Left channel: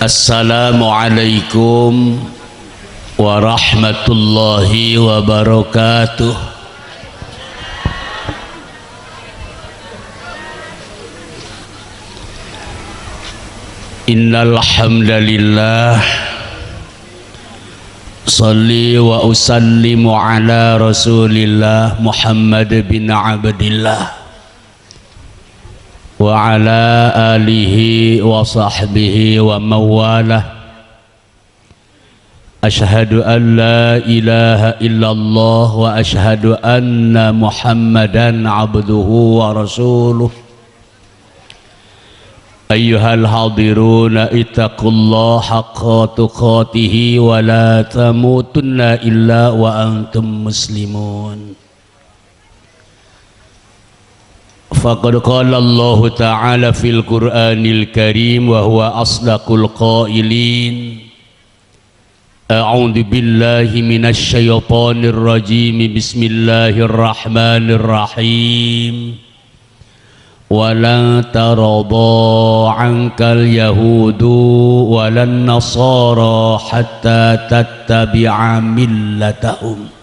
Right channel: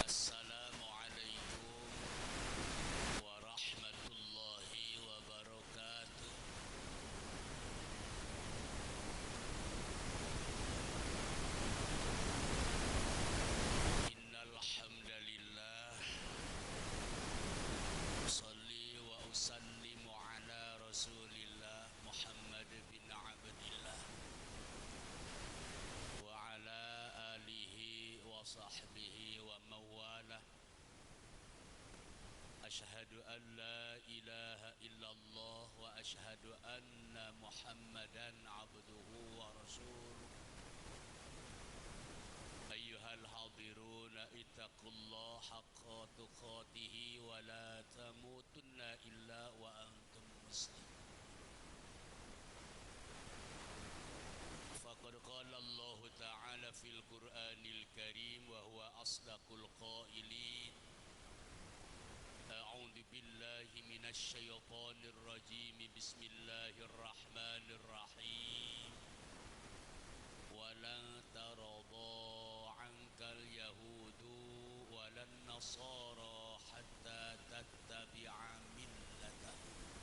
Assalamualaikum warahmatullahi wabarakatuh. Innal hamdalillah shalli wa usallimu ala Rasulillah Muhammad bin Abdillah wa ala alihi wa sahbihi wa mawalah. Ashhadu an la ilaha illallah wa ashhadu anna Muhammadan abduhu wa rasuluh. Ayyuhal hadiruna ittaqullaha haqqa tuqatihi wa la tamutunna illa wa antum muslimun. Faqad qala Allah Ta'ala fil Qur'anil Karim wa huwa asdaqul qailin. A'udzu billahi minasy syaithanir rajim. Bismillahirrahmanirrahim. Walan tarada 'ankal yahudu walan nasara hatta tattabi'a millatahum.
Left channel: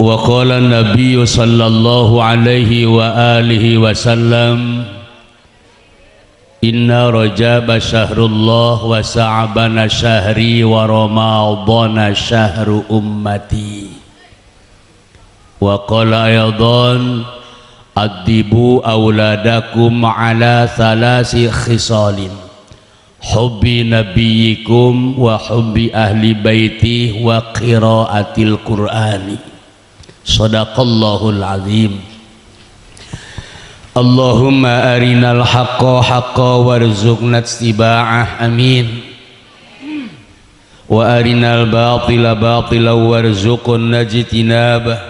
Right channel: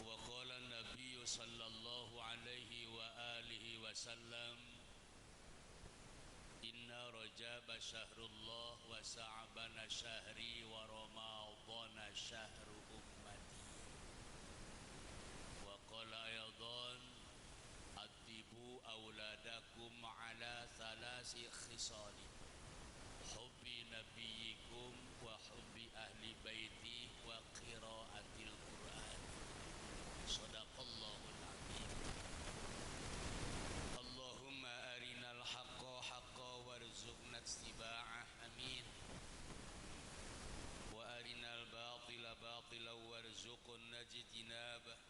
Wa qala an-nabiy sallallahu alaihi wa alihi wasallam, inna rajaba syahrullah wa sa'bana syahri wa ramadhana syahru ummati. Wa qala aydan, adibu auladakum ala thalasi khisalin, hubbi nabiyyikum wa hubbi ahli baiti wa qiraatil qur'ani. Sadaqallahul azim. Allahumma arinal haqqa haqqa warzuqna ittiba'ah, amin. Wa arinal batila batila warzuqna ijtinabah.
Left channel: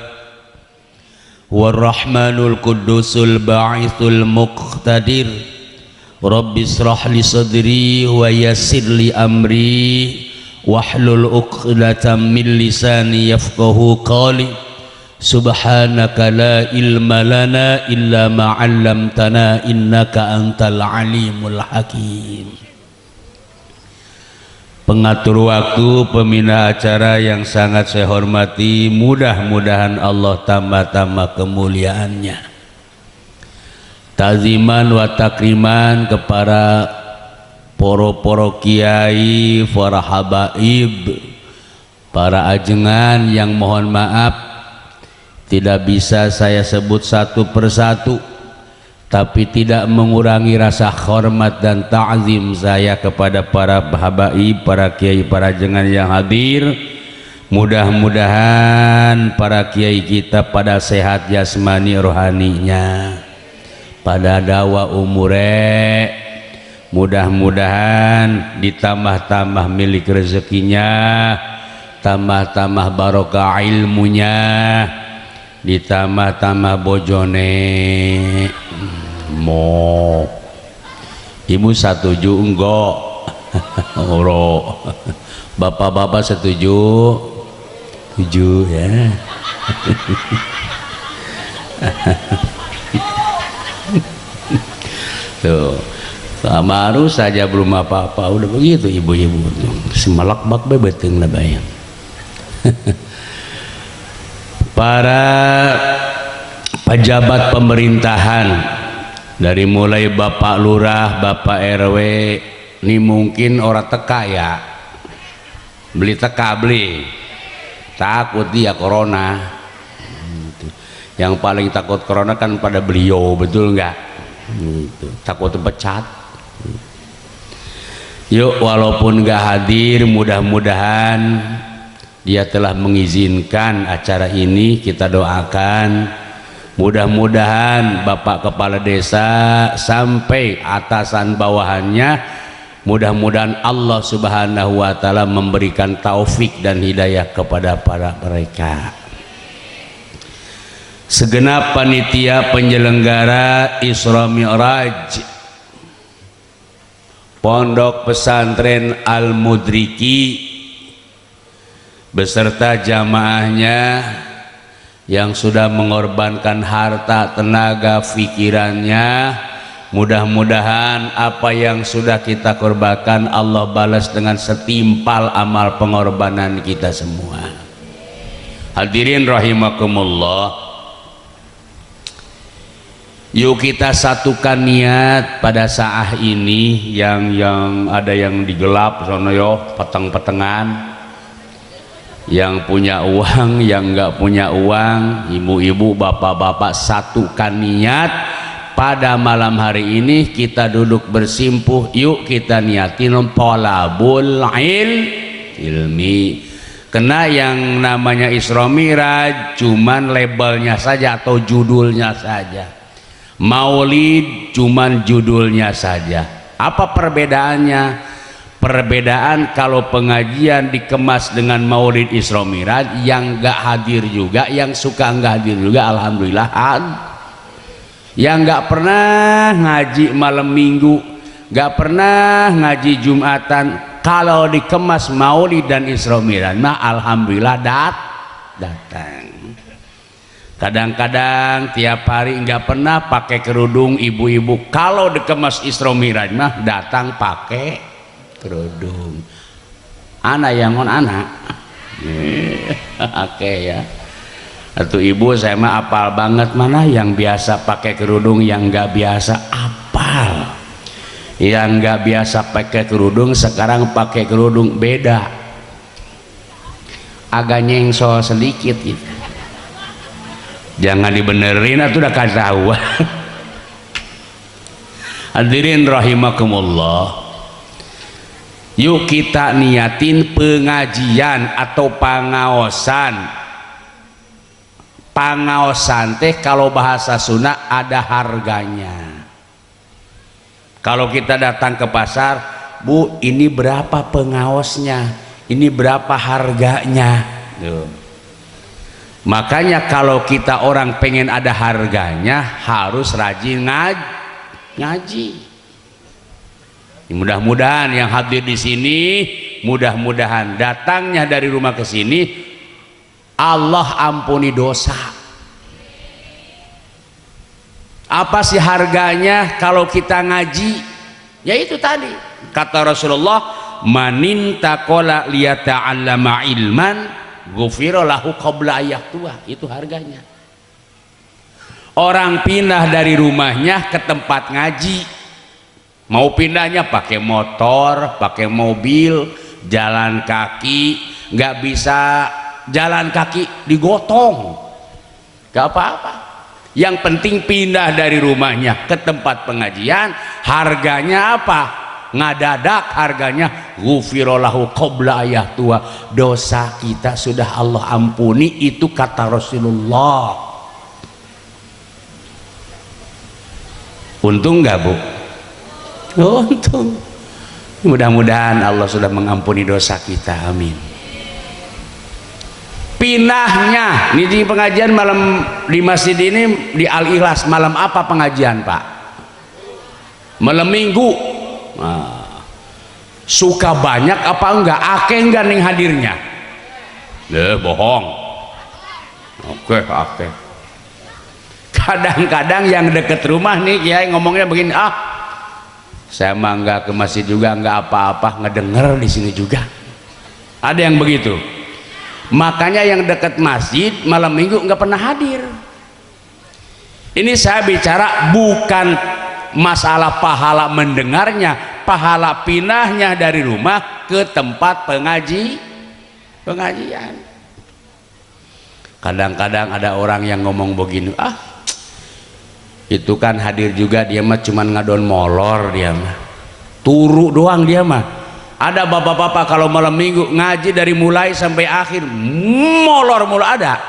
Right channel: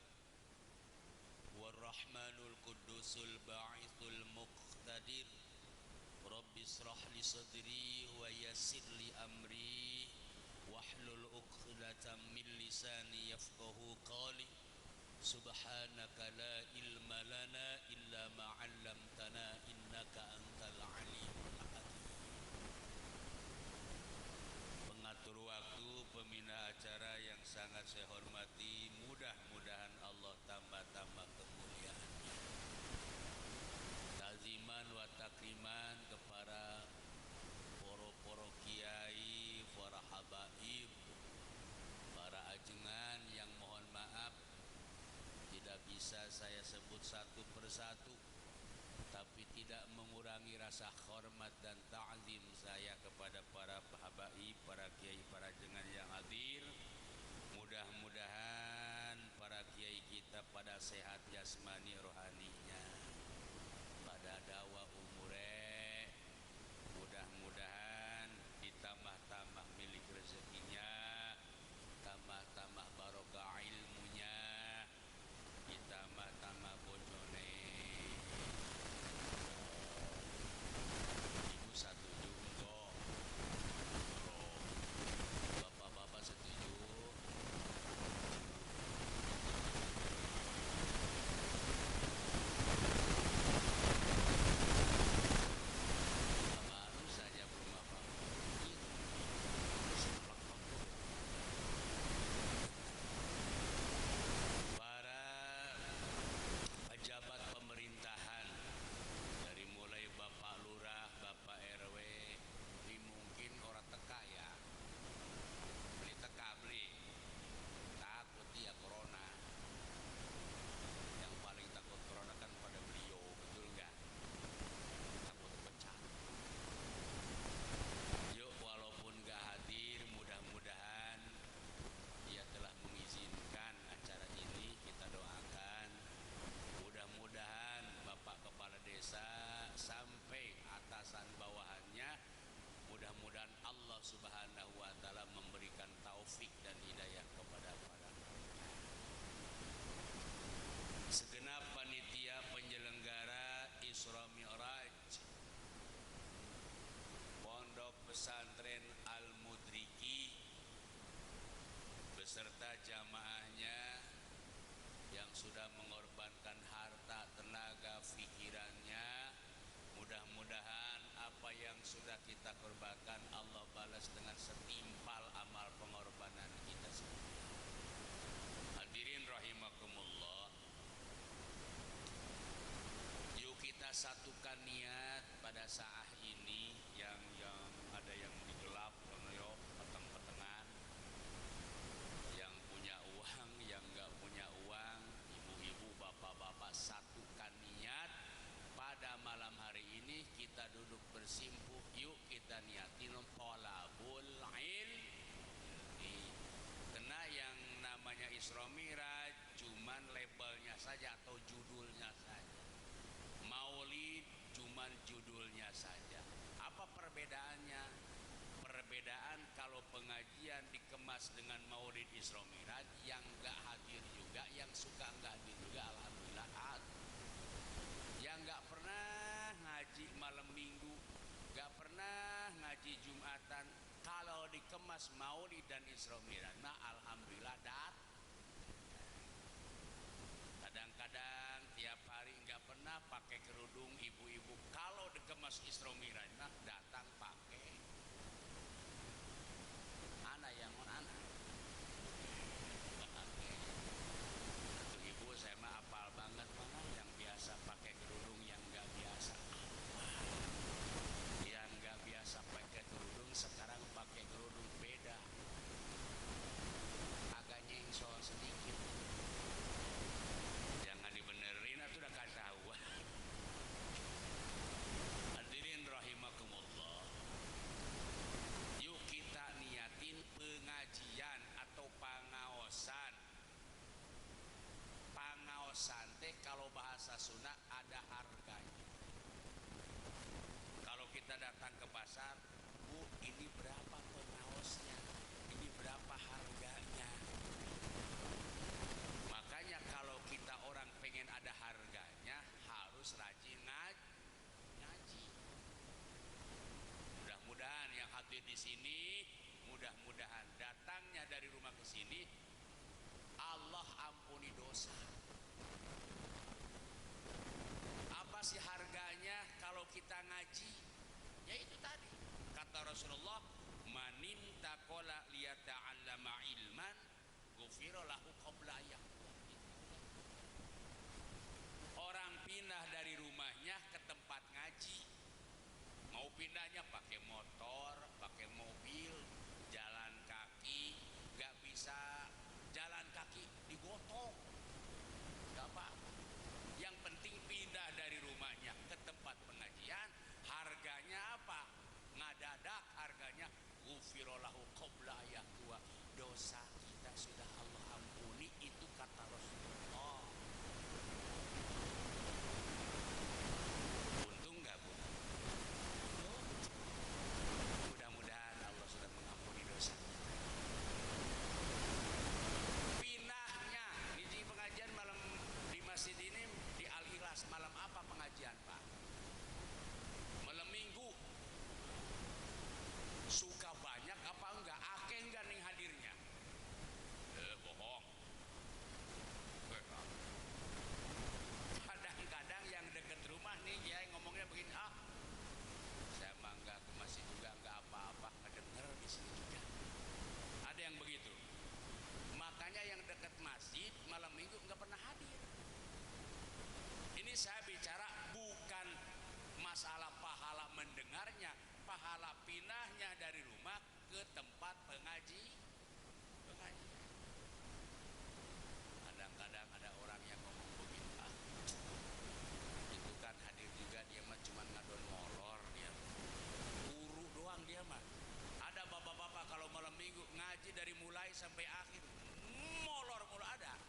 Warrahmanul qudusul ba'ithul muqtadir. Rabbi israh li sadri wa yassir li amri wahlul 'uqdatam min lisani yafqahu qawli. Subhanaka la ilma lana illa ma 'allamtana innaka antal alimul hakim. Pengatur waktu, pembina acara yang sangat saya hormati, mudah-mudahan Allah tambah-tambah kemuliaannya. Taziman wa takriman kepada poro-poro kiai, para habaib, para ajengan yang mohon maaf tidak bisa saya sebut satu persatu, tapi tidak mengurangi rasa hormat dan ta'zim saya kepada para habaib, para kiai, para ajengan yang hadir. Mudah-mudahan para kiai kita pada sehat jasmani rohaninya, pada dawa umure, mudah-mudahan ditambah-tambah milik rezekinya, tambah-tambah barokah ilmunya, ditambah-tambah bojone. Mo ibu setuju enggak? Oro. Bapak-bapak setuju? Setuju ya. Tuh, baru saja belum apa-apa udah begitu ibu-ibu tuh. Semalak-bak bebeteng lah bayang. Para pejabat pemerintahan, dari mulai Bapak Lurah, Bapak RW, ini mungkin orang teka ya, beli takut dia corona. Yang paling takut corona kan pada beliau, betul nggak? Takut pecat. Yuk, walaupun nggak hadir, mudah-mudahan dia telah mengizinkan acara ini. Kita doakan mudah-mudahan Bapak Kepala Desa sampai atasan bawahannya, mudah-mudahan Allah Subhanahu wa Ta'ala memberikan taufik dan hidayah kepada para mereka. Segenap panitia penyelenggara Isra Mi'raj Pondok Pesantren Al-Mudriki beserta jamaahnya yang sudah mengorbankan harta, tenaga, pikirannya Mudah-mudahan apa yang sudah kita korbankan Allah balas dengan setimpal amal pengorbanan kita semua. Hadirin rahimakumullah, yuk kita satukan niat pada saat ini. Yang ada yang digelap sono yo peteng-petengan, yang punya uang, yang enggak punya uang, ibu-ibu, bapak-bapak, satukan niat pada malam hari ini. Kita duduk bersimpuh, yuk kita niatin thalabul ilmi. Kena yang namanya Isra Miraj cuman labelnya saja atau judulnya saja, Maulid cuman judulnya saja. Apa perbedaannya? Perbedaan kalau pengajian dikemas dengan Maulid Isra Miraj, yang enggak hadir juga, yang suka enggak hadir juga, alhamdulillah. Yang enggak pernah ngaji malam minggu, enggak pernah ngaji Jumatan, kalau dikemas Maulid dan Isra Miraj mah alhamdulillah datang. Kadang-kadang tiap hari enggak pernah pakai kerudung ibu-ibu, kalau dikemas Isra Miraj mah datang pakai kerudung. Anak yang on anak oke ya. Atau ibu, saya mah apal banget mana yang biasa pakai kerudung, yang nggak biasa apal. Yang nggak biasa pakai kerudung sekarang pakai kerudung, beda. Agak nyengsol sedikit gitu. Jangan dibenerin atau udah ketahuan. Hadirin rahimakumullah, yuk kita niatin pengajian atau pangaosan. Pangaosan teh kalau bahasa Sunda ada harganya. Kalau kita datang ke pasar, Bu, ini berapa pengaosnya? Ini berapa harganya? Tuh. Makanya kalau kita orang pengen ada harganya, harus rajin ngaji. Mudah-mudahan yang hadir di sini, mudah-mudahan datangnya dari rumah ke sini Allah ampuni dosa. Apa sih harganya kalau kita ngaji? Ya itu tadi kata Rasulullah, manin taqala liyata'allama ilman ghufira lahu qabla ayyatua. Itu harganya. Orang pindah dari rumahnya ke tempat ngaji, mau pindahnya pakai motor, pakai mobil, jalan kaki, nggak bisa jalan kaki digotong, nggak apa-apa. Yang penting pindah dari rumahnya ke tempat pengajian. Harganya apa? Ngadadak harganya ghufira lahu qabla ayyatua. Dosa kita sudah Allah ampuni, itu kata Rasulullah. Untung nggak, Bu? Untung. Mudah-mudahan Allah sudah mengampuni dosa kita, amin. Pinahnya ini di pengajian malam di masjid ini di Al-Ikhlas, malam apa pengajian, Pak? Malam minggu. Nah, suka banyak apa enggak? Ake enggak ning hadirnya? Bohong. Oke. Kadang-kadang yang deket rumah nih Kiai ngomongnya begini, saya mah enggak ke masjid juga, enggak apa-apa, ngedenger di sini juga. Ada yang begitu. Makanya yang dekat masjid malam minggu nggak pernah hadir. Ini saya bicara bukan masalah pahala mendengarnya, pahala pinahnya dari rumah ke tempat pengajian. Kadang-kadang ada orang yang ngomong begini, itu kan hadir juga, dia mah cuman ngadon molor, dia mah turu doang dia mah. Ada bapak-bapak kalau malam minggu ngaji dari mulai sampai akhir molor mulu ada.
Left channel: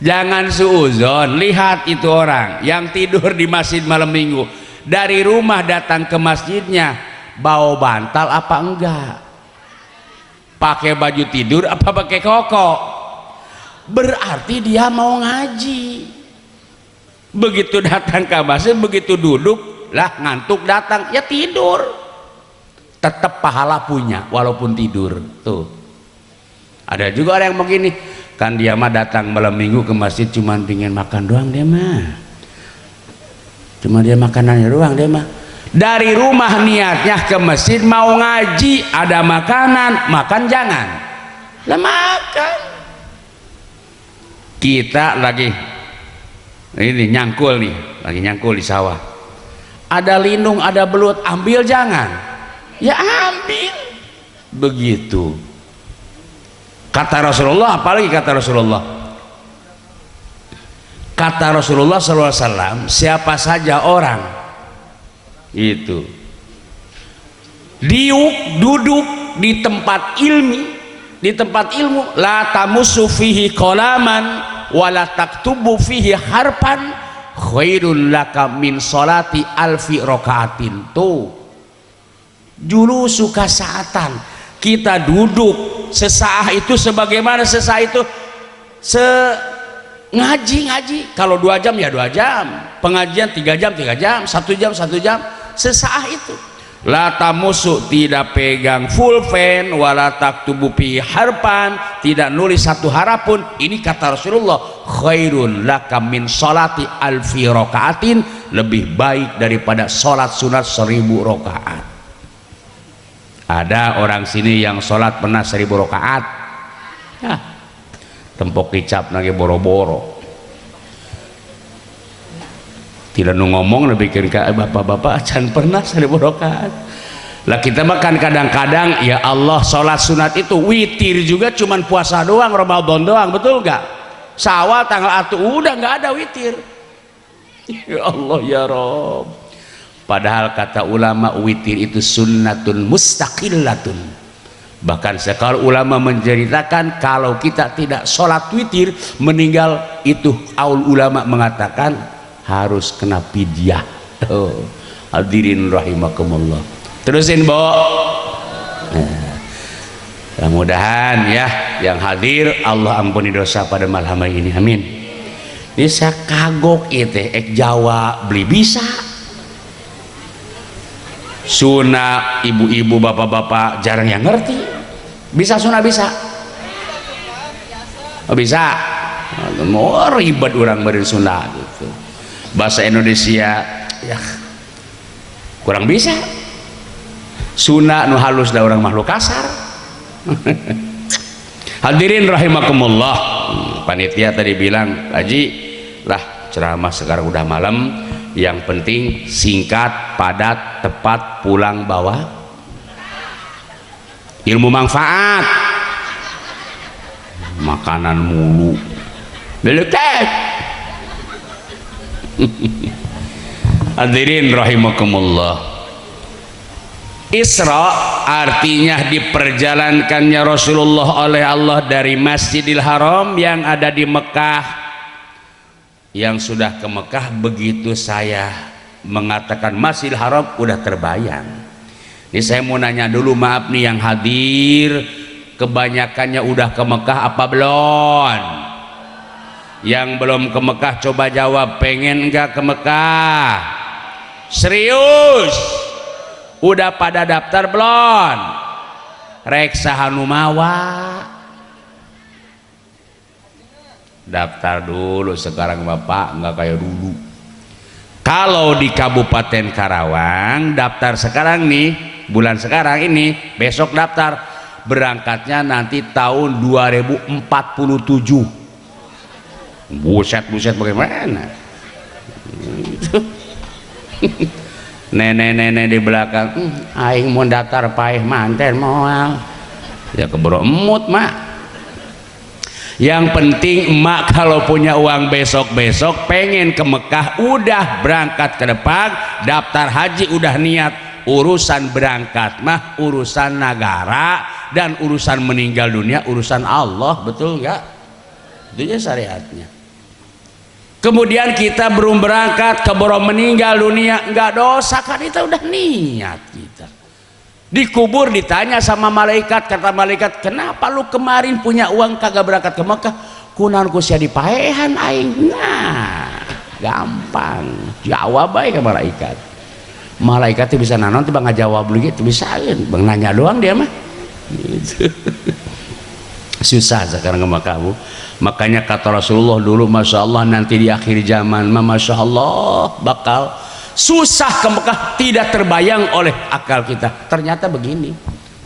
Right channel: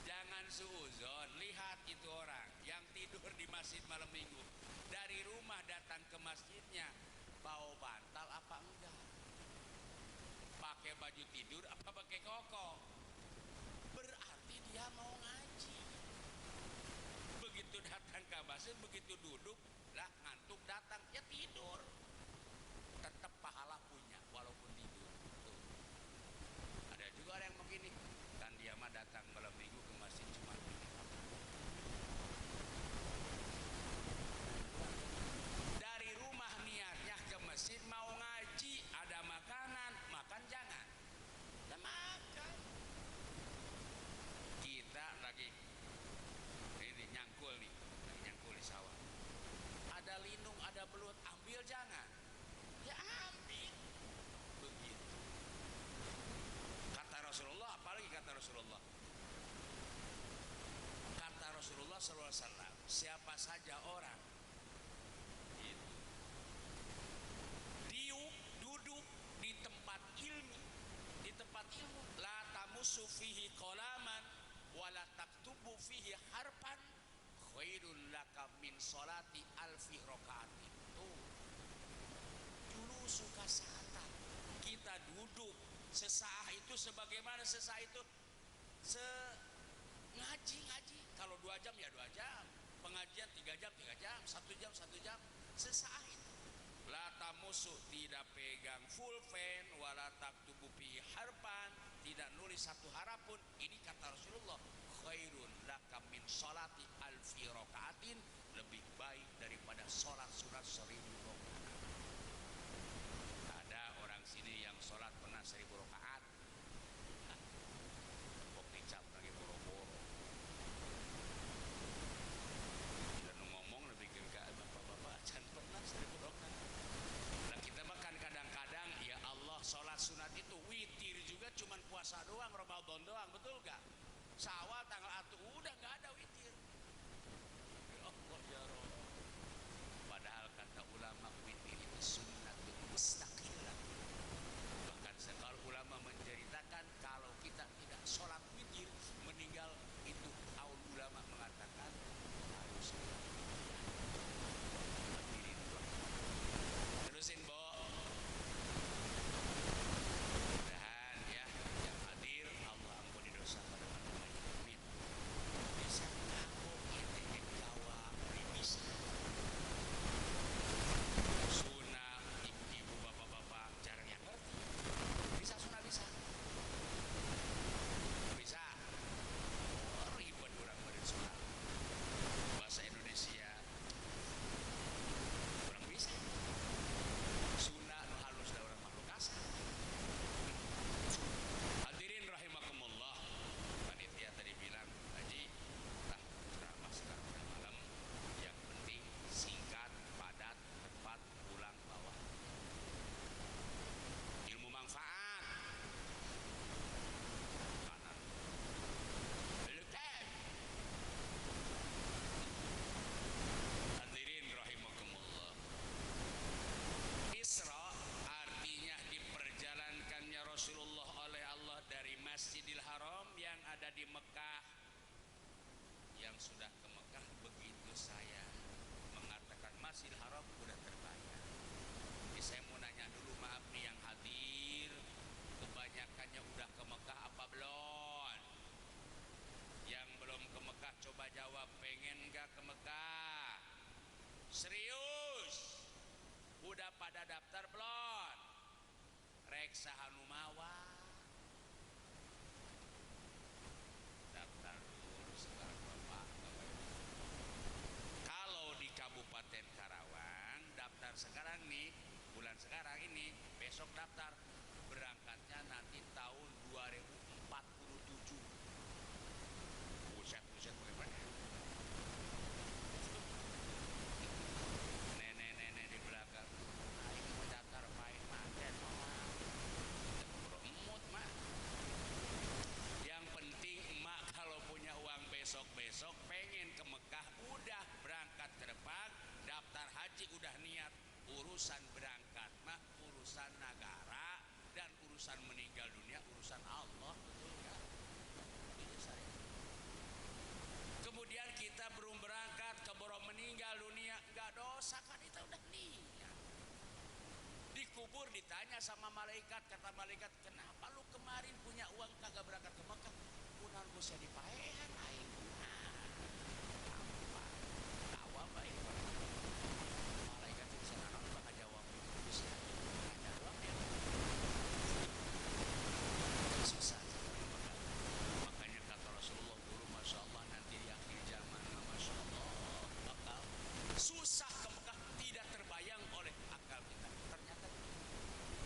Jangan suuzon, lihat itu orang yang tidur di masjid malam minggu, dari rumah datang ke masjidnya bawa bantal apa enggak, pakai baju tidur apa pakai koko, berarti dia mau ngaji. Begitu datang ke masjid, begitu duduk lah ngantuk datang ya tidur, tetap pahala punya walaupun tidur. Tuh ada juga orang yang begini, kan dia mah datang malam minggu ke masjid cuman pingin makan doang, dia mah Cuma dia makanannya doang dia mah. Dari rumah niatnya ke masjid mau ngaji, ada makanan, makan jangan. Lah makan. Kita lagi ini nyangkul nih, lagi nyangkul di sawah. Ada lindung, ada belut, ambil jangan. Ya ambil. Begitu. Kata Rasulullah, apalagi kata Rasulullah? Kata Rasulullah SAW, siapa saja orang itu duduk di tempat ilmu, la tamussu fihi qalaman wala taktubu fihi harpan khairul laka min salati alfi rakaatin. Tuh julusu kasaatan, kita duduk sesaah itu sebagaimana sesaah itu ngaji kalau 2 jam ya 2 jam, pengajian 3 jam 3 jam, 1 jam 1 jam, sesaah itu. La tamusu, tidak pegang full fan, wala taktubu fi harpan, tidak nulis 1 harap pun. Ini kata Rasulullah, khairun laka min salati alfi rakaatin, lebih baik daripada salat sunat 1000 rakaat. Ada orang sini yang salat pernah 1000 rakaat. Ya. Tempok kicap lagi boro-boro, tidak ngomong lebih kira bapak-bapak can pernah 1000 rakaat. Lah kita makan kadang-kadang ya Allah sholat sunat itu witir juga cuman puasa doang, Ramadan doang, betul nggak? Syawal tanggal 1 udah nggak ada witir. Ya Allah ya Rob. Padahal kata ulama witir itu sunnatun mustaqillatun. Bahkan sekali ulama menceritakan kalau kita tidak sholat witir meninggal itu, aul ulama mengatakan harus kena fidyah. Oh, hadirin rahimakumullah. Terusin Bo. Mudah-mudahan ya yang hadir Allah ampuni dosa pada malam hari ini, amin. Ini saya kagok itu Jawa beli bisa. Sunah ibu-ibu bapak-bapak jarang yang ngerti. Bisa sunah bisa? Oh, bisa. Mau ribet orang beri sunah gitu. Bahasa Indonesia ya kurang bisa. Sunah nu halus da orang makhluk kasar. Hadirin rahimakumullah. Panitia tadi bilang, Haji lah ceramah sekarang udah malam, yang penting singkat, padat, tepat, pulang bawa ilmu manfaat. Makanan mulu beletek. Hadirin rahimakumullah. Isra artinya diperjalankannya Rasulullah oleh Allah dari Masjidil Haram yang ada di Mekah. Yang sudah ke Mekah, begitu saya mengatakan Masjidil Haram udah terbayang. Ini saya mau nanya dulu, maaf nih yang hadir, kebanyakannya udah ke Mekah apa belum? Yang belum ke Mekah coba jawab, pengen enggak ke Mekah? Serius? Udah pada daftar belum? Reksa Hanumawa daftar dulu sekarang Bapak, enggak kayak dulu. Kalau di Kabupaten Karawang daftar sekarang nih, bulan sekarang ini, besok daftar, berangkatnya nanti tahun 2047. Buset bagaimana? Nenek-nenek di belakang, aing mau daftar paeh manten moal. Ya keburu emut mak. Yang penting emak kalau punya uang besok-besok pengen ke Mekah, udah berangkat ke depan, daftar haji udah niat. Urusan berangkat mah urusan negara, dan urusan meninggal dunia urusan Allah, betul nggak? Itu syariatnya. Kemudian kita belum berangkat keburu meninggal dunia, nggak dosa kan, kita udah niat kita. Dikubur ditanya sama malaikat, kata malaikat, kenapa lu kemarin punya uang kagak berangkat ke Mekah? Kunaon ku sia dipaehan aing. Nah, gampang. Jawab bae ke malaikat. Malaikat itu bisa nanon tiba ngajawab lu gitu, bisain. Bang nanya doang dia mah. Gitu. Susah sekarang ke Mekah, Bu. Makanya kata Rasulullah dulu, Masya Allah nanti di akhir zaman, Masya Allah bakal susah ke Mekah, tidak terbayang oleh akal kita. Ternyata begini,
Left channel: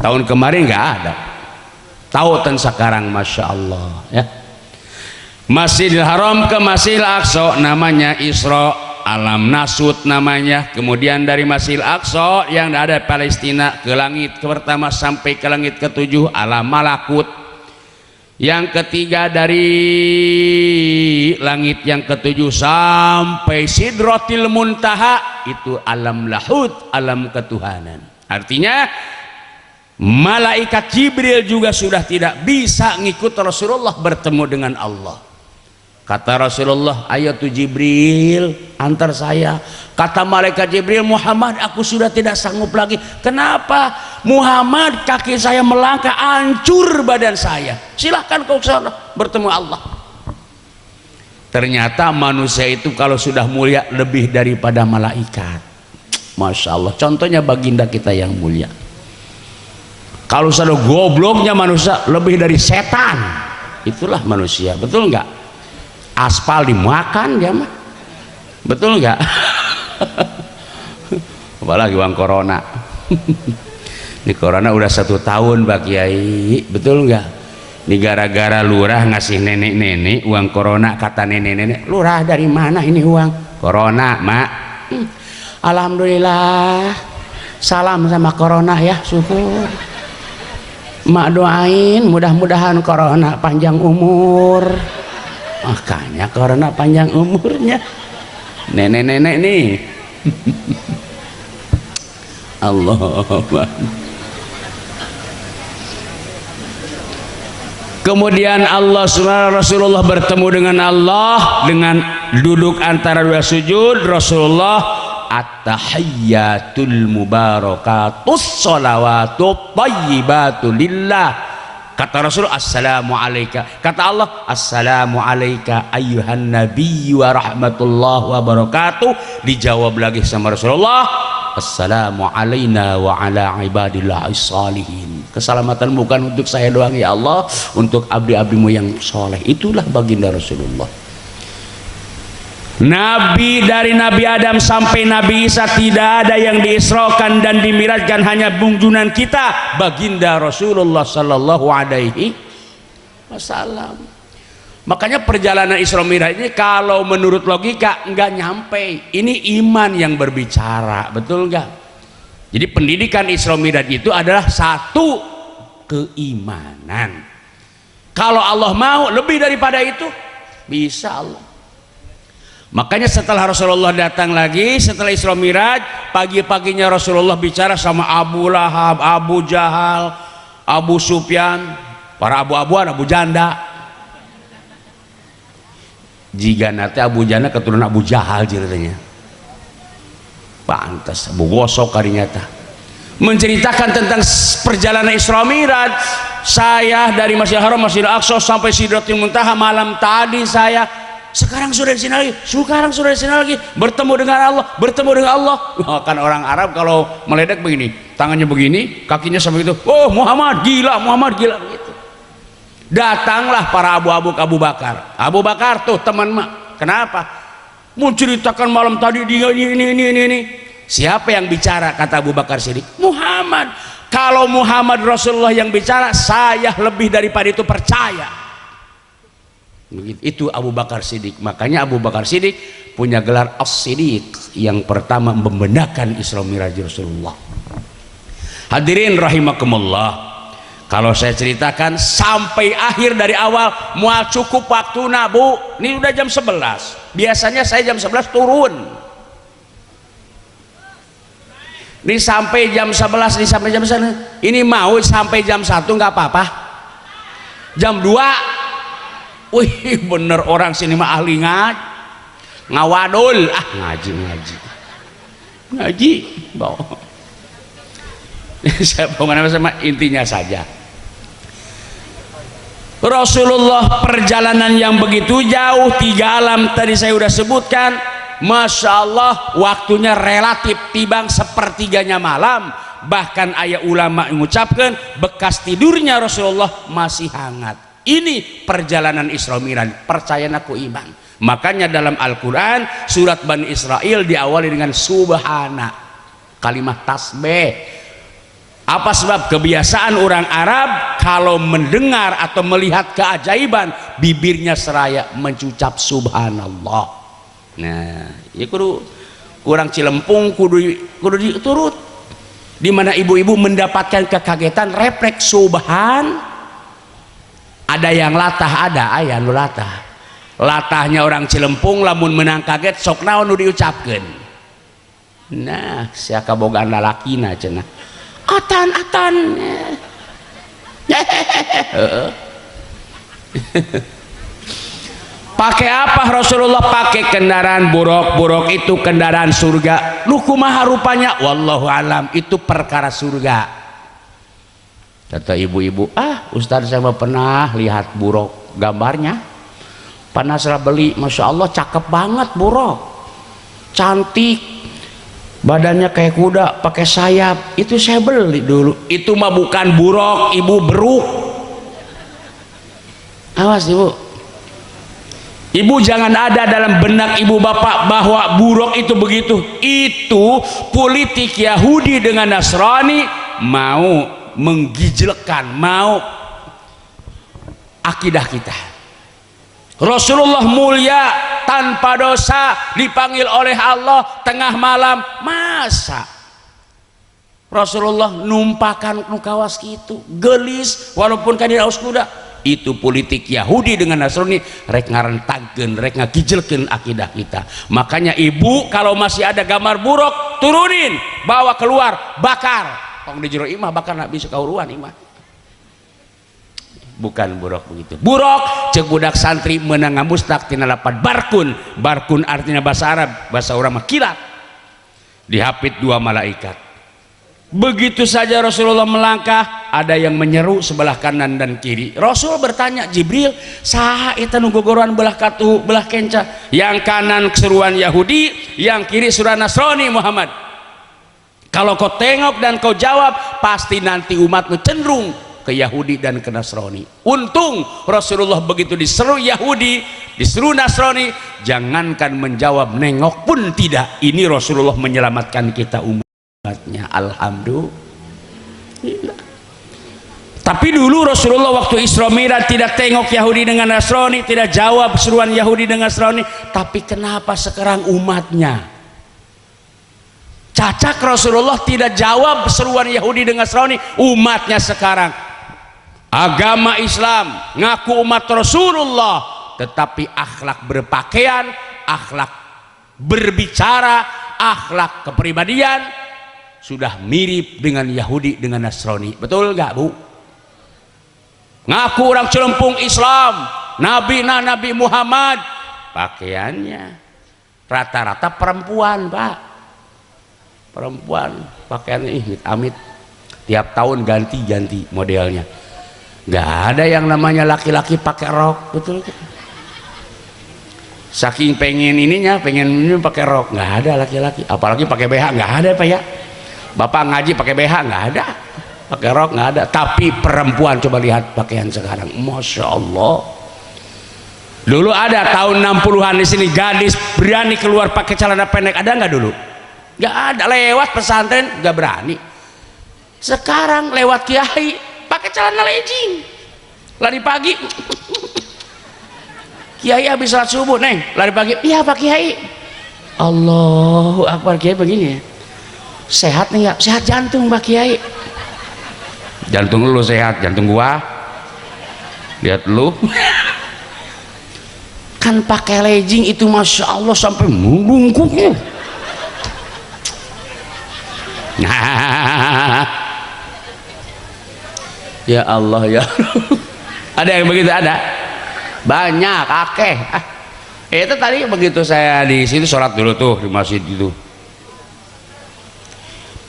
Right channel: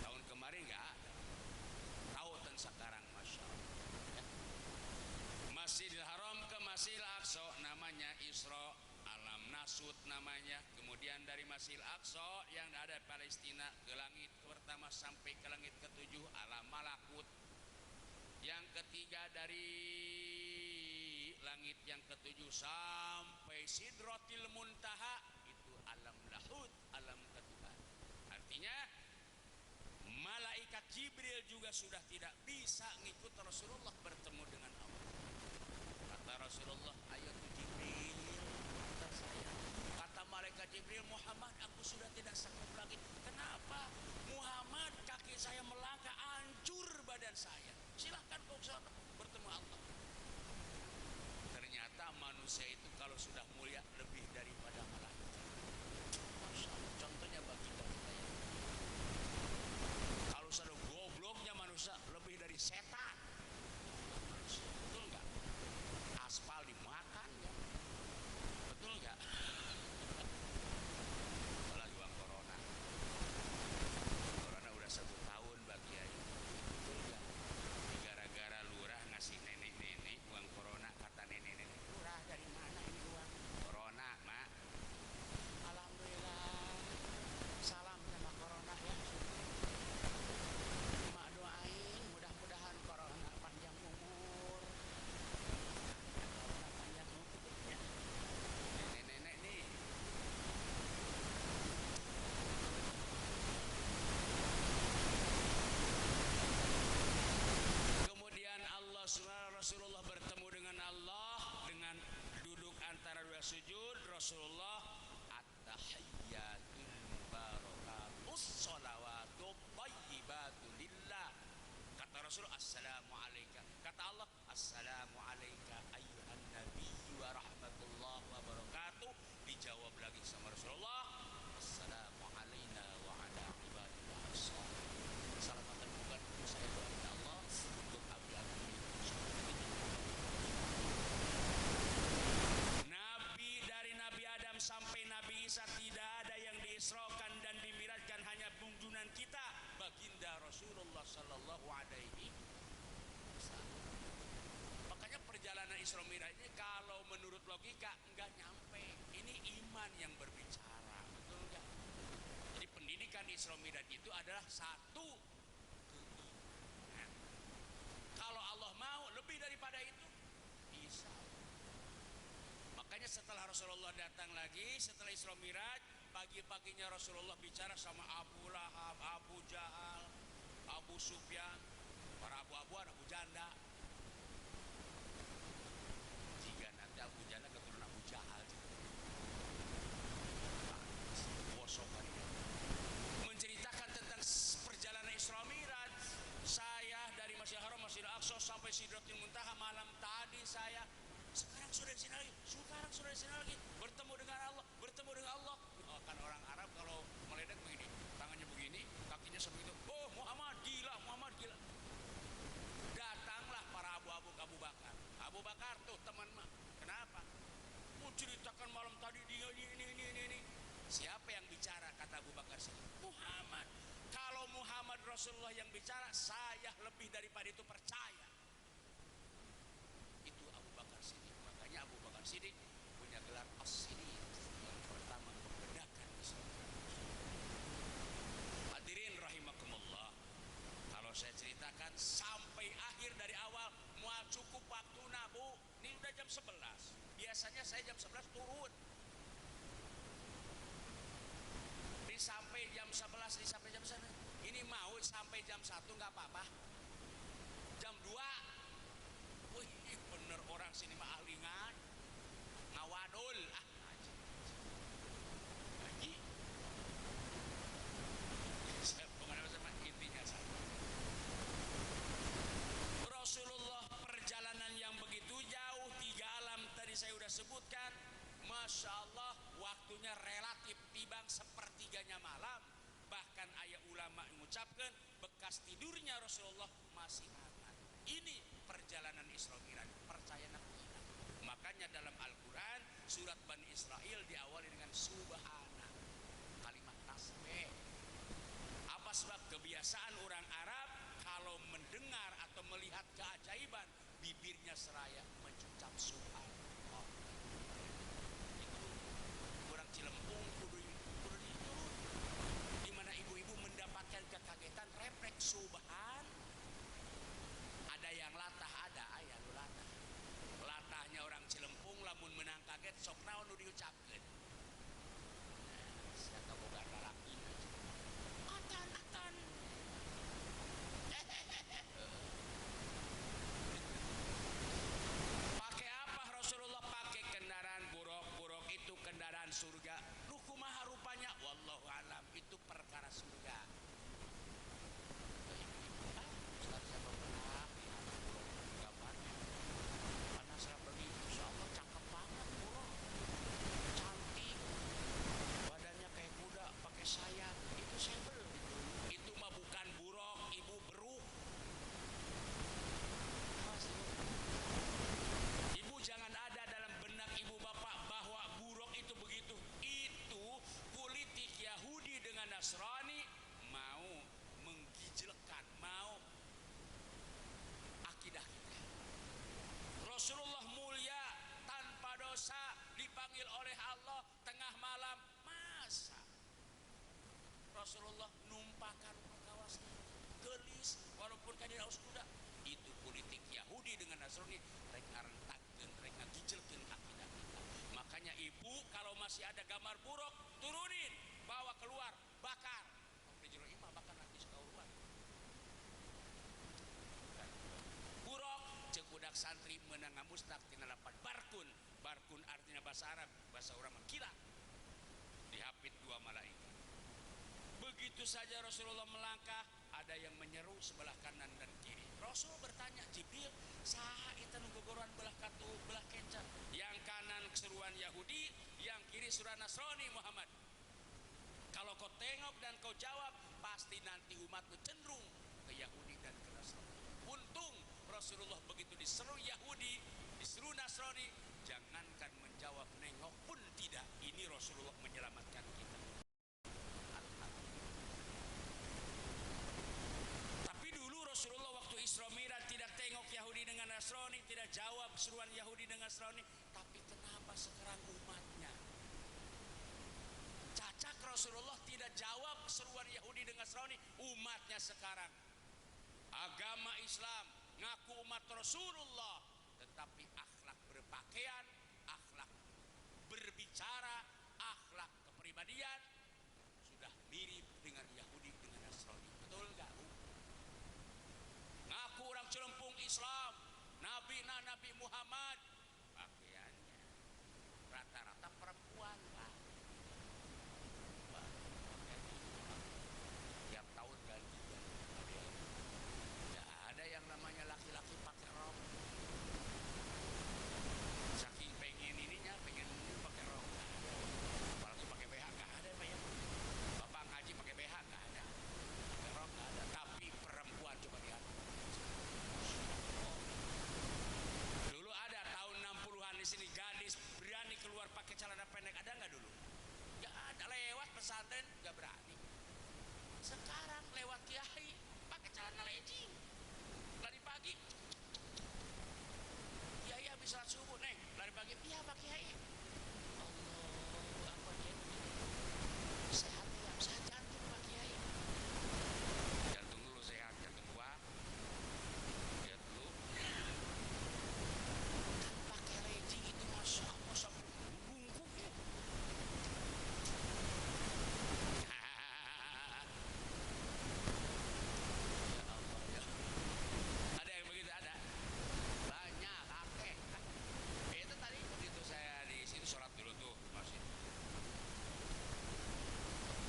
tahun kemarin nggak ada, tahu tan sekarang, masya Allah ya. Masjidil Haram ke Masjidil Aqsa namanya Isra, alam nasut namanya. Kemudian dari Masjidil Aqsa yang ada Palestina ke langit pertama sampai ke langit ketujuh alam malakut. Yang ketiga dari langit yang ketujuh sampai Sidratil Muntaha itu alam lahud, alam ketuhanan. Artinya malaikat Jibril juga sudah tidak bisa ngikut Rasulullah bertemu dengan Allah. Kata Rasulullah, ayo tuh Jibril antar saya. Kata malaikat Jibril, Muhammad aku sudah tidak sanggup lagi. Kenapa? Muhammad, kaki saya melangkah, hancur badan saya. Silahkan kau sana bertemu Allah. Ternyata manusia itu kalau sudah mulia lebih daripada malaikat. Masya Allah. Contohnya baginda kita yang mulia. Kalau sudah gobloknya manusia lebih dari setan. Itulah manusia, betul nggak? Aspal dimakan ya mah, betul nggak? Apalagi uang corona. Ini corona udah 1 tahun Pak Kiai, betul nggak? Ini gara-gara lurah ngasih nenek-nenek uang corona, kata nenek-nenek, lurah dari mana ini uang corona mak? Alhamdulillah, salam sama corona ya, syukur. Mak doain mudah-mudahan corona panjang umur. Makanya corona panjang umurnya nenek-nenek nih. Allah. Kemudian Rasulullah bertemu dengan Allah dengan duduk antara dua sujud. Rasulullah at-tahiyyatul mubarakatus sholawatut thayyibatu lillah. Kata Rasul, assalamu alayka. Kata Allah, assalamu alayka ayyuhan nabiyyu wa rahmatullahi wa barakatuh. Dijawab lagi sama Rasulullah, assalamu alayna wa ala ibadillahi salihin. Keselamatan bukan untuk saya doang ya Allah, untuk abdi-abdimu yang soleh. Itulah baginda Rasulullah. Nabi dari Nabi Adam sampai Nabi Isa tidak ada yang diisrokan dan dimirajkan, hanya junjungan kita baginda Rasulullah sallallahu alaihi wasallam. Makanya perjalanan Isra Mi'raj ini kalau menurut logika nggak nyampe. Ini iman yang berbicara, betul nggak? Jadi pendidikan Isra Mi'raj itu adalah satu keimanan. Kalau Allah mau lebih daripada itu, bisa Allah. Makanya setelah Rasulullah datang lagi setelah Isra Mi'raj, pagi-paginya Rasulullah bicara sama Abu Lahab, Abu Jahal, Abu Sufyan, para abu-abuan, Abu Janda. Jika nanti Abu Janda keturunan Abu Jahal ceritanya. Pantas Abu Gosok karinyata. Menceritakan tentang perjalanan Isra Mi'raj. Saya dari Masjidil Haram, Masjidil Aqsa sampai Sidratul Muntaha malam tadi saya. Sekarang sudah di sini lagi, sekarang sudah di sini lagi, bertemu dengan Allah, bertemu dengan Allah. Kan orang Arab kalau meledek begini, tangannya begini, kakinya sampai itu. Oh Muhammad gila, Muhammad gila begitu. Datanglah para abu-abu ke Abu Bakar. Abu Bakar tuh teman mak. Kenapa? Mau ceritakan malam tadi dia ini. Siapa yang bicara? Kata Abu Bakar Siddiq. Muhammad. Kalau Muhammad Rasulullah yang bicara, saya lebih daripada itu percaya. Itu Abu Bakar Siddiq. Makanya Abu Bakar Siddiq punya gelar As-Siddiq, yang pertama membenarkan Isra Mi'raj Rasulullah. Hadirin rahimakumullah, kalau saya ceritakan sampai akhir dari awal mual cukup waktu Bu. Ini udah jam 11. Biasanya saya jam 11 turun. Ini sampai jam 11, ini sampai jam 1. Ini mau sampai jam 1 nggak apa-apa. Jam 2 wih bener orang sini mah ahli ngawadul, ngaji bawa. Saya pengen sama intinya saja, Rasulullah perjalanan yang begitu jauh 3 alam tadi saya sudah sebutkan. Masya Allah waktunya relatif tibang sepertiganya malam. Bahkan ayat ulama mengucapkan bekas tidurnya Rasulullah masih hangat. Ini perjalanan Isra Mi'raj. Percaya aku iman. Makanya dalam Al-Quran surat Bani Israel diawali dengan subhana, kalimat tasbih. Apa sebab? Kebiasaan orang Arab kalau mendengar atau melihat keajaiban bibirnya seraya mengucap subhanallah. Nah, ya kudu kurang Cilempung kudu diturut. Di mana ibu-ibu mendapatkan kekagetan refleks subhan. Ada yang latah, ada aya nu latah. Latahnya orang Cilempung lamun menang kaget sok naon nu diucapkeun. Nah, sia kabogaan lalakina cenah. Atan. Pakai apa Rasulullah? Pakai kendaraan buruk itu kendaraan surga. Lu kumaha rupanya? Wallahu alam, itu perkara surga. Kata ibu-ibu, Ustaz saya pernah lihat buruk gambarnya, pernah saya beli, masya Allah cakep banget buruk, cantik, badannya kayak kuda pakai sayap, itu saya beli dulu. Itu mah bukan buruk, ibu, beruk. Awas ibu, ibu jangan ada dalam benak ibu bapak bahwa buruk itu begitu. Itu politik Yahudi dengan Nasrani mau menggijilkan, mau akidah kita. Rasulullah mulia tanpa dosa dipanggil oleh Allah tengah malam, masa Rasulullah numpakan nukawas gitu gelis walaupun kan di haus kuda. Itu politik Yahudi dengan Nasrani, rek ngarentagkeun, rek ngagijilkeun akidah kita. Makanya ibu kalau masih ada gambar buruk turunin, bawa keluar, bakar. Tong di jero imah bakar nak bisa kauruan imah. Bukan buruk begitu. Buruk cek budak santri meunang ngamustak tina lapan barkun. Barkun artinya bahasa Arab, bahasa urang mah kilat. Dihapit dua malaikat. Begitu saja Rasulullah melangkah, ada yang menyeru sebelah kanan dan kiri. Rasul bertanya, Jibril, saha eta nu gogoroan belah katu belah kenca? Yang kanan seruan Yahudi, yang kiri seruan Nasrani Muhammad. Kalau kau tengok dan kau jawab, pasti nanti umatmu cenderung ke Yahudi dan ke Nasrani. Untung Rasulullah begitu diseru Yahudi, diseru Nasrani, jangankan menjawab, nengok pun tidak. Ini Rasulullah menyelamatkan kita umatnya. Alhamdulillah. Tapi dulu Rasulullah waktu Isra Mi'raj tidak tengok Yahudi dengan Nasrani, tidak jawab seruan Yahudi dengan Nasrani. Tapi kenapa sekarang umatnya cacak? Rasulullah tidak jawab seruan Yahudi dengan Nasrani, umatnya sekarang agama Islam, ngaku umat Rasulullah, tetapi akhlak berpakaian, akhlak berbicara, akhlak kepribadian sudah mirip dengan Yahudi dengan Nasrani. Betul nggak Bu? Ngaku orang Cilempung Islam, Nabi Muhammad, pakaiannya rata-rata perempuan Pak. Perempuan pakaiannya amit, tiap tahun ganti modelnya. Nggak ada yang namanya laki-laki pakai rok, betul. Saking pengen ininya, pengen ini pakai rok, nggak ada laki-laki. Apalagi pakai BH, nggak ada Pak ya. Bapak ngaji pakai BH, nggak ada. Pakai rok nggak ada. Tapi perempuan coba lihat pakaian sekarang, masya Allah. Dulu ada tahun 60-an di sini gadis berani keluar pakai celana pendek, ada nggak dulu? Gak ada, lewat pesantren gak berani. Sekarang lewat kiai pakai celana legging, lari pagi. Kiai habis salat subuh, neng lari pagi, iya Pak Kiai. Allahu Akbar, Kiai begini ya. Sehat nih nggak? Sehat jantung Pak Kiai. Jantung lu sehat, jantung gua lihat lu. Kan pakai legging itu masya Allah sampai membungkuknya. Ya Allah ya. Ada yang begitu? Ada banyak, akeh. Itu tadi begitu saya di situ sholat dulu tuh di masjid itu,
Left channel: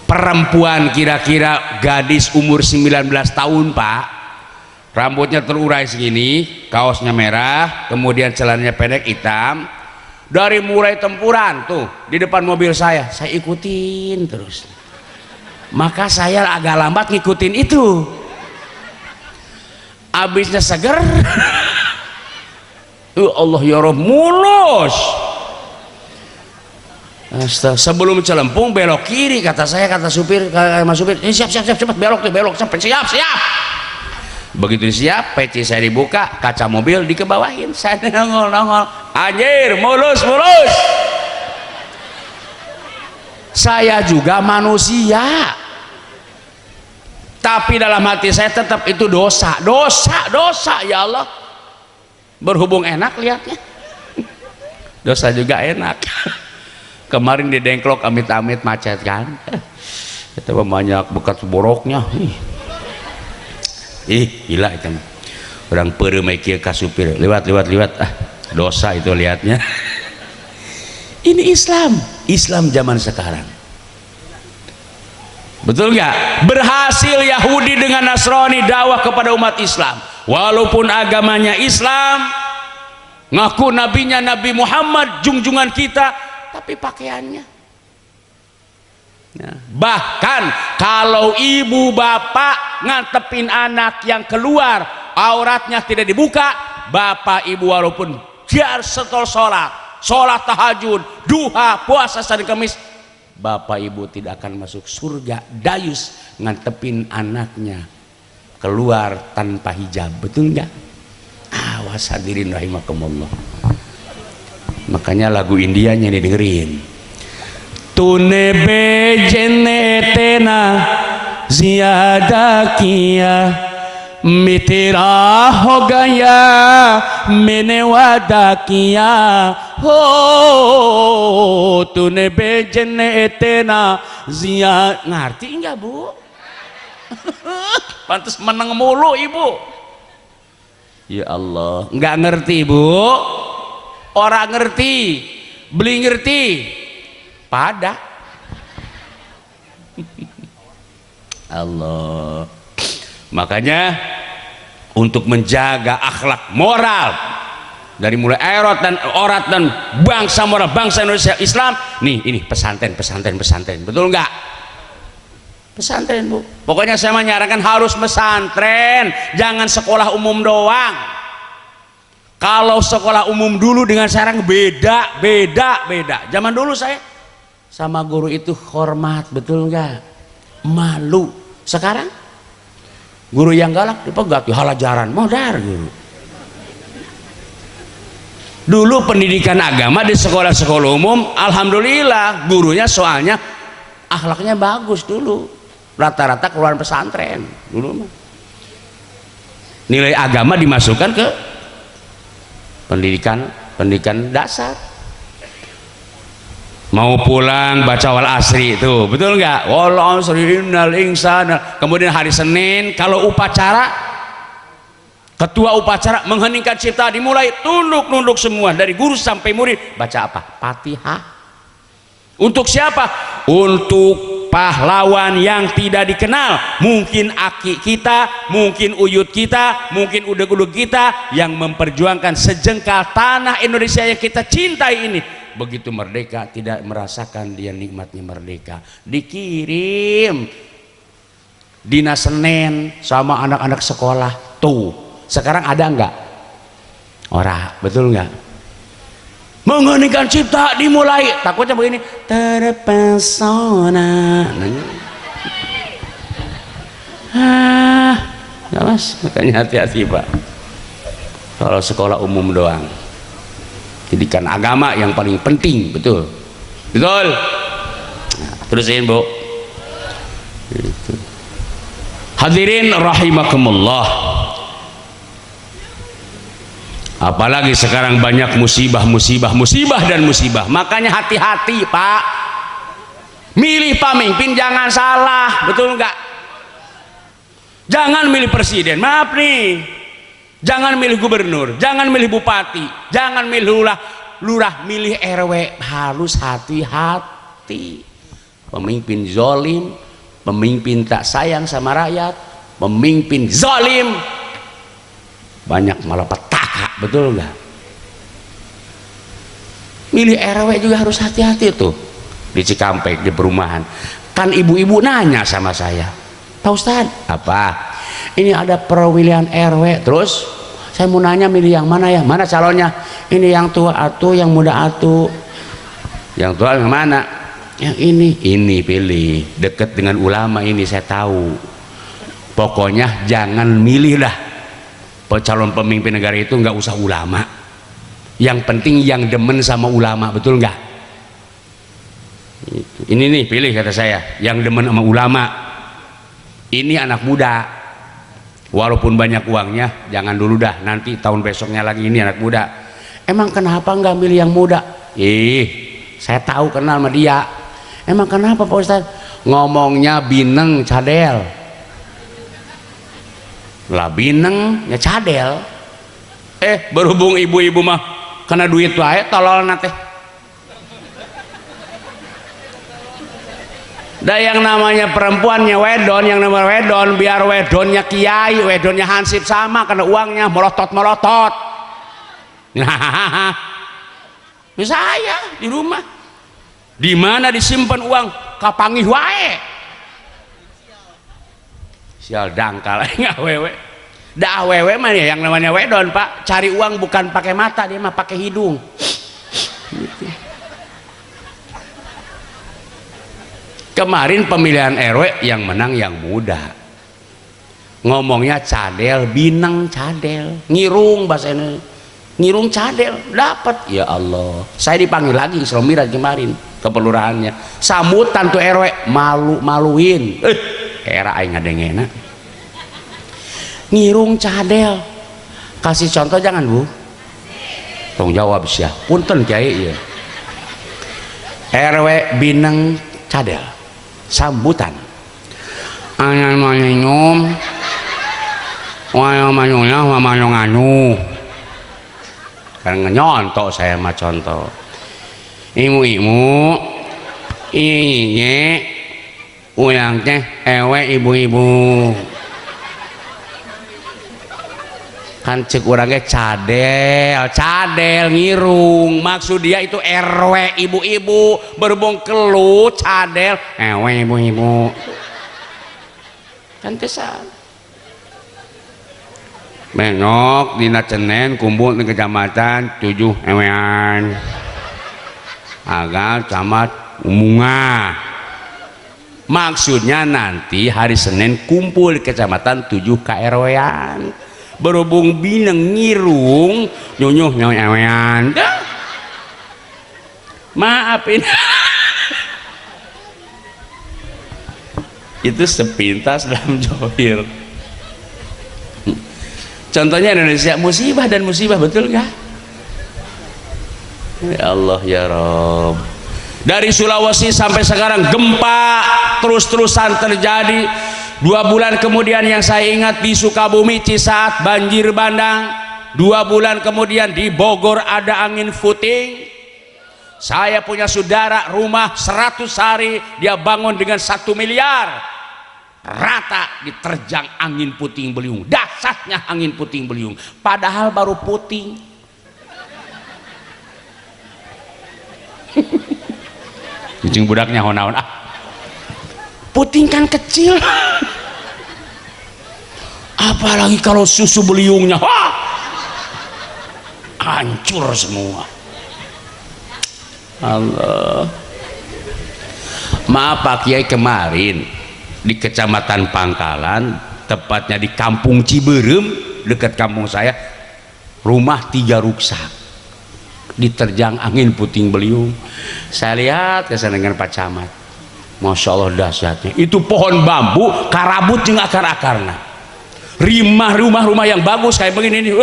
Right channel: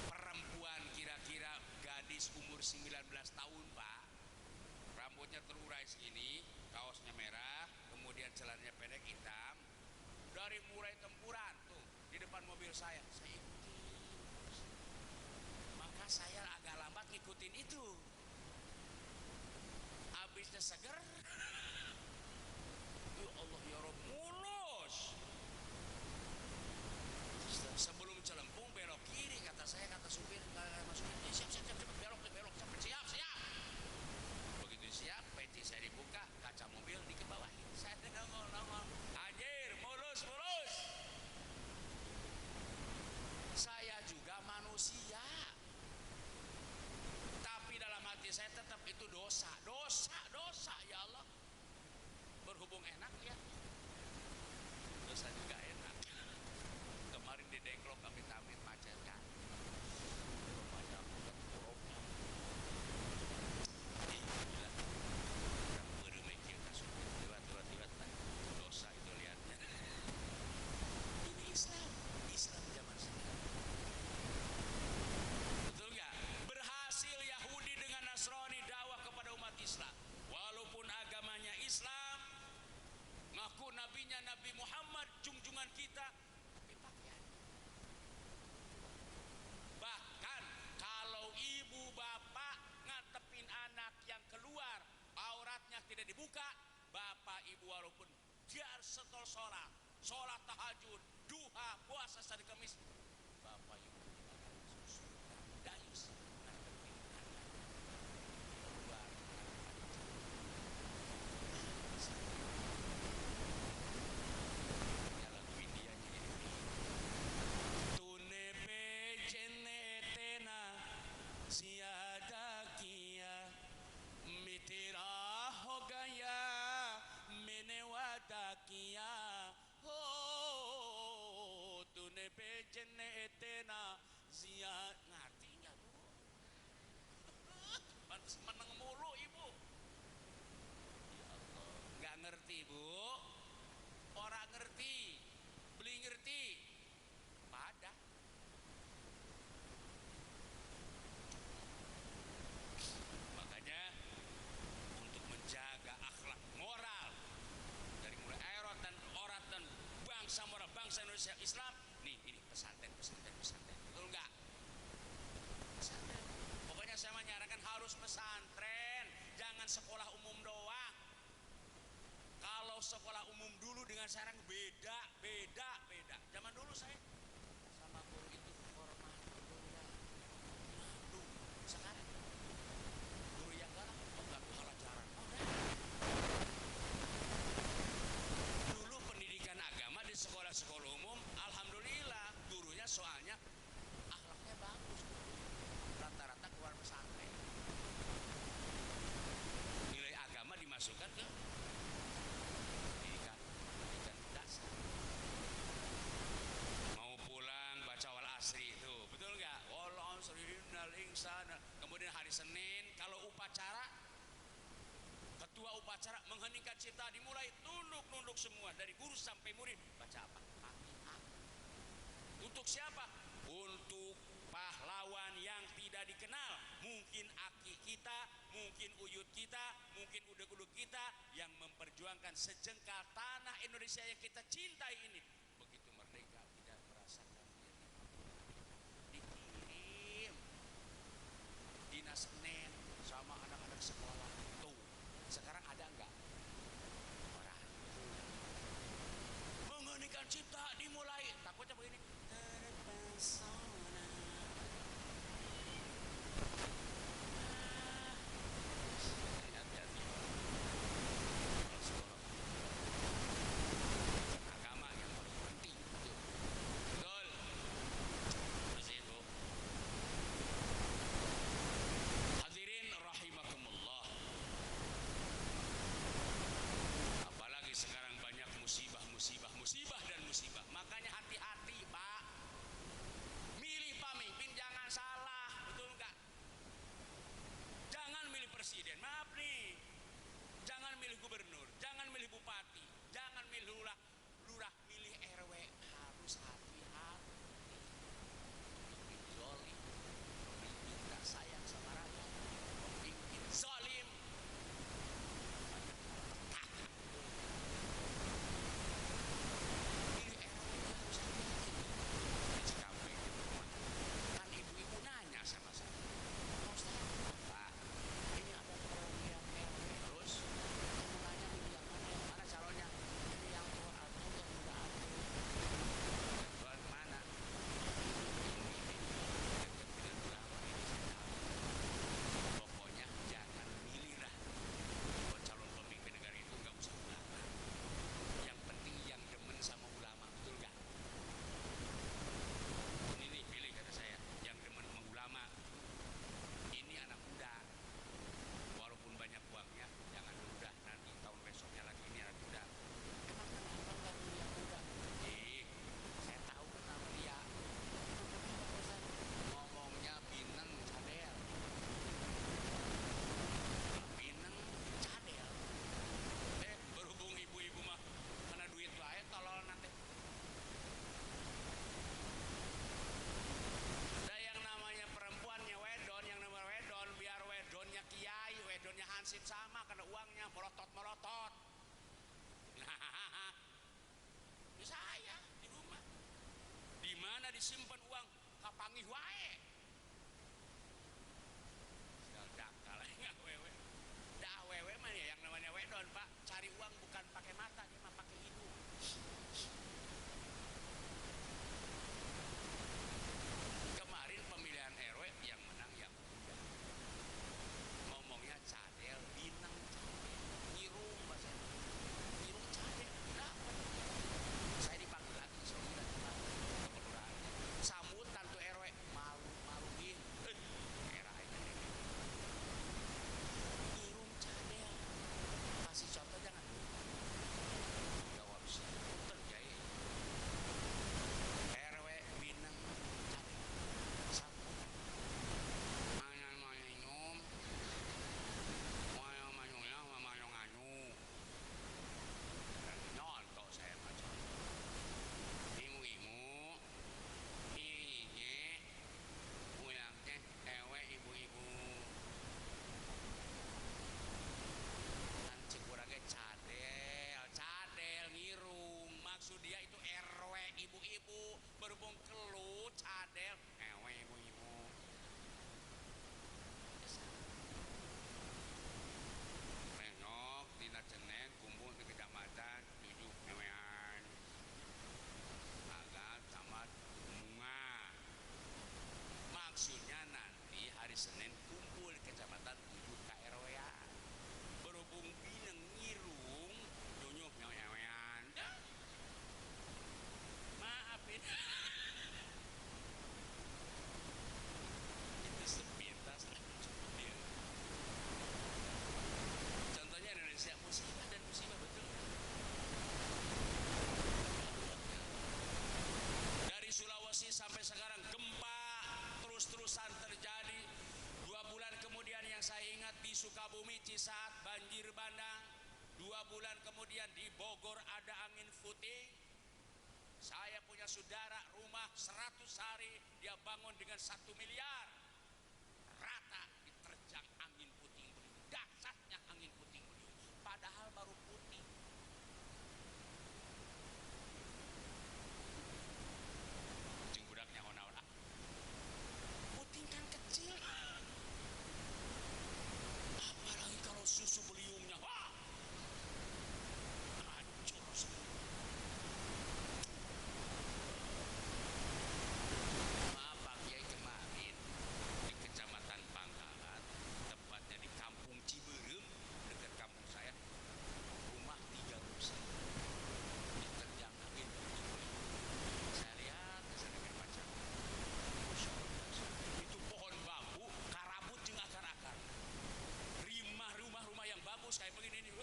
perempuan kira-kira gadis umur 19 tahun Pak, rambutnya terurai segini, kaosnya merah, kemudian celananya pendek hitam. Dari mulai tempuran tuh di depan mobil saya ikutin terus. Maka saya agak lambat ngikutin itu. Abisnya seger Allah ya Rob, mulus. Sebelum Celempung belok kiri, kata saya, kata supir, kata mas supir, ini siap cepat belok tuh, belok sampai siap. Begitu siap, peci saya dibuka, kaca mobil dikebawahin, saya nongol, anjir, mulus. Saya juga manusia, tapi dalam hati saya tetap itu dosa ya Allah. Berhubung enak lihatnya, dosa juga enak. Kemarin di Dengklok amit-amit macet kan, itu banyak bekas boroknya. Gila itu orang peremaikia kasupir lewat dosa itu lihatnya. Ini Islam zaman sekarang, betul nggak? Berhasil Yahudi dengan Nasrani dakwah kepada umat Islam, walaupun agamanya Islam, ngaku nabinya Nabi Muhammad, junjungan kita, tapi pakaiannya. Nah, bahkan kalau ibu bapak ngantepin anak yang keluar auratnya tidak dibuka, bapak ibu walaupun dia setel sholat tahajud, duha, puasa Senin Kamis, bapak ibu tidak akan masuk surga dayus ngantepin anaknya keluar tanpa hijab. Betul nggak? Awas hadirin rahimakumullah. Makanya lagu Indianya nih dengerin. Tune bejene tena ziyada kiya mitera ho gaya mene wada kiya ho tune bejene tena ziyada. Ngerti enggak Bu? Pantes menang mulu ibu. Ya Allah, enggak ngerti Bu. Orang ngerti, beli ngerti, pada Allah. Makanya untuk menjaga akhlak moral dari mulai orat dan bangsa moral bangsa Indonesia Islam, nih ini pesantren, betul nggak? Pesantren Bu. Pokoknya saya menyarankan harus pesantren, jangan sekolah umum doang. Kalau sekolah umum dulu dengan sekarang beda. Zaman dulu saya sama guru itu hormat, betul nggak? Malu. Sekarang guru yang galak dipegat, halajaran, modar guru. Dulu pendidikan agama di sekolah-sekolah umum, alhamdulillah gurunya soalnya akhlaknya bagus dulu. Rata-rata keluar pesantren dulu mah. Nilai agama dimasukkan ke pendidikan dasar. Mau pulang baca wal asri itu, betul nggak? Wal asri innal insana. Kemudian hari Senin kalau upacara, ketua upacara mengheningkan cipta dimulai, tunduk semua dari guru sampai murid. Baca apa? Fatihah. Untuk siapa? Untuk pahlawan yang tidak dikenal, mungkin aki kita, mungkin uyut kita, mungkin udeg-udeg kita yang memperjuangkan sejengkal tanah Indonesia yang kita cintai ini. Begitu merdeka tidak merasakan dia nikmatnya merdeka, dikirim dinas Senin sama anak-anak sekolah. Tuh sekarang ada nggak? Ora, betul nggak? Mengheningkan cipta dimulai, takutnya begini, terpesona. Ya Mas, makanya hati-hati Pak. Kalau sekolah umum doang, pendidikan agama yang paling penting, betul. Nah, terusin Bu. Gitu. Hadirin rahimakumullah. Apalagi sekarang banyak musibah. Makanya hati-hati Pak. Milih pemimpin jangan salah, betul enggak? Jangan milih presiden, maaf nih. Jangan milih gubernur, jangan milih bupati, jangan milih lurah, milih RW. Harus hati-hati. Pemimpin zolim, pemimpin tak sayang sama rakyat, pemimpin zolim, banyak malapetaka, betul nggak? Milih RW juga harus hati-hati tuh. Di Cikampek di perumahan kan ibu-ibu nanya sama saya, Pak Ustadz, apa ini ada perwilihan RW, terus Saya mau nanya milih yang mana ya? Mana calonnya? Ini yang tua atuh, yang muda atuh. Yang tua yang mana? Yang ini pilih. Dekat dengan ulama ini saya tahu. Pokoknya jangan milih lah. Calon pemimpin negara itu nggak usah ulama. Yang penting yang demen sama ulama, betul nggak? Ini nih pilih kata saya, yang demen sama ulama. Ini anak muda, walaupun banyak uangnya, jangan dulu dah, nanti tahun besoknya lagi ini anak muda. Emang kenapa nggak milih yang muda? Saya tahu kenal sama dia. Emang kenapa Pak Ustadz? Ngomongnya bineng cadel. Lah bineng ya cadel. Berhubung ibu-ibu mah kena duit wae tolol nate. Da yang namanya perempuannya wedon, yang namanya wedon, biar wedonnya kiai, wedonnya hansip sama, karena uangnya melotot. Nah, saya di rumah, di mana disimpan uang, kapangih wae. Sial dangkal, nggak wewe. Dah wewe mah ya yang namanya wedon Pak, cari uang bukan pakai mata, dia mah pakai hidung. Gitu. Kemarin pemilihan RW yang menang yang muda. Ngomongnya cadel, bineng cadel, ngirung bahasanya. Ngirung cadel, dapat. Ya Allah. Saya dipanggil lagi Isra Miraj kemarin ke pelurahannya. Sambutan tuh RW, malu-maluin. Era aing ngadengena. Ngirung cadel. Kasih contoh jangan, Bu. Tong jawab sih ya. Punten Kiai ya. RW bineng cadel. Sambutan anyan manyum wayo manyunya mamanyo nganu kan nyontok saya mah contoh ibu-ibu iye uyang teh ewe ibu-ibu kan cek orangnya cadel ngirung, maksud dia itu RW ibu-ibu, berhubung kelut cadel ewe ibu-ibu kan tesan menok dina Cenen kumpul di kecamatan 7 ewean agak camat Umunga, maksudnya nanti hari Senin kumpul di kecamatan 7 KRW-an. Berhubung bineng ngirung nyunyuh nyawean maafin itu sepintas dalam johir. Contohnya Indonesia musibah dan musibah, betul nggak? Ya Allah ya Rob. Dari Sulawesi sampai sekarang gempa terus-terusan terjadi. 2 bulan kemudian yang saya ingat di Sukabumi Cisaat banjir bandang. 2 bulan kemudian di Bogor ada angin puting. Saya punya saudara rumah 100 hari dia bangun dengan 1 miliar, rata diterjang angin puting beliung. Dahsyatnya angin puting beliung, padahal baru puting. Kucing budaknya honaon puting kan kecil. Apalagi kalau susu beliungnya hancur semua. Allah. Maaf Pak Kiai, kemarin di Kecamatan Pangkalan, tepatnya di Kampung Ciberem dekat kampung saya, rumah 3 rusak diterjang angin puting beliung. Saya lihat kesana dengan Pak Camat, Masya Allah dahsyatnya. Itu pohon bambu karabut jeung akar-akarna. Rumah-rumah yang bagus kayak begini nih,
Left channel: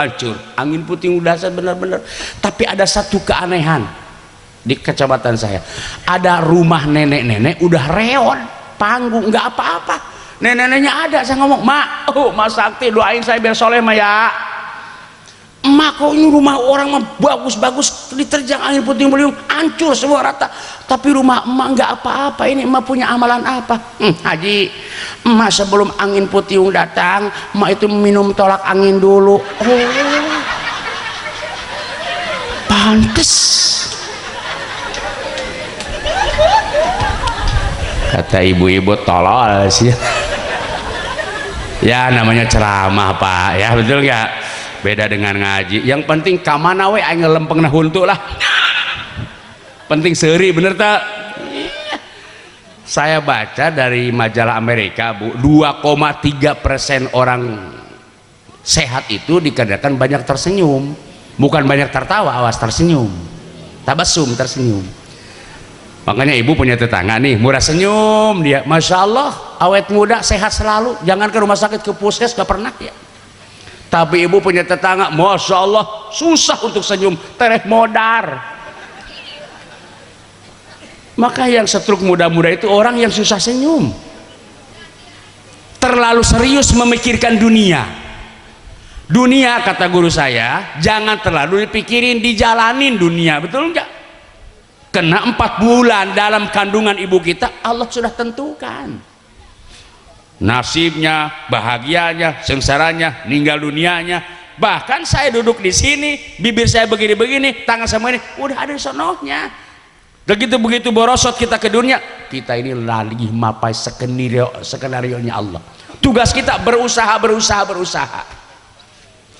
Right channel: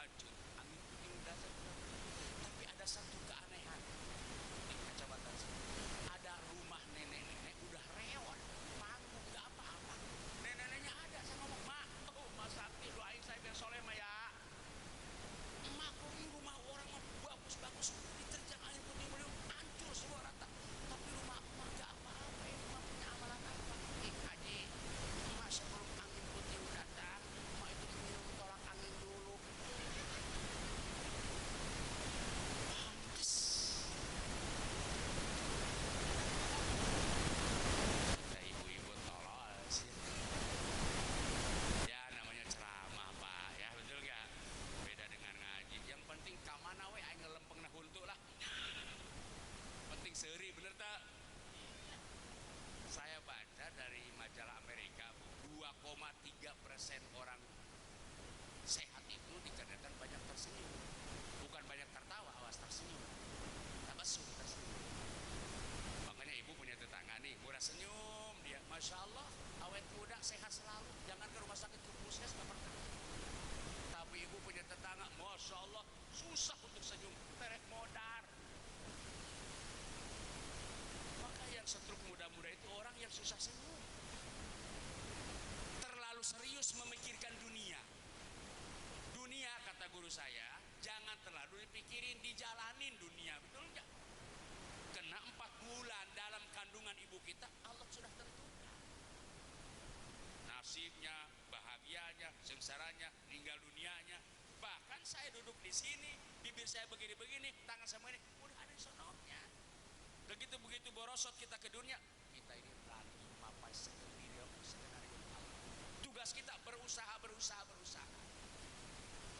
hancur. Angin puting dahsyat benar-benar. Tapi ada satu keanehan di kecamatan saya. Ada rumah nenek-nenek udah reon, panggung, nggak apa-apa. Nenek-neneknya ada. Saya ngomong, Mak Sakti doain saya biar soleh mah ya. Emak kok ini rumah orang mah bagus-bagus diterjang angin puting beliung hancur semua rata, tapi rumah emak nggak apa-apa. Ini emak punya amalan apa? Haji, emak sebelum angin puting datang emak itu minum tolak angin dulu. Pantes kata ibu-ibu tolol sih ya, namanya ceramah Pak ya, betul nggak? Beda dengan ngaji. Yang penting kamana we aing lempengna huntu lah. Penting seuri bener tak? Saya baca dari majalah Amerika, Bu, 2,3% orang sehat itu dikarenakan banyak tersenyum. Bukan banyak tertawa, awas tersenyum. Tabasum, tersenyum. Makanya ibu punya tetangga nih, murah senyum dia, masya Allah, awet muda, sehat selalu, jangan ke rumah sakit, ke puskes gak pernah ya. Tapi ibu punya tetangga, masya Allah, susah untuk senyum, tereh modar. Maka yang stroke muda-muda itu orang yang susah senyum, terlalu serius memikirkan dunia. Dunia, kata guru saya, jangan terlalu dipikirin, dijalanin dunia, betul enggak? Kena 4 bulan dalam kandungan ibu kita, Allah sudah tentukan nasibnya, bahagianya, sengsaranya, meninggal dunianya. Bahkan saya duduk di sini, bibir saya begini-begini, tangan sama ini, udah ada sonohnya. Begitu borosot kita ke dunia, kita ini lagi mapai skenario-nya Allah. Tugas kita berusaha.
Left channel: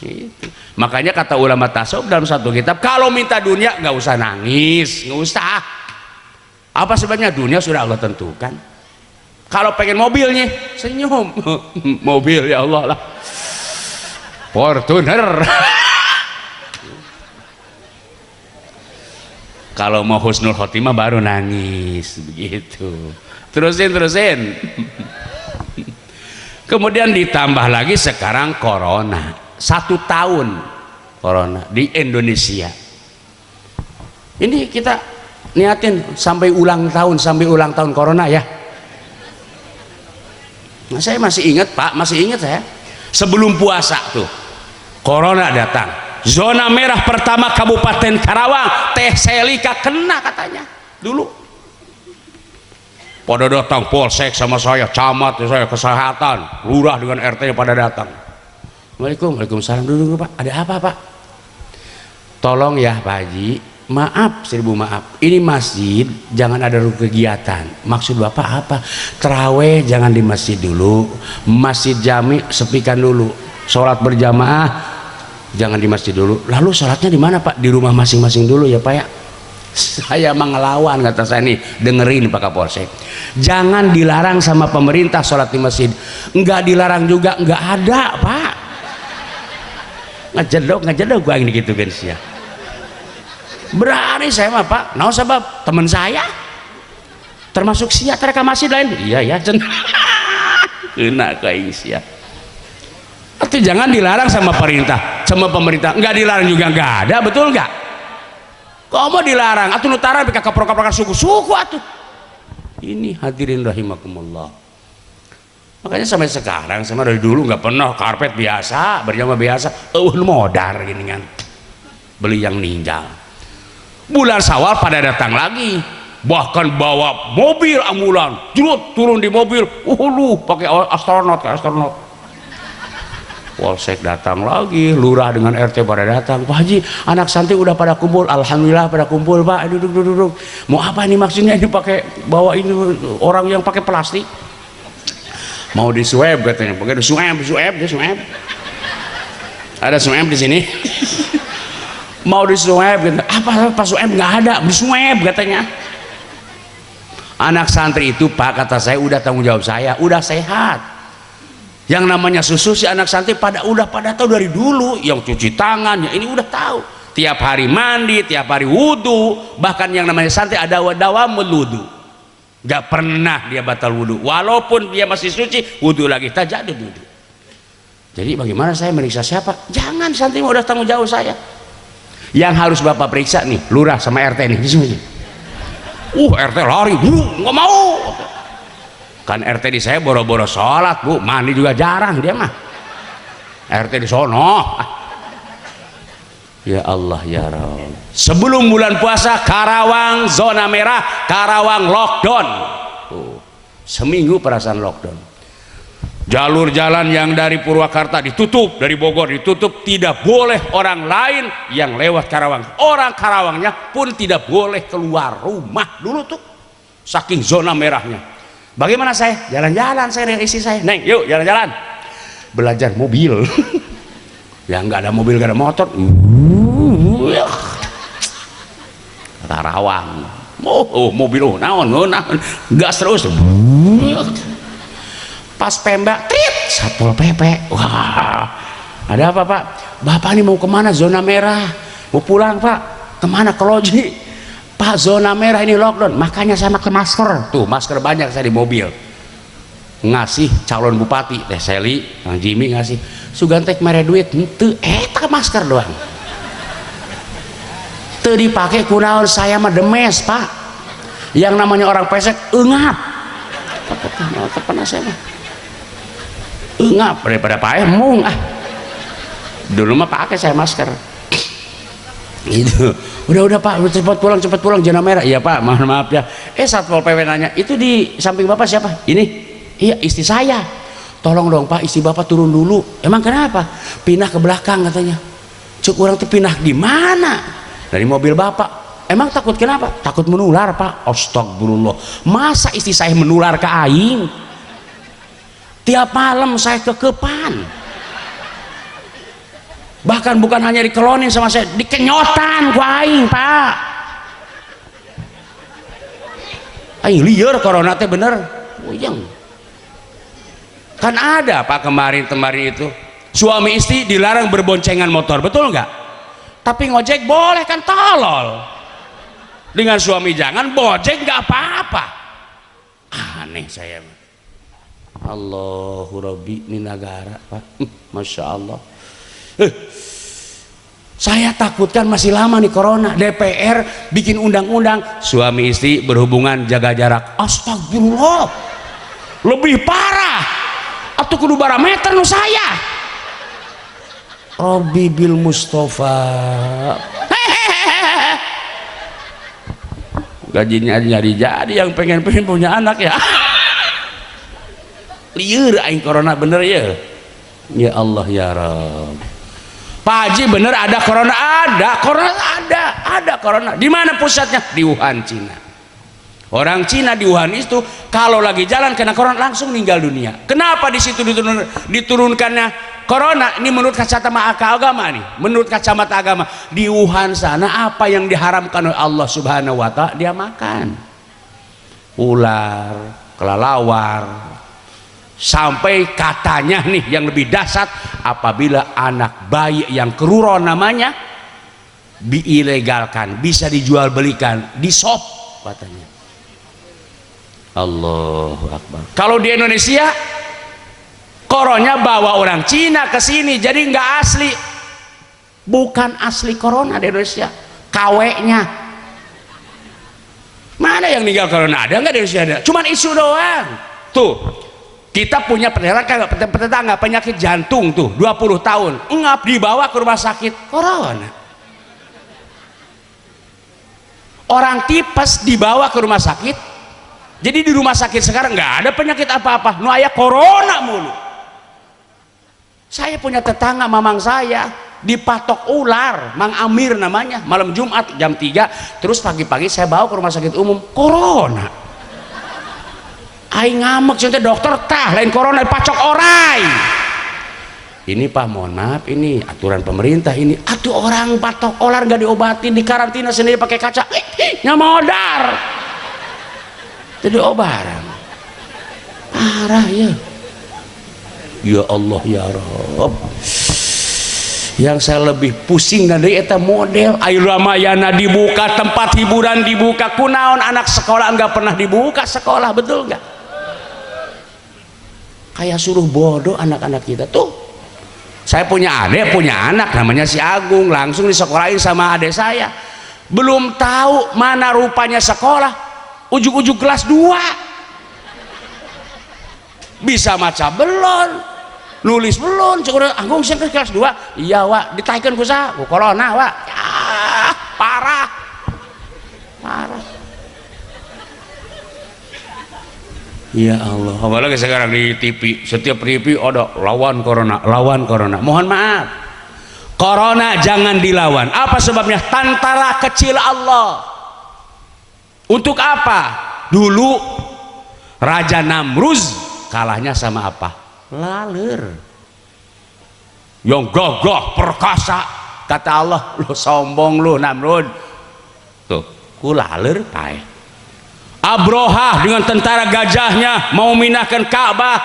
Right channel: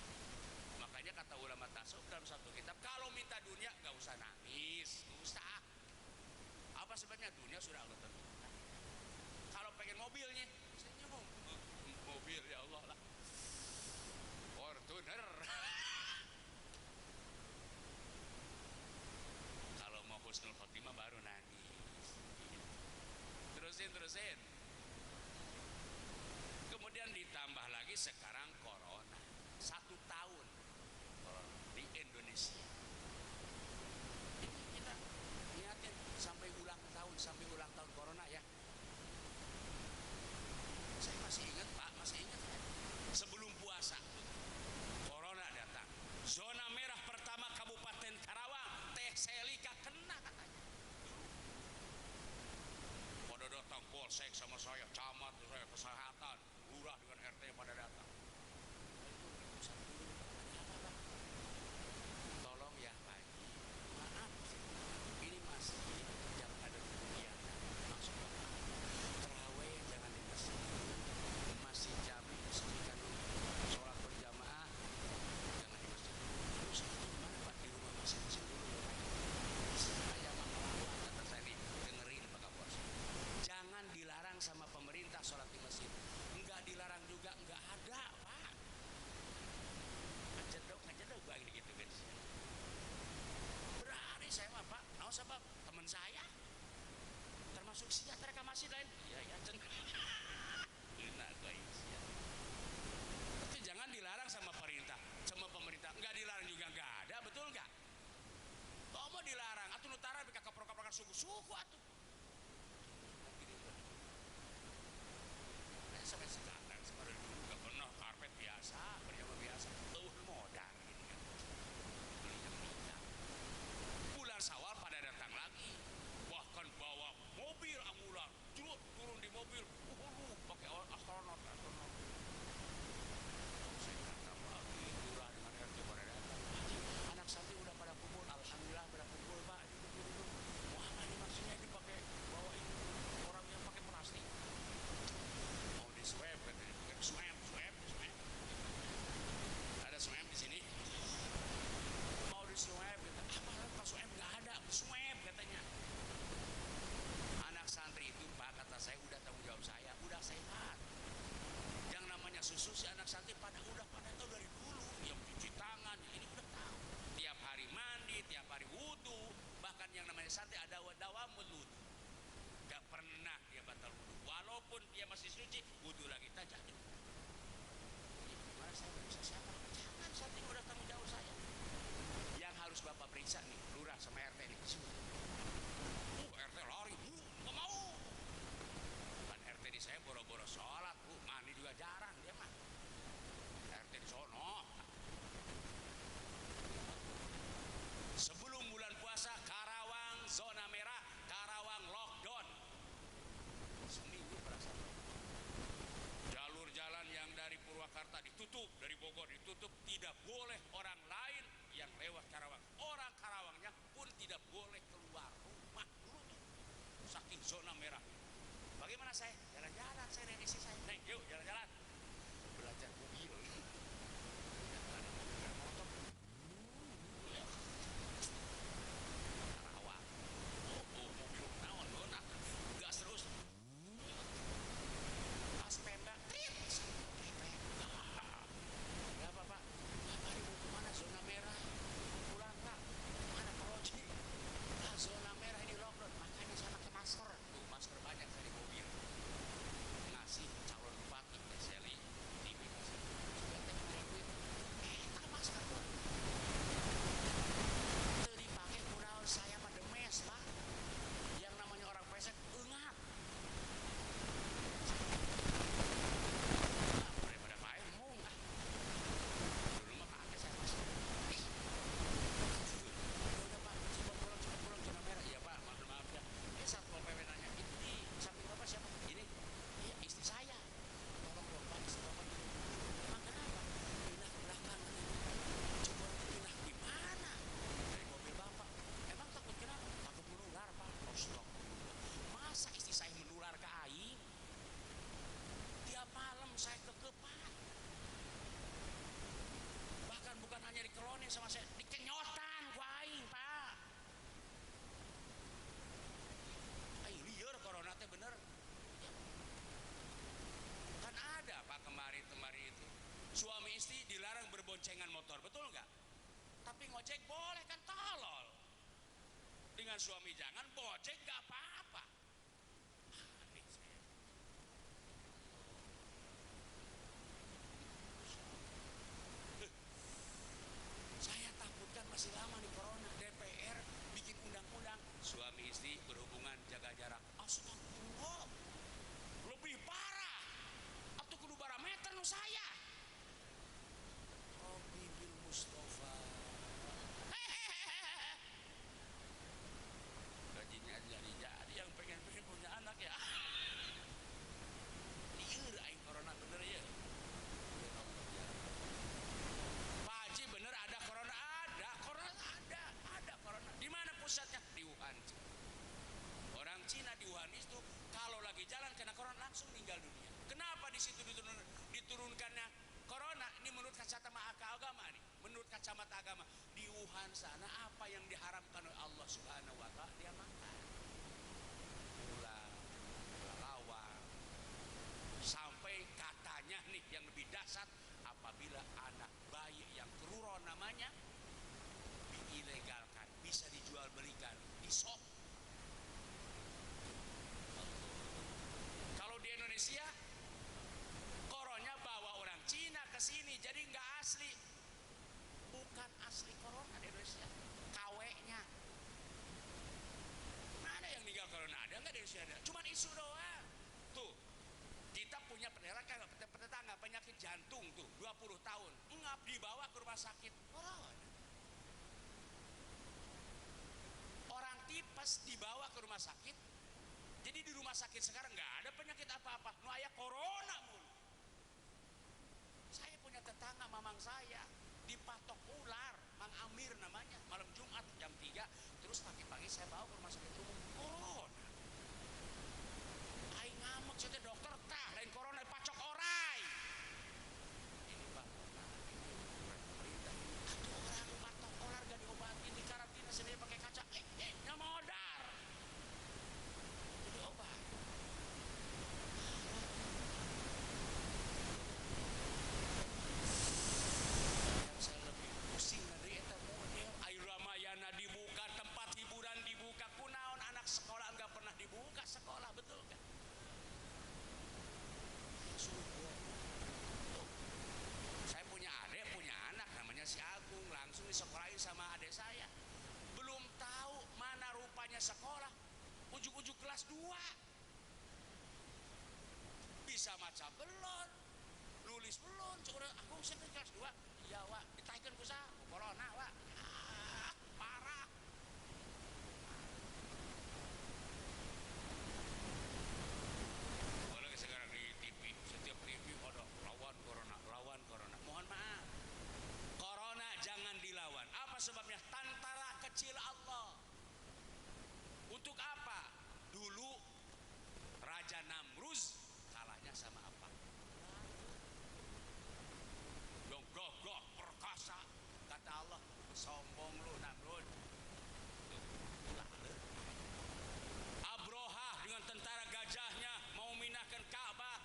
Gitu. Makanya kata ulama tasawuf dalam satu kitab, kalau minta dunia nggak usah nangis, nggak usah. Apa sebabnya? Dunia sudah Allah tentukan. Kalau pengen mobilnya, senyum. Mobil ya Allah lah, Fortuner. Kalau mau husnul khotimah baru nangis, begitu. Terusin. Kemudian ditambah lagi sekarang corona. 1 tahun corona di Indonesia. Ini kita niatin sampai ulang tahun corona ya. Nah, saya masih ingat Pak, saya sebelum puasa tuh corona datang. Zona merah pertama Kabupaten Karawang, Teh Selika kena katanya dulu. Pada datang polsek sama saya, camat saya, kesehatan, lurah dengan RT pada datang. Waalaikumsalam, dulu Pak, ada apa Pak? Tolong ya Pak Haji, maaf, 1000 maaf, ini masjid jangan ada kegiatan. Maksud Bapak apa? Terawih jangan di masjid dulu, masjid jami sepikan dulu, sholat berjamaah jangan di masjid dulu. Lalu sholatnya di mana Pak? Di rumah masing-masing dulu ya Pak ya. Saya mengelawan, kata saya nih, dengerin Pak Kapolsek, jangan dilarang sama pemerintah sholat di masjid, enggak dilarang juga, enggak ada Pak. Ngejedok gua ini gitu guys ya. Berani saya mah Pak, nah sebab teman saya termasuk sia reklamasi lain, iya ya kena kayak sia. Itu jangan dilarang sama pemerintah, enggak dilarang juga enggak ada, betul enggak? Kok mau dilarang? Atuh nutara bika kaprok-kaprokan suku-suku atuh. Ini hadirin rahimakumullah. Makanya sampai sekarang, sama dari dulu nggak pernah karpet biasa, berjamaah biasa, modar gini kan, beli yang ninjal. Bulan Syawal pada datang lagi, bahkan bawa mobil ambulan, turun di mobil, lu pakai astronot. Polsek datang lagi, lurah dengan RT pada datang. Pak Haji, anak santri udah pada kumpul, alhamdulillah pada kumpul Pak. Duduk. Mau apa ini maksudnya? Ini pakai bawa ini orang yang pakai plastik. Mau di swab katanya, pakai di swab. Ada swab di sini. Mau di swab, apa swab nggak ada, di swab katanya. Anak santri itu Pak, kata saya, udah tanggung jawab saya, udah sehat. Yang namanya susu si anak santri udah pada tahu dari dulu, yang cuci tangan, yang ini udah tahu. Tiap hari mandi, tiap hari wudhu, bahkan yang namanya santri ada dawamul wudhu. Gak pernah dia batal wudhu, walaupun dia masih suci, wudhu lagi, tajadud wudhu. Jadi bagaimana saya meriksa siapa? Jangan, santri udah tanggung jawab saya. Yang harus Bapak periksa nih, lurah sama RT nih, di sini. RT lari, nggak mau. Kan RT di saya boro-boro sholat Bu, mandi juga jarang dia mah. RT di sono. Ya Allah ya Rabb. Sebelum bulan puasa Karawang zona merah, Karawang lockdown. Seminggu perasaan lockdown. Jalur jalan yang dari Purwakarta ditutup, dari Bogor ditutup, tidak boleh orang lain yang lewat Karawang. Orang Karawangnya pun tidak boleh keluar rumah dulu tuh, saking zona merahnya. Bagaimana saya? Jalan-jalan saya dengan istri saya. Neng, yuk jalan-jalan. Belajar mobil. Ya nggak ada mobil, nggak ada motor. Karawang. Mobil naon, gas terus. Pas pembak, trit, Satpol PP. Wah, ada apa Pak? Bapak ini mau kemana? Zona merah. Mau pulang Pak? Kemana? Ke loji. Pak, zona merah ini lockdown. Makanya saya pakai masker. Tuh masker banyak saya di mobil. Ngasih calon bupati, Teh Seli, Kang Jimmy ngasih. Sugantek mere duit, henteu eta masker doang. Teu dipake kunaon, saya mah demes Pak. Yang namanya orang pesek eungap. Pernah saya mah eungap daripada paeh mung dulu mah pakai saya masker itu. Udah Pak, cepat pulang zona merah. Iya Pak, mohon maaf ya. Satpol PP nanya, itu di samping Bapak siapa? Ini. Iya, istri saya. Tolong dong Pak, istri Bapak turun dulu. Emang kenapa? Pindah ke belakang katanya. Cuk, orang tuh pindah di mana? Dari mobil Bapak. Emang takut kenapa? Takut menular Pak. Astagfirullah. Masa istri saya menular ke aing? Tiap malam saya kekepan. Bahkan bukan hanya dikelonin sama saya, dikenyotan ku aing Pak. Aing liar corona teh bener. Uyang. Kan ada Pak kemarin itu suami istri dilarang berboncengan motor, betul nggak? Tapi ngojek boleh kan, tolol. Dengan suami jangan, bojek nggak apa-apa. Aneh saya. Allahu Rabbi, ini negara Pak. Masya Allah. Saya takutkan masih lama nih corona. DPR bikin undang-undang suami istri berhubungan jaga jarak. Astagfirullah, lebih parah atau kudu barameter nu saya. Robbi bil Mustafa. Gajinya jadi yang pengen punya anak ya. Liur aing corona bener ya. Ya Allah ya Rabb. Pak Haji bener ada corona? Ada corona. Di mana pusatnya? Di Wuhan, Cina. Orang Cina di Wuhan itu kalau lagi jalan kena corona langsung meninggal dunia. Kenapa di situ diturunkannya corona? Ini menurut kacamata agama nih. Menurut kacamata agama di Wuhan sana apa yang diharamkan oleh Allah Subhanahu wa Ta'ala dia makan. Ular, kelelawar. Sampai katanya nih yang lebih dahsyat, apabila anak bayi yang keruron namanya diilegalkan, bisa dijual belikan di shop katanya. Allahu Akbar. Kalau di Indonesia koronnya bawa orang Cina ke sini, jadi nggak asli. Bukan asli corona di Indonesia, KW-nya. Mana yang meninggal corona? Ada nggak di Indonesia? Ada. Cuman isu doang. Tuh. Kita punya tetangga penyakit jantung tuh 20 tahun ngap dibawa ke rumah sakit corona. Orang tipes dibawa ke rumah sakit. Jadi di rumah sakit sekarang nggak ada penyakit apa-apa, nu aya corona mulu. Saya punya tetangga mamang saya dipatok ular, Mang Amir namanya, malam Jumat jam 3, terus pagi-pagi saya bawa ke rumah sakit umum, corona. Aing ngamek contoh dokter tah lain corona dipacok orai. Ini Pak, mohon maaf, ini aturan pemerintah ini. Atuh orang patok olar nggak diobatin, di karantina sendiri pakai kaca, nyamodar. Jadi obaran. Parah ya. Ya Allah ya Rabb. Yang saya lebih pusing dari eta model Air Ramayana dibuka, tempat hiburan dibuka, kunaon anak sekolah nggak pernah dibuka sekolah, betul nggak? Kayak suruh bodoh anak-anak kita tuh. Saya punya adik, punya anak namanya si Agung, langsung disekolahin sama adik saya. Belum tahu mana rupanya sekolah, ujung-ujung kelas 2 bisa maca belum, nulis belum. Cukup Agung sih kelas 2. Iya Wak, ditaikkan ku saha? Ku corona Wak. Ya, parah. Ya Allah, apalagi sekarang di TV, setiap TV ada lawan corona. Mohon maaf, corona jangan dilawan. Apa sebabnya? Tantara kecil Allah. Untuk apa? Dulu Raja Namruz kalahnya sama apa? Laler. yang gagah perkasa. Kata Allah, lu sombong lu Namrud. Tuh, kulaler pae. Abrohah dengan tentara gajahnya mau minahkan Ka'bah.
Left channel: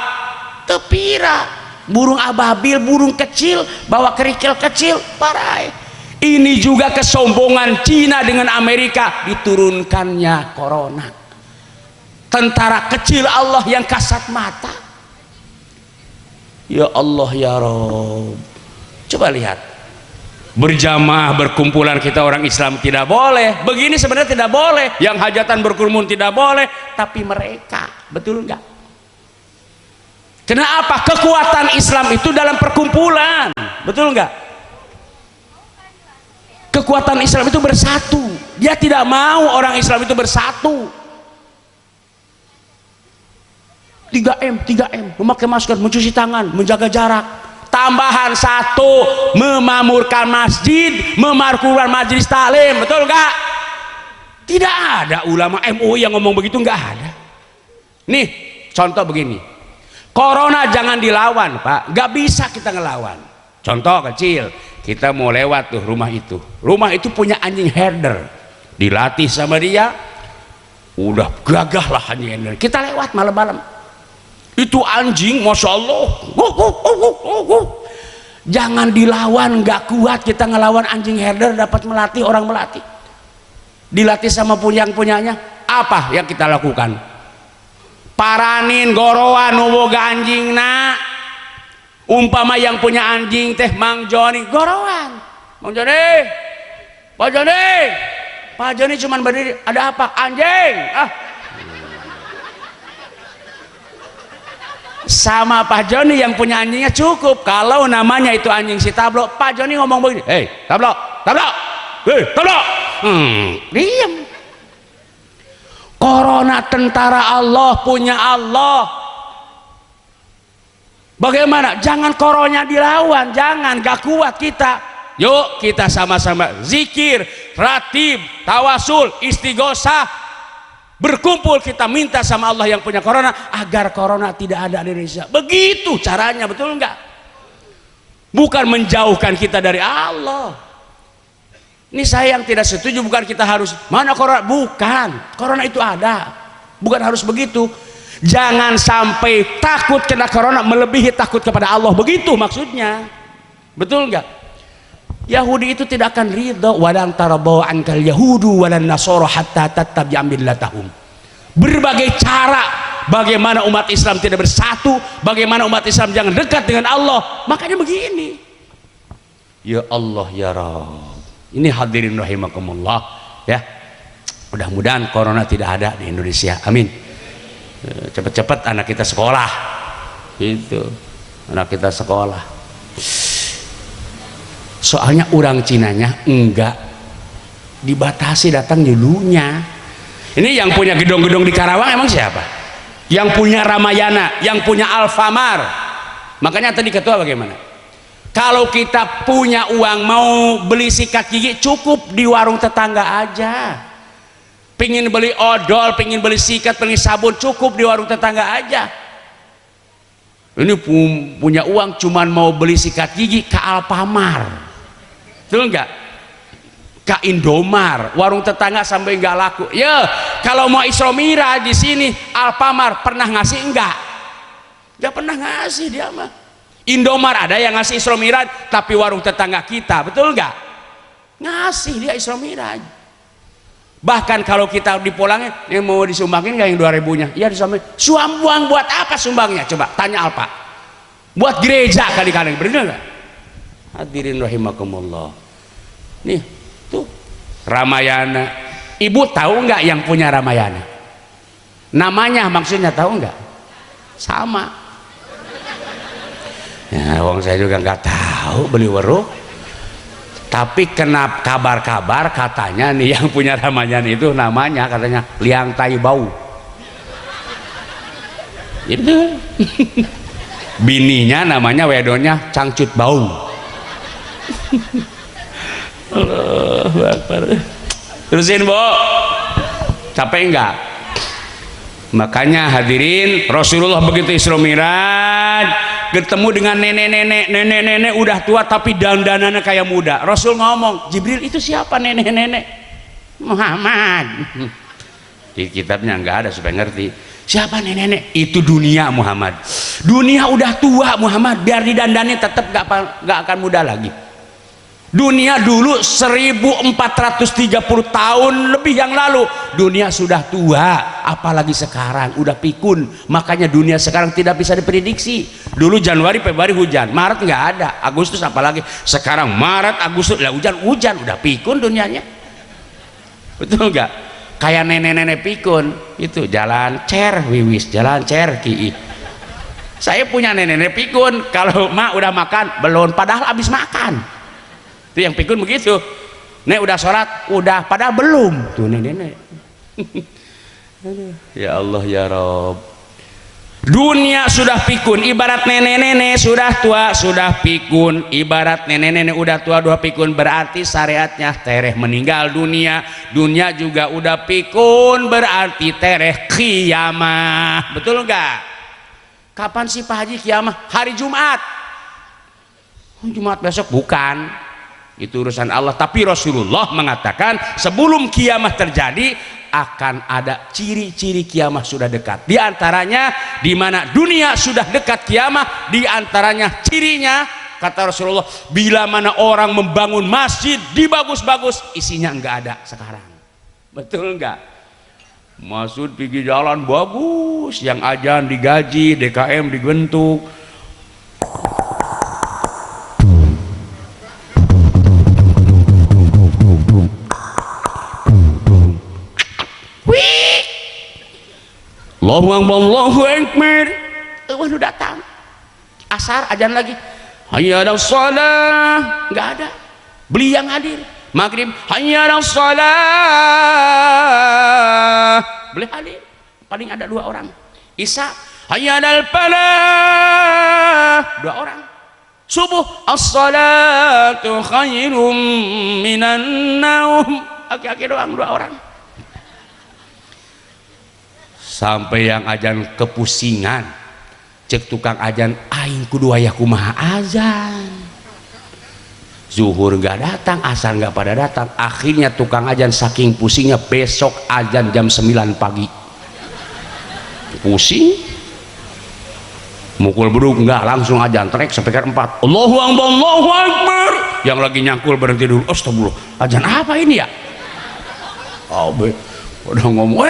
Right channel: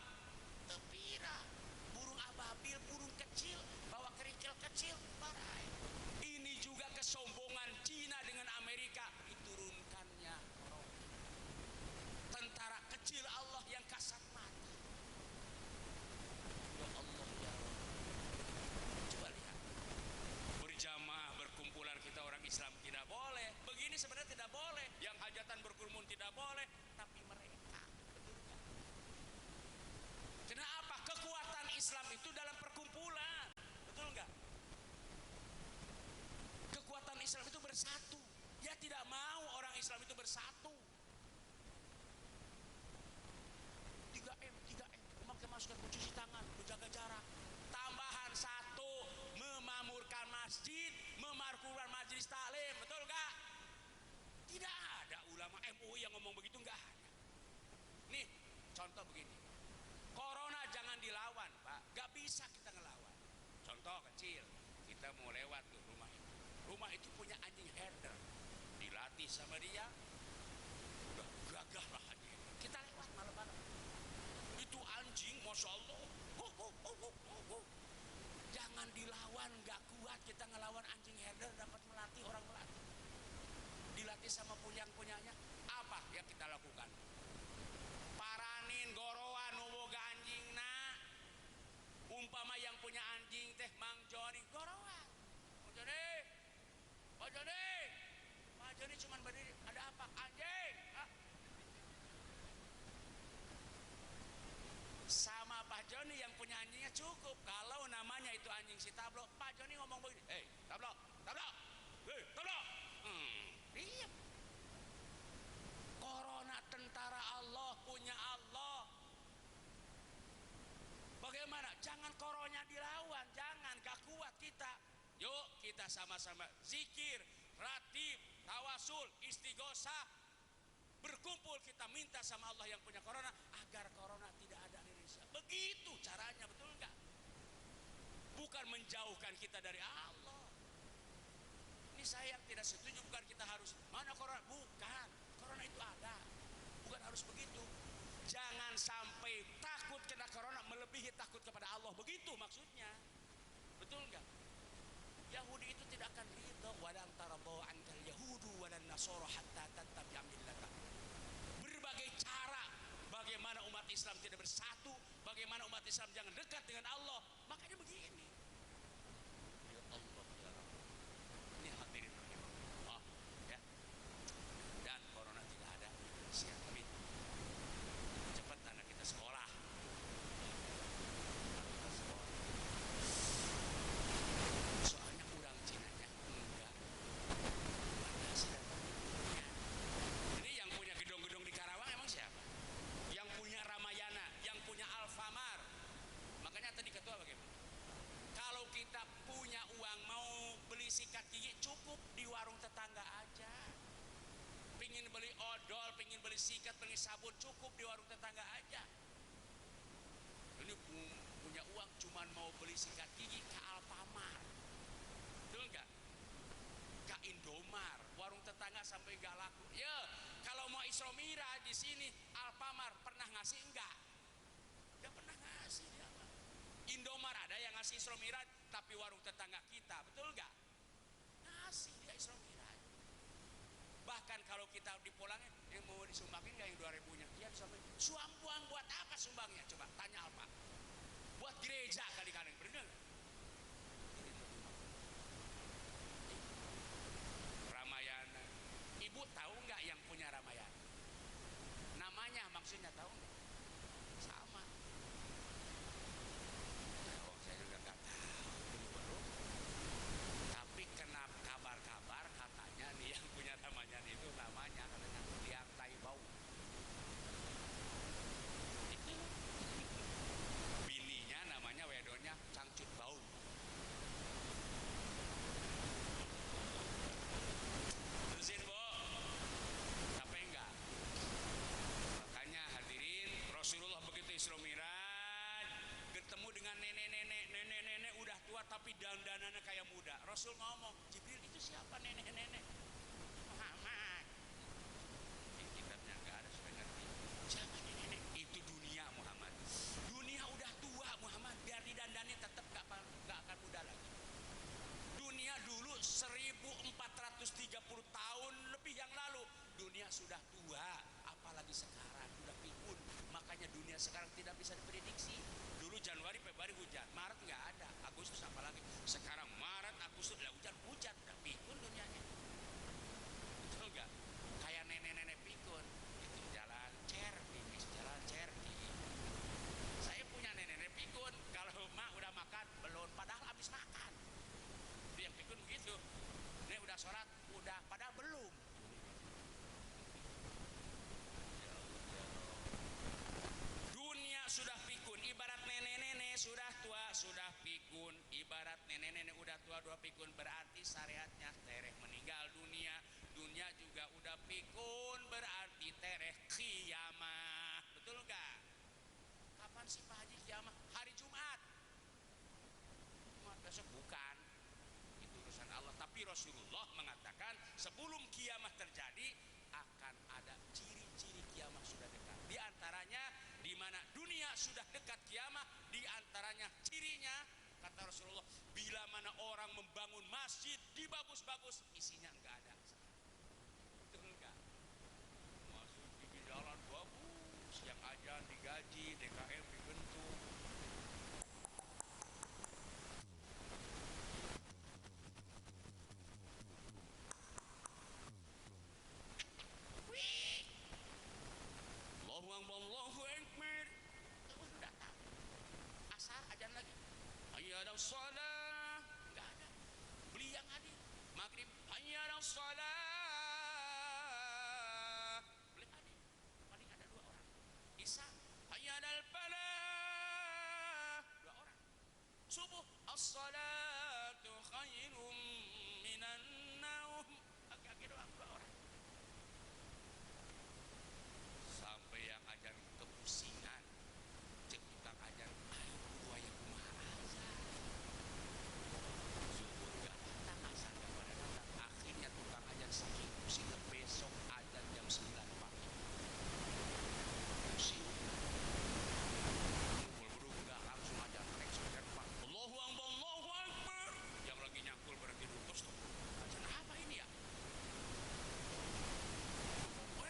Tepira, burung ababil, burung kecil, bawa kerikil kecil, parai. Ini juga kesombongan Cina dengan Amerika, diturunkannya corona. Tentara kecil Allah yang kasat mata. Ya Allah ya Rabb. Coba lihat, berjamaah berkumpulan kita orang Islam tidak boleh. Begini sebenarnya tidak boleh. Yang hajatan berkerumun tidak boleh. Tapi mereka, betul enggak? Kenapa? Kekuatan Islam itu dalam perkumpulan, betul enggak? Kekuatan Islam itu bersatu. Dia tidak mau orang Islam itu bersatu. 3M, 3M, memakai masker, mencuci tangan, menjaga jarak. Tambahan 1, memamurkan masjid, memarkuran majelis taklim, betul enggak? Tidak ada ulama MUI yang ngomong begitu, enggak ada. Nih, contoh begini. Corona jangan dilawan, Pak. Enggak bisa kita ngelawan. Contoh kecil, kita mau lewat tuh rumah itu. Rumah itu punya anjing herder. Dilatih sama dia, udah gagah lah anjing herder. Kita lewat malam-malam. Itu anjing, masya Allah, jangan dilawan, nggak kuat kita ngelawan anjing herder. Dapat melatih orang melatih, dilatih sama punyanya. Apa yang kita lakukan? Paranin gorowan nuboga anjing nak. Umpama yang punya anjing teh Mang Joni, gorowan, Mang Joni, Pak Joni, Pak Joni cuman berdiri, ada apa? Anjing, sama Pak Joni yang punya anjingnya cukup. Kalau namanya itu anjing si Tablo, Pak Joni ngomong begini, hei Tablo, Tablo, hei Tablo, diam. Corona tentara Allah, punya Allah. Bagaimana? Jangan coronanya dilawan, jangan, gak kuat kita. Yuk kita sama-sama zikir, ratib, tawasul, istighosah. Berkumpul kita minta sama Allah yang punya corona agar corona tidak ada di Indonesia. Begitu caranya, betul enggak? Bukan menjauhkan kita dari Allah. Ini saya yang tidak setuju, bukan kita harus mana corona, bukan. Corona itu ada, bukan harus begitu. Jangan sampai takut kena corona melebihi takut kepada Allah, begitu maksudnya. Betul enggak? Yahudi itu tidak akan ridha, walan tarabaw ankal yahudu walan nasara hatta tattabi'a millatahum. Berbagai cara bagaimana umat Islam tidak bersatu, bagaimana umat Islam jangan dekat dengan Allah. Makanya begini. Ya Allah ya Rabb. Ini hadirin rahimakumullah ya. Mudah-mudahan corona tidak ada di Indonesia. Amin. Cepat-cepat anak kita sekolah. Gitu. Anak kita sekolah. Soalnya orang Cinanya enggak dibatasi datang dulunya. Ini yang punya gedung-gedung di Karawang emang siapa? Yang punya Ramayana, yang punya Alfamart. Makanya tadi ketua bagaimana? Kalau kita punya uang mau beli sikat gigi, cukup di warung tetangga aja. Pingin beli odol, pingin beli sikat, pingin sabun, cukup di warung tetangga aja. Ini punya uang cuman mau beli sikat gigi ke Alfamart. Betul enggak? Ke Indomar, warung tetangga sampai enggak laku. Ya, kalau mau Isromira di sini Alfamart pernah ngasih enggak? Enggak pernah ngasih dia mah. Indomar ada yang ngasih Isromira, tapi warung tetangga kita, betul enggak? Ngasih dia Isromira. Bahkan kalau kita dipulangin, yang mau disumbangin enggak yang 2000-nya? Iya disumbangin. Suambang buat apa sumbangnya? Coba tanya Alpa. Buat gereja kali-kali, benar enggak? Hadirin rahimakumullah. Nih, tuh Ramayana. Ibu tahu nggak yang punya Ramayana? Namanya maksudnya tahu nggak? Sama. Ya, wong saya juga nggak tahu beli weruh. Tapi kena kabar-kabar katanya nih yang punya Ramayana itu namanya katanya Liang Tai Bau. Itu. Bininya namanya wedonya Cangcut Bau. Allahu Akbar. Terusin Bu, capek enggak? Makanya hadirin, Rasulullah begitu Isra Mi'raj ketemu dengan nenek-nenek udah tua tapi dandanannya kayak muda. Rasul ngomong, Jibril itu siapa nenek-nenek? Muhammad. Di kitabnya nggak ada supaya ngerti. Siapa nenek-nenek? Itu dunia Muhammad. Dunia udah tua Muhammad, biar didandani tetap nggak akan muda lagi. Dunia dulu 1430 tahun lebih yang lalu dunia sudah tua, apalagi sekarang udah pikun. Makanya dunia sekarang tidak bisa diprediksi. Dulu Januari Februari hujan, Maret nggak ada, Agustus apalagi. Sekarang Maret Agustus lah hujan udah pikun dunianya. Betul nggak? Kayak nenek-nenek pikun itu jalan cer wiwis, jalan cer ki. Saya punya nenek-nenek pikun, kalau mak udah makan belum, padahal habis makan. Itu yang pikun begitu. Nek udah sholat, udah, padahal belum. Tuh nenek-nenek. Ya Allah ya Rob. Dunia sudah pikun, ibarat nenek-nenek sudah tua, sudah pikun. Ibarat nenek-nenek udah tua, dua pikun, berarti syariatnya tereh meninggal dunia. Dunia juga udah pikun, berarti tereh kiamah. Betul enggak? Kapan sih Pak Haji kiamah? Hari Jumat. Jumat besok bukan. Itu urusan Allah. Tapi Rasulullah mengatakan sebelum kiamah terjadi akan ada ciri-ciri kiamah sudah dekat. Di antaranya di mana dunia sudah dekat kiamah, di antaranya cirinya kata Rasulullah, bila mana orang membangun masjid dibagus-bagus, isinya enggak ada sekarang. Betul enggak? Masjid pergi jalan bagus, yang ajan digaji, DKM dibentuk. Allahu Akbar, Allahu Akbar. Waduh datang. Asar ajan lagi. Hayya 'alas shalah. Enggak ada. Beli yang hadir. Maghrib, hayya 'alas shalah. Beli hadir. Paling ada 2 orang. Isya, hayya 'alal falah. 2 orang. Subuh, as-salatu khairum minan naum. Aki-aki doang 2 orang. Sampai yang ajan kepusingan, cek tukang ajan, aing kudu aya kumaha azan. Zuhur nggak datang, asar nggak pada datang. Akhirnya tukang ajan saking pusingnya besok ajan jam 9 pagi. Pusing, mukul beduk nggak, langsung ajan trek sampai ke 4. Allahu Akbar, Allahu Akbar. Yang lagi nyangkul berhenti dulu. Astagfirullah, ajan apa ini ya? Oh, udah ngomong,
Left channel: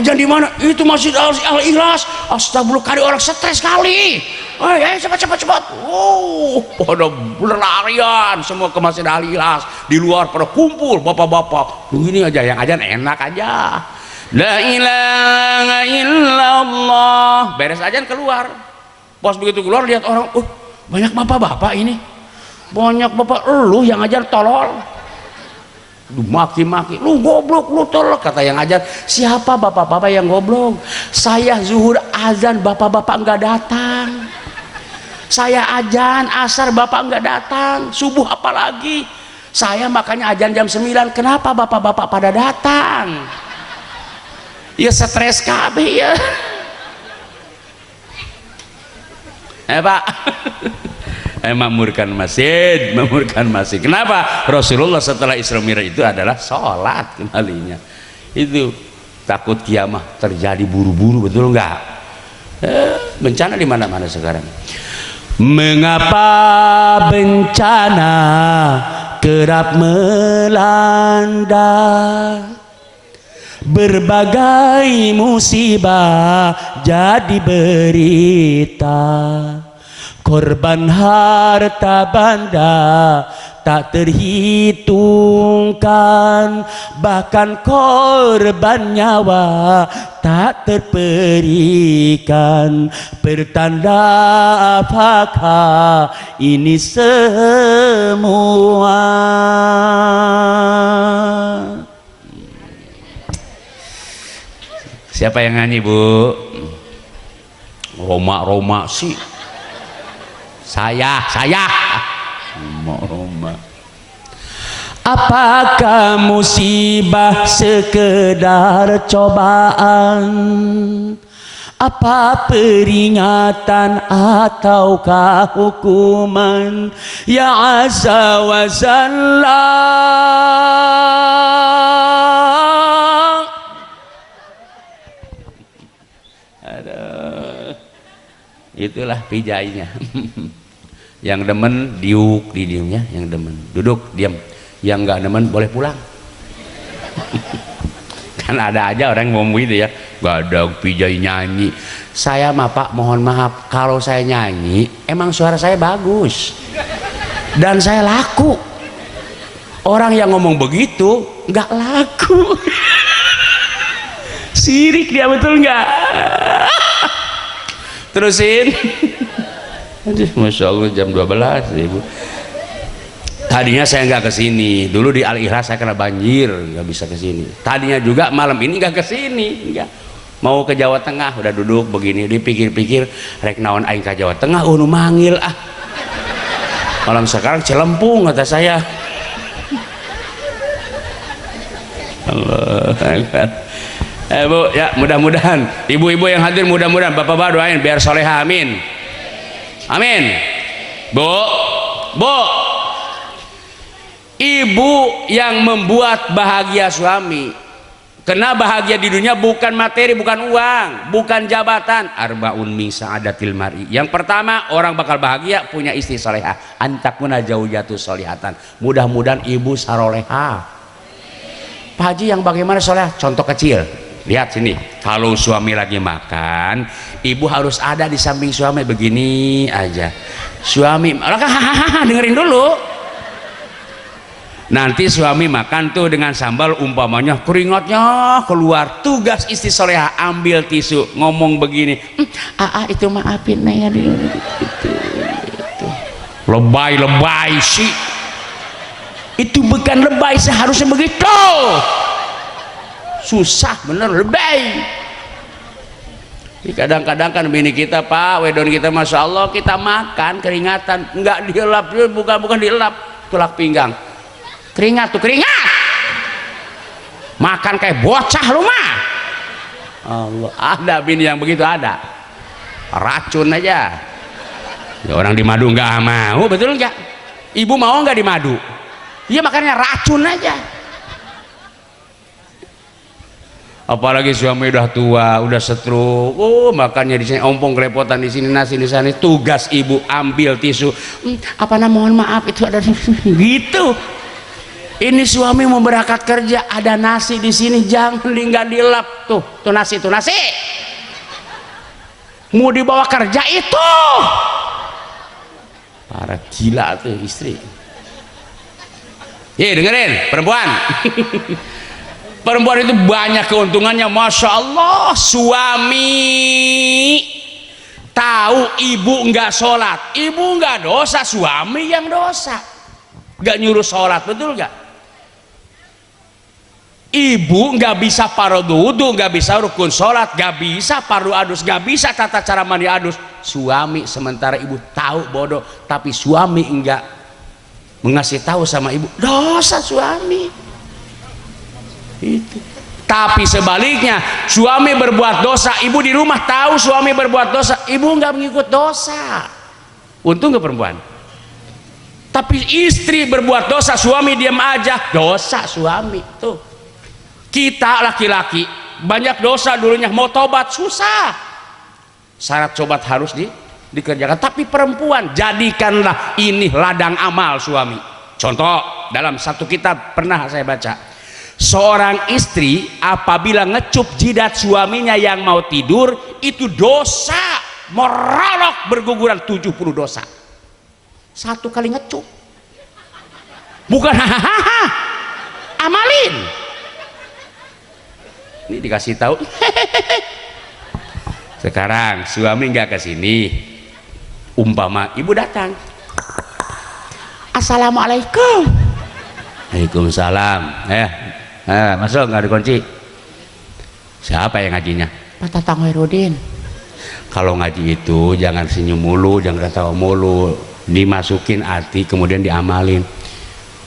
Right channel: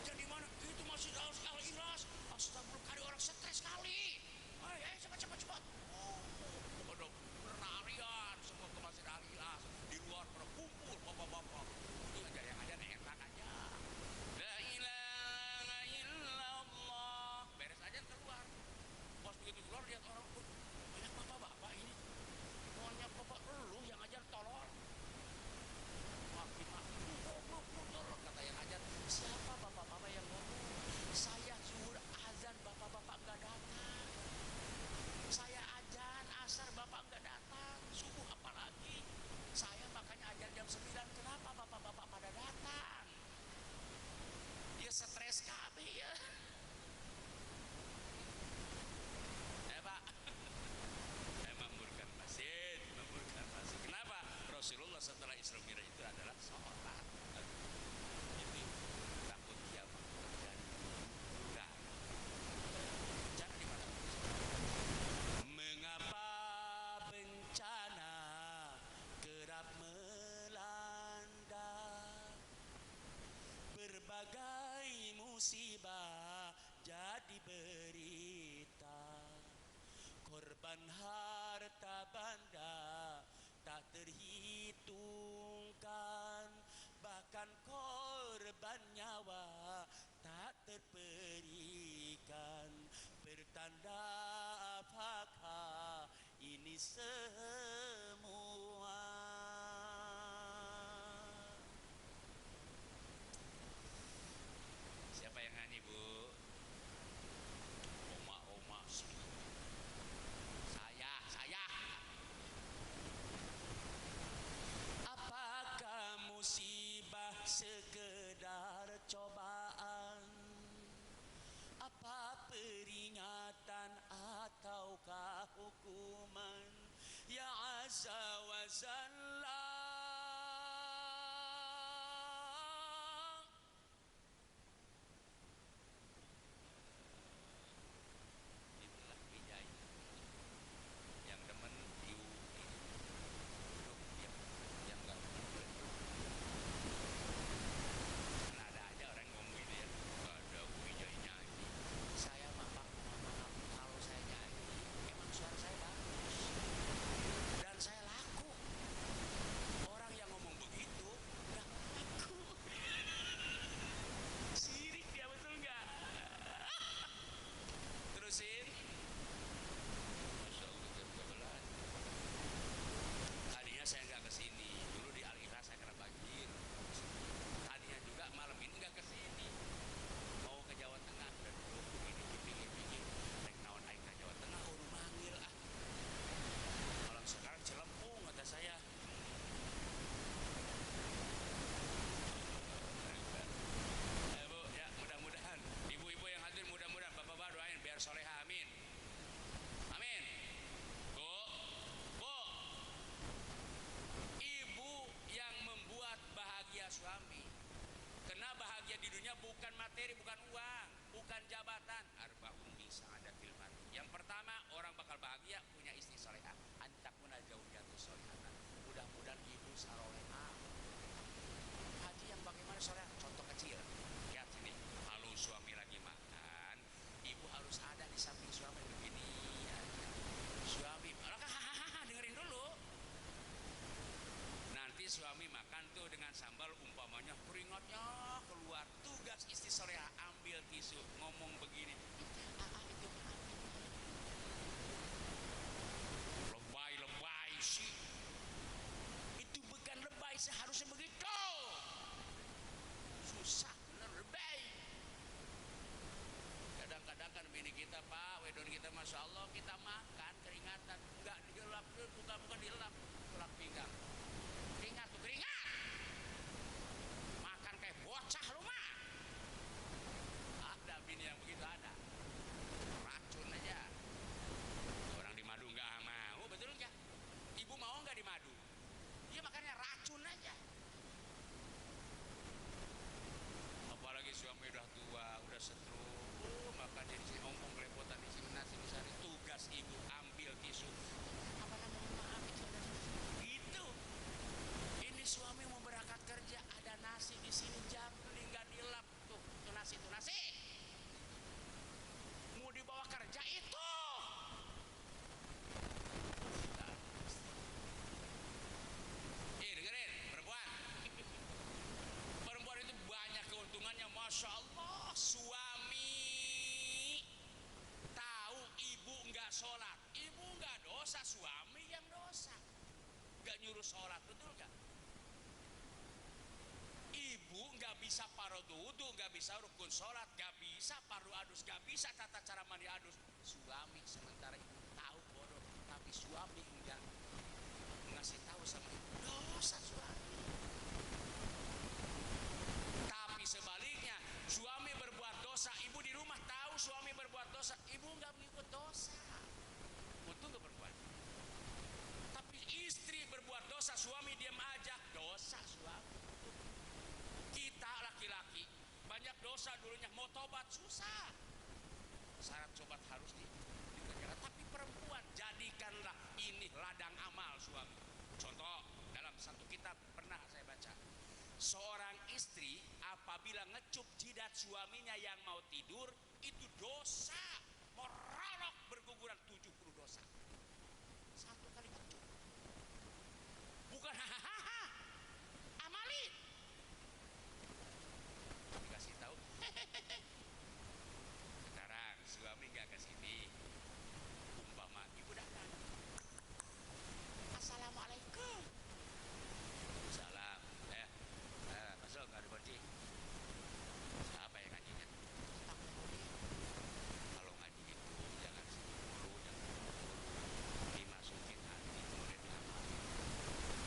ajan di mana? Itu Masjid Al-Ikhlas. Astagfirullah, kali orang stres kali. Cepat. Pada berlarian semua ke Masjid Al-Ikhlas. Di luar pada kumpul bapak-bapak. Begini aja, yang ajan enak aja. La ilaha illallah. Beres ajan keluar. Pas begitu keluar lihat orang, banyak bapak-bapak ini. Banyak bapak, lu yang ajan tolol. Maki-maki, lu goblok, lu tolol, kata yang ajan. Siapa bapak-bapak yang goblok? Saya zuhur azan, bapak-bapak enggak datang. Saya ajan asar, bapak enggak datang. Subuh apalagi. Saya makanya ajan jam 9. Kenapa bapak-bapak pada datang? Ya stres kabeh ya. Pak. Makmurkan masjid. Kenapa? Rasulullah setelah Isra Mi'raj itu adalah sholat kembalinya. Itu takut kiamah terjadi buru-buru, betul enggak? Bencana di mana-mana sekarang. Mengapa bencana kerap melanda? Berbagai musibah jadi berita. Korban harta benda tak terhitungkan, bahkan korban nyawa tak terperikan. Pertanda apakah ini semua? Siapa yang nyanyi, Bu? Roma sih. Saya Roma. Apakah musibah sekedar cobaan Apa peringatan ataukah hukuman ya azza wa jalla? Aduh, itulah pijainya. Yang demen diuk di diamnya, yang demen duduk diam, yang nggak demen boleh pulang. Kan ada aja orang yang ngomong gitu ya, gak ada pijai nyanyi. Saya mah Pak mohon maaf, kalau saya nyanyi emang suara saya bagus dan saya laku. Orang yang ngomong begitu nggak laku. Sirik dia, betul nggak? Terusin. Aduh, Masya Allah jam 12 Ibu. Tadinya saya nggak kesini, dulu di Al-Ikhlas saya kena banjir, nggak bisa kesini. Tadinya juga malam ini nggak kesini, nggak. Mau ke Jawa Tengah, udah duduk begini, dipikir-pikir, rek naon aing ke Jawa Tengah, nu manggil ah. Malam sekarang Cilempung kata saya. Allah Akbar. Bu, ya mudah-mudahan, ibu-ibu yang hadir mudah-mudahan, bapak-bapak doain biar soleha, amin. Amin. Bu. Ibu yang membuat bahagia suami, karena bahagia di dunia bukan materi, bukan uang, bukan jabatan. Arbaun min sa'adatil mar'i. Yang pertama, orang bakal bahagia punya istri salehah. Antakuna zaujatu sholihatan. Mudah-mudahan ibu saroleha. Pak Haji yang bagaimana soleh? Contoh kecil. Lihat sini. Kalau suami lagi makan, ibu harus ada di samping suami begini aja. Suami, hahaha, dengerin dulu. Nanti suami makan tuh dengan sambal, umpamanya keringatnya keluar, tugas istri soleha ambil tisu ngomong begini, itu maafin ya itu. Lebay sih, itu bukan lebay, seharusnya begitu. Susah bener, lebay. Kadang-kadang kan bini kita, Pak wedon kita, Masya Allah, kita makan keringatan nggak dielap, bukan dielap, tulak pinggang. Keringat tuh, keringat. Makan kayak bocah lu mah. Allah, ada bini yang begitu, ada. Racun aja. Ya, orang di madu nggak mau, betul nggak? Ibu mau nggak di madu? Iya, makanya racun aja. Apalagi suami udah tua, udah stroke, makannya di sini ompong kelepotan, di sini nasi, di sana. Tugas ibu ambil tisu. Mohon maaf itu ada gitu. Ini suami mau berangkat kerja, ada nasi di sini, jangan nggak dilap tuh nasi. Mau dibawa kerja itu. Para gila tuh istri. Dengerin perempuan. Perempuan itu banyak keuntungannya, Masya Allah. Suami tahu ibu nggak sholat, ibu nggak dosa, suami yang dosa. Nggak nyuruh sholat, betul nggak? Ibu nggak bisa fardu wudu, nggak bisa rukun sholat, nggak bisa fardu adus, nggak bisa tata cara mandi adus. Suami, sementara ibu tahu bodoh, tapi suami enggak mengasih tahu sama ibu, dosa suami itu. Tapi sebaliknya, suami berbuat dosa, ibu di rumah tahu suami berbuat dosa, ibu nggak mengikut dosa. Untung ke perempuan. Tapi istri berbuat dosa, suami diam aja, dosa suami tuh. Kita laki-laki banyak dosa dulunya, mau tobat susah. Syarat tobat harus dikerjakan. Tapi perempuan, jadikanlah ini ladang amal suami. Contoh, dalam satu kitab pernah saya baca, seorang istri apabila ngecup jidat suaminya yang mau tidur, itu dosa merolok berguguran 70 dosa. Satu kali ngecup. Bukan hahaha, amalin. Ini dikasih tahu. Sekarang suami nggak kesini, umpama ibu datang, assalamualaikum. Waalaikumsalam. Masuk, nggak dikunci. Siapa yang ngajinya? Pak Tatang Herudin. Kalau ngaji itu jangan senyum mulu, jangan ketawa mulu, dimasukin hati kemudian diamalin.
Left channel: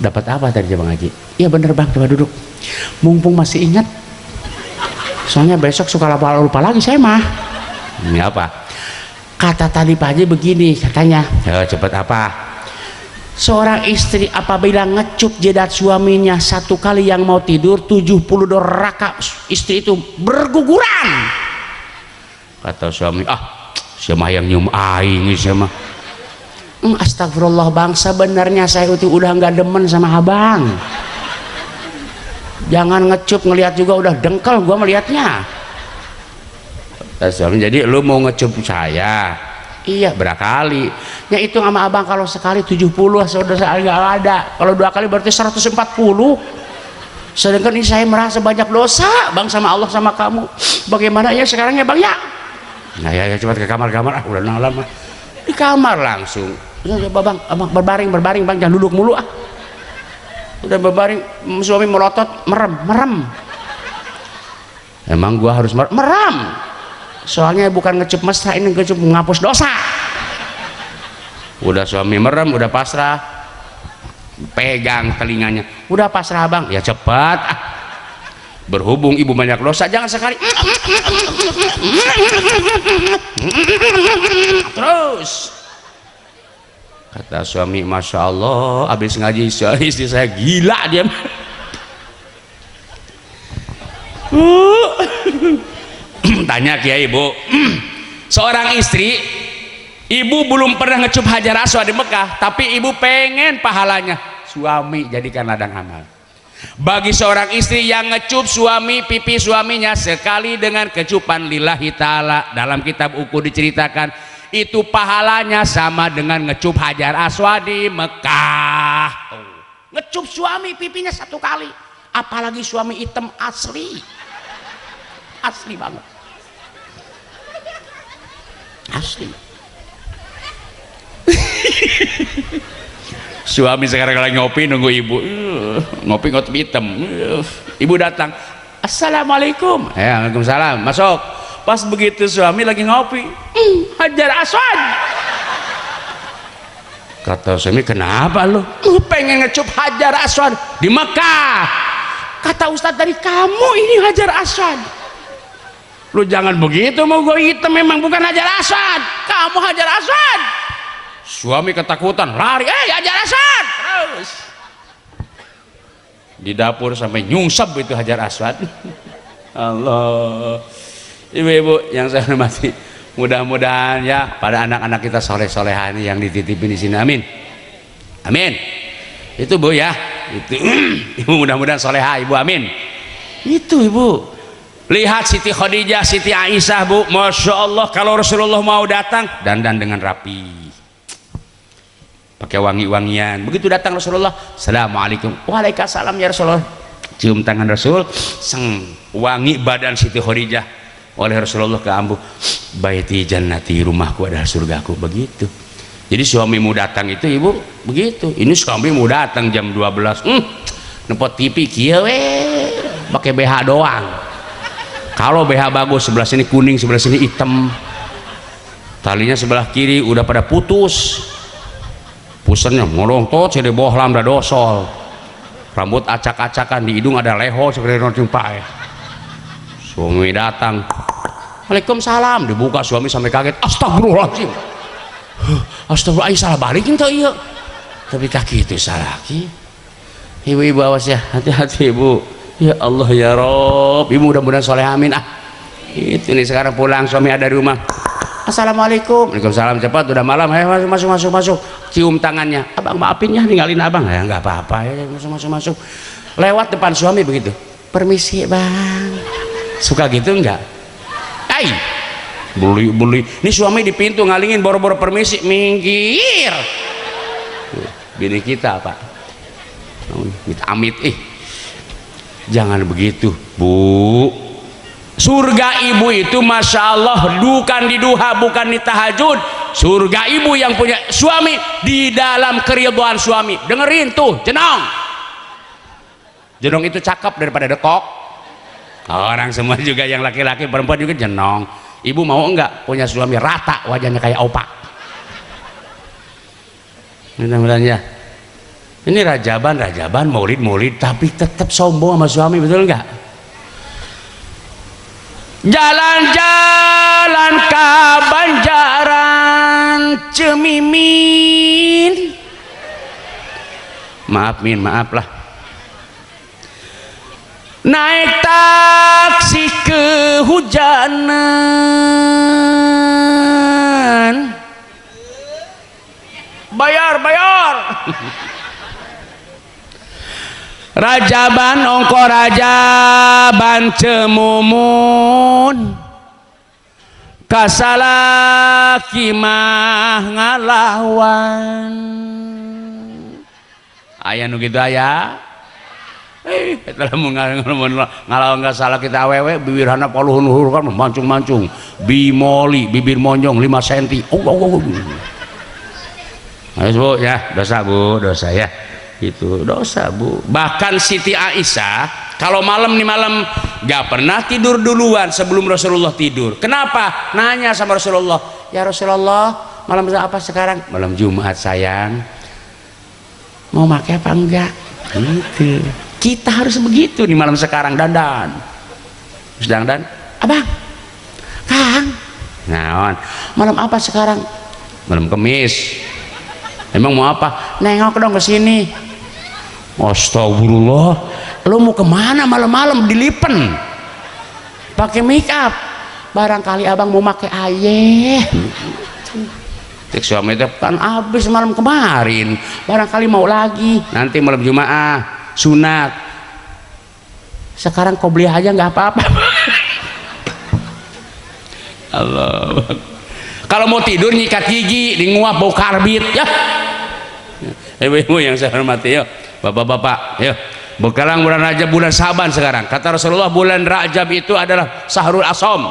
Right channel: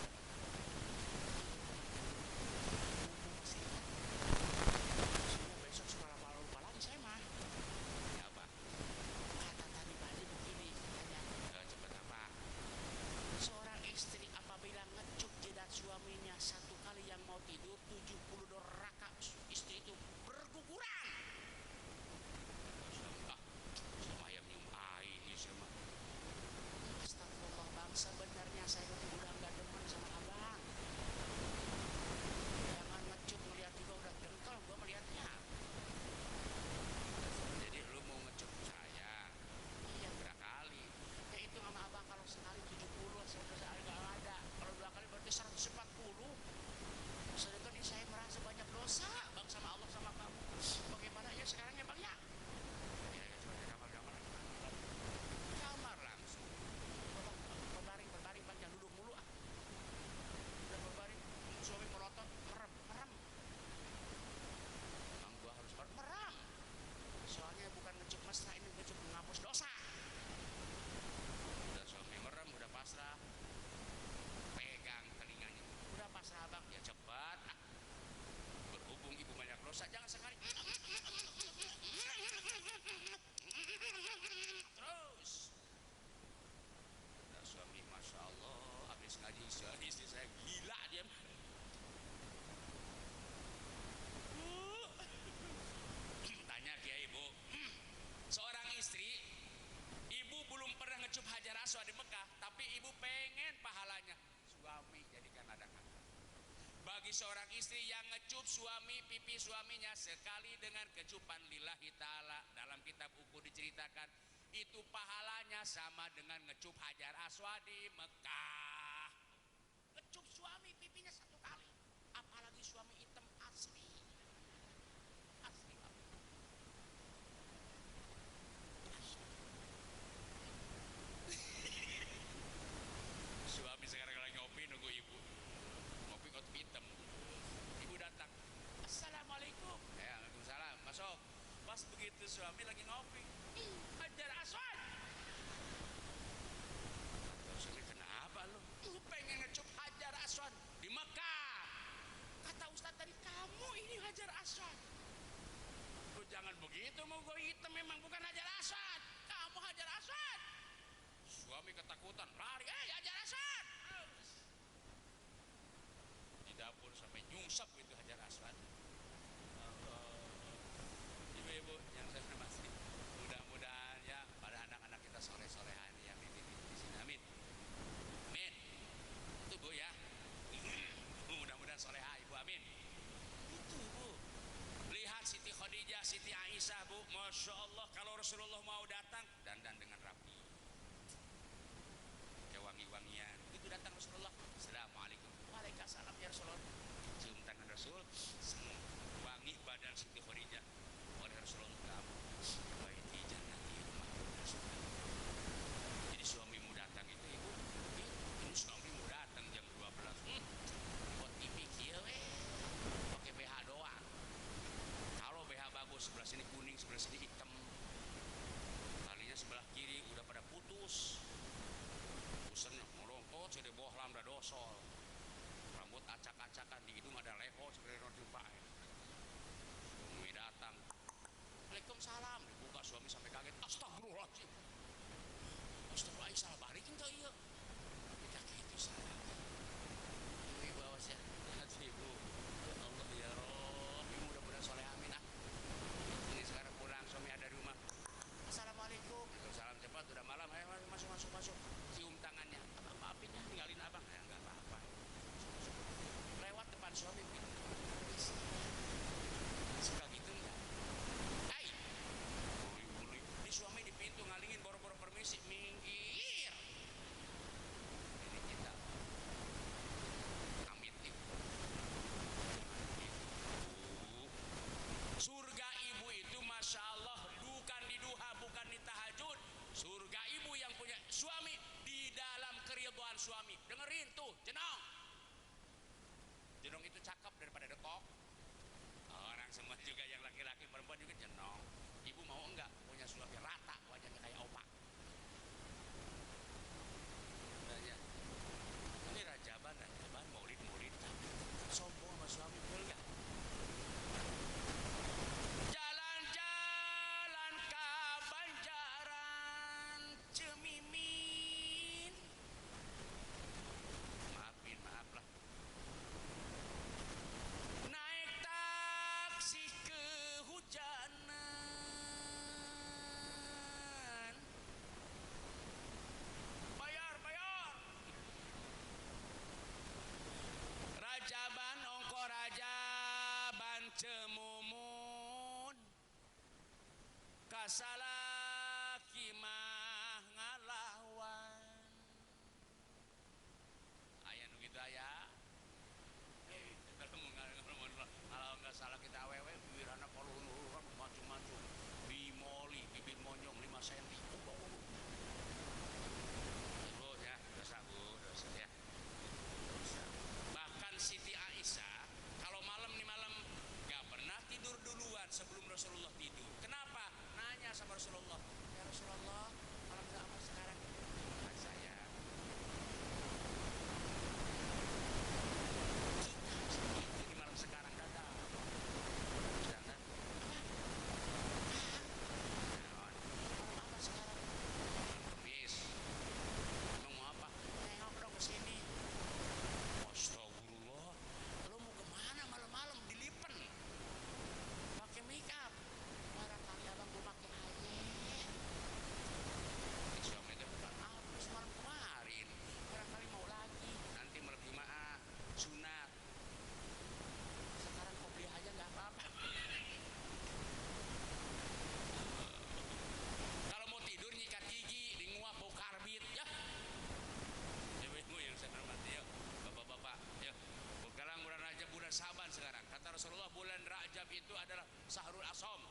Dapat apa tadi Bang Haji? Iya bener Bang, coba duduk. Mumpung masih ingat. Soalnya besok suka lupa lagi saya mah. Ini apa? Kata tadi Pak Haji begini katanya. Cepat apa? Seorang istri apabila ngecup jidat suaminya satu kali yang mau tidur 72 rakaat istri itu berguguran. Kata suami, siapa yang nyium aing sama. Astagfirullah bang, sebenarnya saya itu udah nggak demen sama abang. Jangan ngecup, ngelihat juga udah dengkel gua melihatnya. Kata suami, jadi lu mau ngecup saya? Iya. Berakali? Ya itu sama abang kalau sekali 70, sudah saya nggak ada. Kalau 2 kali berarti 140. Sedangkan ini saya merasa banyak dosa bang sama Allah sama kamu. Bagaimana ya sekarang ya bang ya? Nah ya cepat ke kamar udah lama di kamar langsung. Ya bang, abang berbaring bang, jangan duduk mulu Udah berbaring, suami melotot, merem. Emang gua harus merem? Soalnya bukan ngecup mesra, ini ngecup menghapus dosa. Udah suami merem, udah pasrah, pegang telinganya, udah pasrah bang, ya cepat berhubung ibu banyak dosa, jangan sekali terus. Kata suami, Masya Allah, habis ngaji istri saya gila dia. Tanya Kiai, Bu, seorang istri, ibu belum pernah ngecup hajar aswad di Mekah, tapi ibu pengen pahalanya. Suami jadikan ladang amal. Bagi seorang istri yang ngecup suami pipi suaminya sekali dengan kecupan lillahi ta'ala, dalam kitab Uku diceritakan itu pahalanya sama dengan ngecup hajar aswad di Mekah. Ngecup suami pipinya 1 kali, apalagi suami hitam asli banget, asli. Suami sekarang lagi ngopi nunggu ibu, ngopi hitam. Ibu datang, Assalamualaikum. Waalaikumsalam, masuk. Pas begitu suami lagi ngopi, hajar aswad. Kata suami, kenapa lu? Pengen ngecup hajar aswad di Mekah. Kata Ustadz dari kamu ini hajar aswad. Lu jangan begitu, mau gue hitam memang bukan hajar aswad, kamu hajar aswad. Suami ketakutan, lari, hajar aswad. Terus di dapur sampai nyungsep itu hajar aswad. Allah. Ibu-ibu yang saya hormati, mudah-mudahan ya pada anak-anak kita soleh-solehan yang dititipin di sini, amin, amin. Itu Bu ya, itu ibu mudah-mudahan soleha ibu, amin. Itu ibu, lihat Siti Khadijah, Siti Aisyah Bu, Masya Allah, kalau Rasulullah mau datang dandan dengan rapi, pakai wangi-wangian. Begitu datang Rasulullah, Assalamualaikum, Waalaikumsalam ya Rasulullah, cium tangan Rasul, wangi badan Siti Khadijah oleh Rasulullah ke ambu, baiti jannati, rumahku adalah surgaku. Begitu. Jadi suamimu datang itu ibu begitu. Ini suamimu datang jam 12, nepot TV kieu pakai BH doang. Kalau BH bagus sebelah sini kuning, sebelah sini hitam, talinya sebelah kiri udah pada putus, pusennya ngolong tot jadi bohlam dah dosol, rambut acak-acakan, di hidung ada leho seperti nonjumpai. Suami datang, Waalaikumsalam, dibuka suami sampai kaget, astagfirullahaladzim, astagfirullah, salah balik itu iya, tapi kaki itu salah lagi. Ibu-ibu awas ya, hati-hati ibu. Ya Allah ya Rob, ibu mudah-mudahan soleh, amin. Itu nih sekarang pulang suami ada di rumah, Assalamualaikum. Waalaikumsalam, cepat udah malam, ayo masuk, cium tangannya, abang maafin ya ninggalin abang, ya nggak apa-apa ya, masuk. Lewat depan suami begitu, permisi bang. Suka gitu enggak? Beli. Ini suami di pintu ngalingin boro-boro permisi, minggir. Bini kita Pak, amit jangan begitu Bu. Surga ibu itu Masya Allah bukan di duha, bukan di tahajud. Surga ibu yang punya suami di dalam keridhaan suami. Dengerin tuh, jenong itu cakep daripada dekok. Orang semua juga yang laki-laki perempuan juga jenong. Ibu mau enggak punya suami rata wajahnya kayak opak? Mudah-mudahan ya. Ini rajaban, maulid, tapi tetap sombong sama suami, betul enggak? Jalan-jalan cemimin. Maaf Min, maaf lah. Naik taksi kehujanan, bayar rajaban ongko rajaban cemumun, kasalaki mah ngalawan. Aya nu kitu aya. Kita ngalawan nggak salah kita awewe bibirana paluhun kan mancung-mancung, bimoli bibir monjong 5 cm. Ayo Bu ya, dosa Bu, dosa ya. Itu dosa Bu. Bahkan Siti Aisyah kalau malam nih malam gak pernah tidur duluan sebelum Rasulullah tidur. Kenapa? Nanya sama Rasulullah, ya Rasulullah malam apa sekarang? Malam Jumat sayang. Mau pakai apa enggak? Gitu. Kita harus begitu nih malam sekarang dandan. Sedang dan abang, Kang. Naon? Malam apa sekarang? Malam Kemis. Emang mau apa? Nengok dong ke sini. Astagfirullah. Lu mau kemana malam-malam dilipen? Pakai make up. Barangkali abang mau pakai ayeh. Tik suami itu kan habis malam kemarin. Barangkali mau lagi. Nanti malam Jumaah sunat. Sekarang kau beli aja nggak apa-apa. Allah. Kalau mau tidur nyikat gigi, di nguap bau karbit ya. Ibu-ibu yang saya hormati ya, bapak-bapak ya. Sekarang bulan Rajab, bulan Saban sekarang. Kata Rasulullah bulan Rajab itu adalah Sahrul Asom.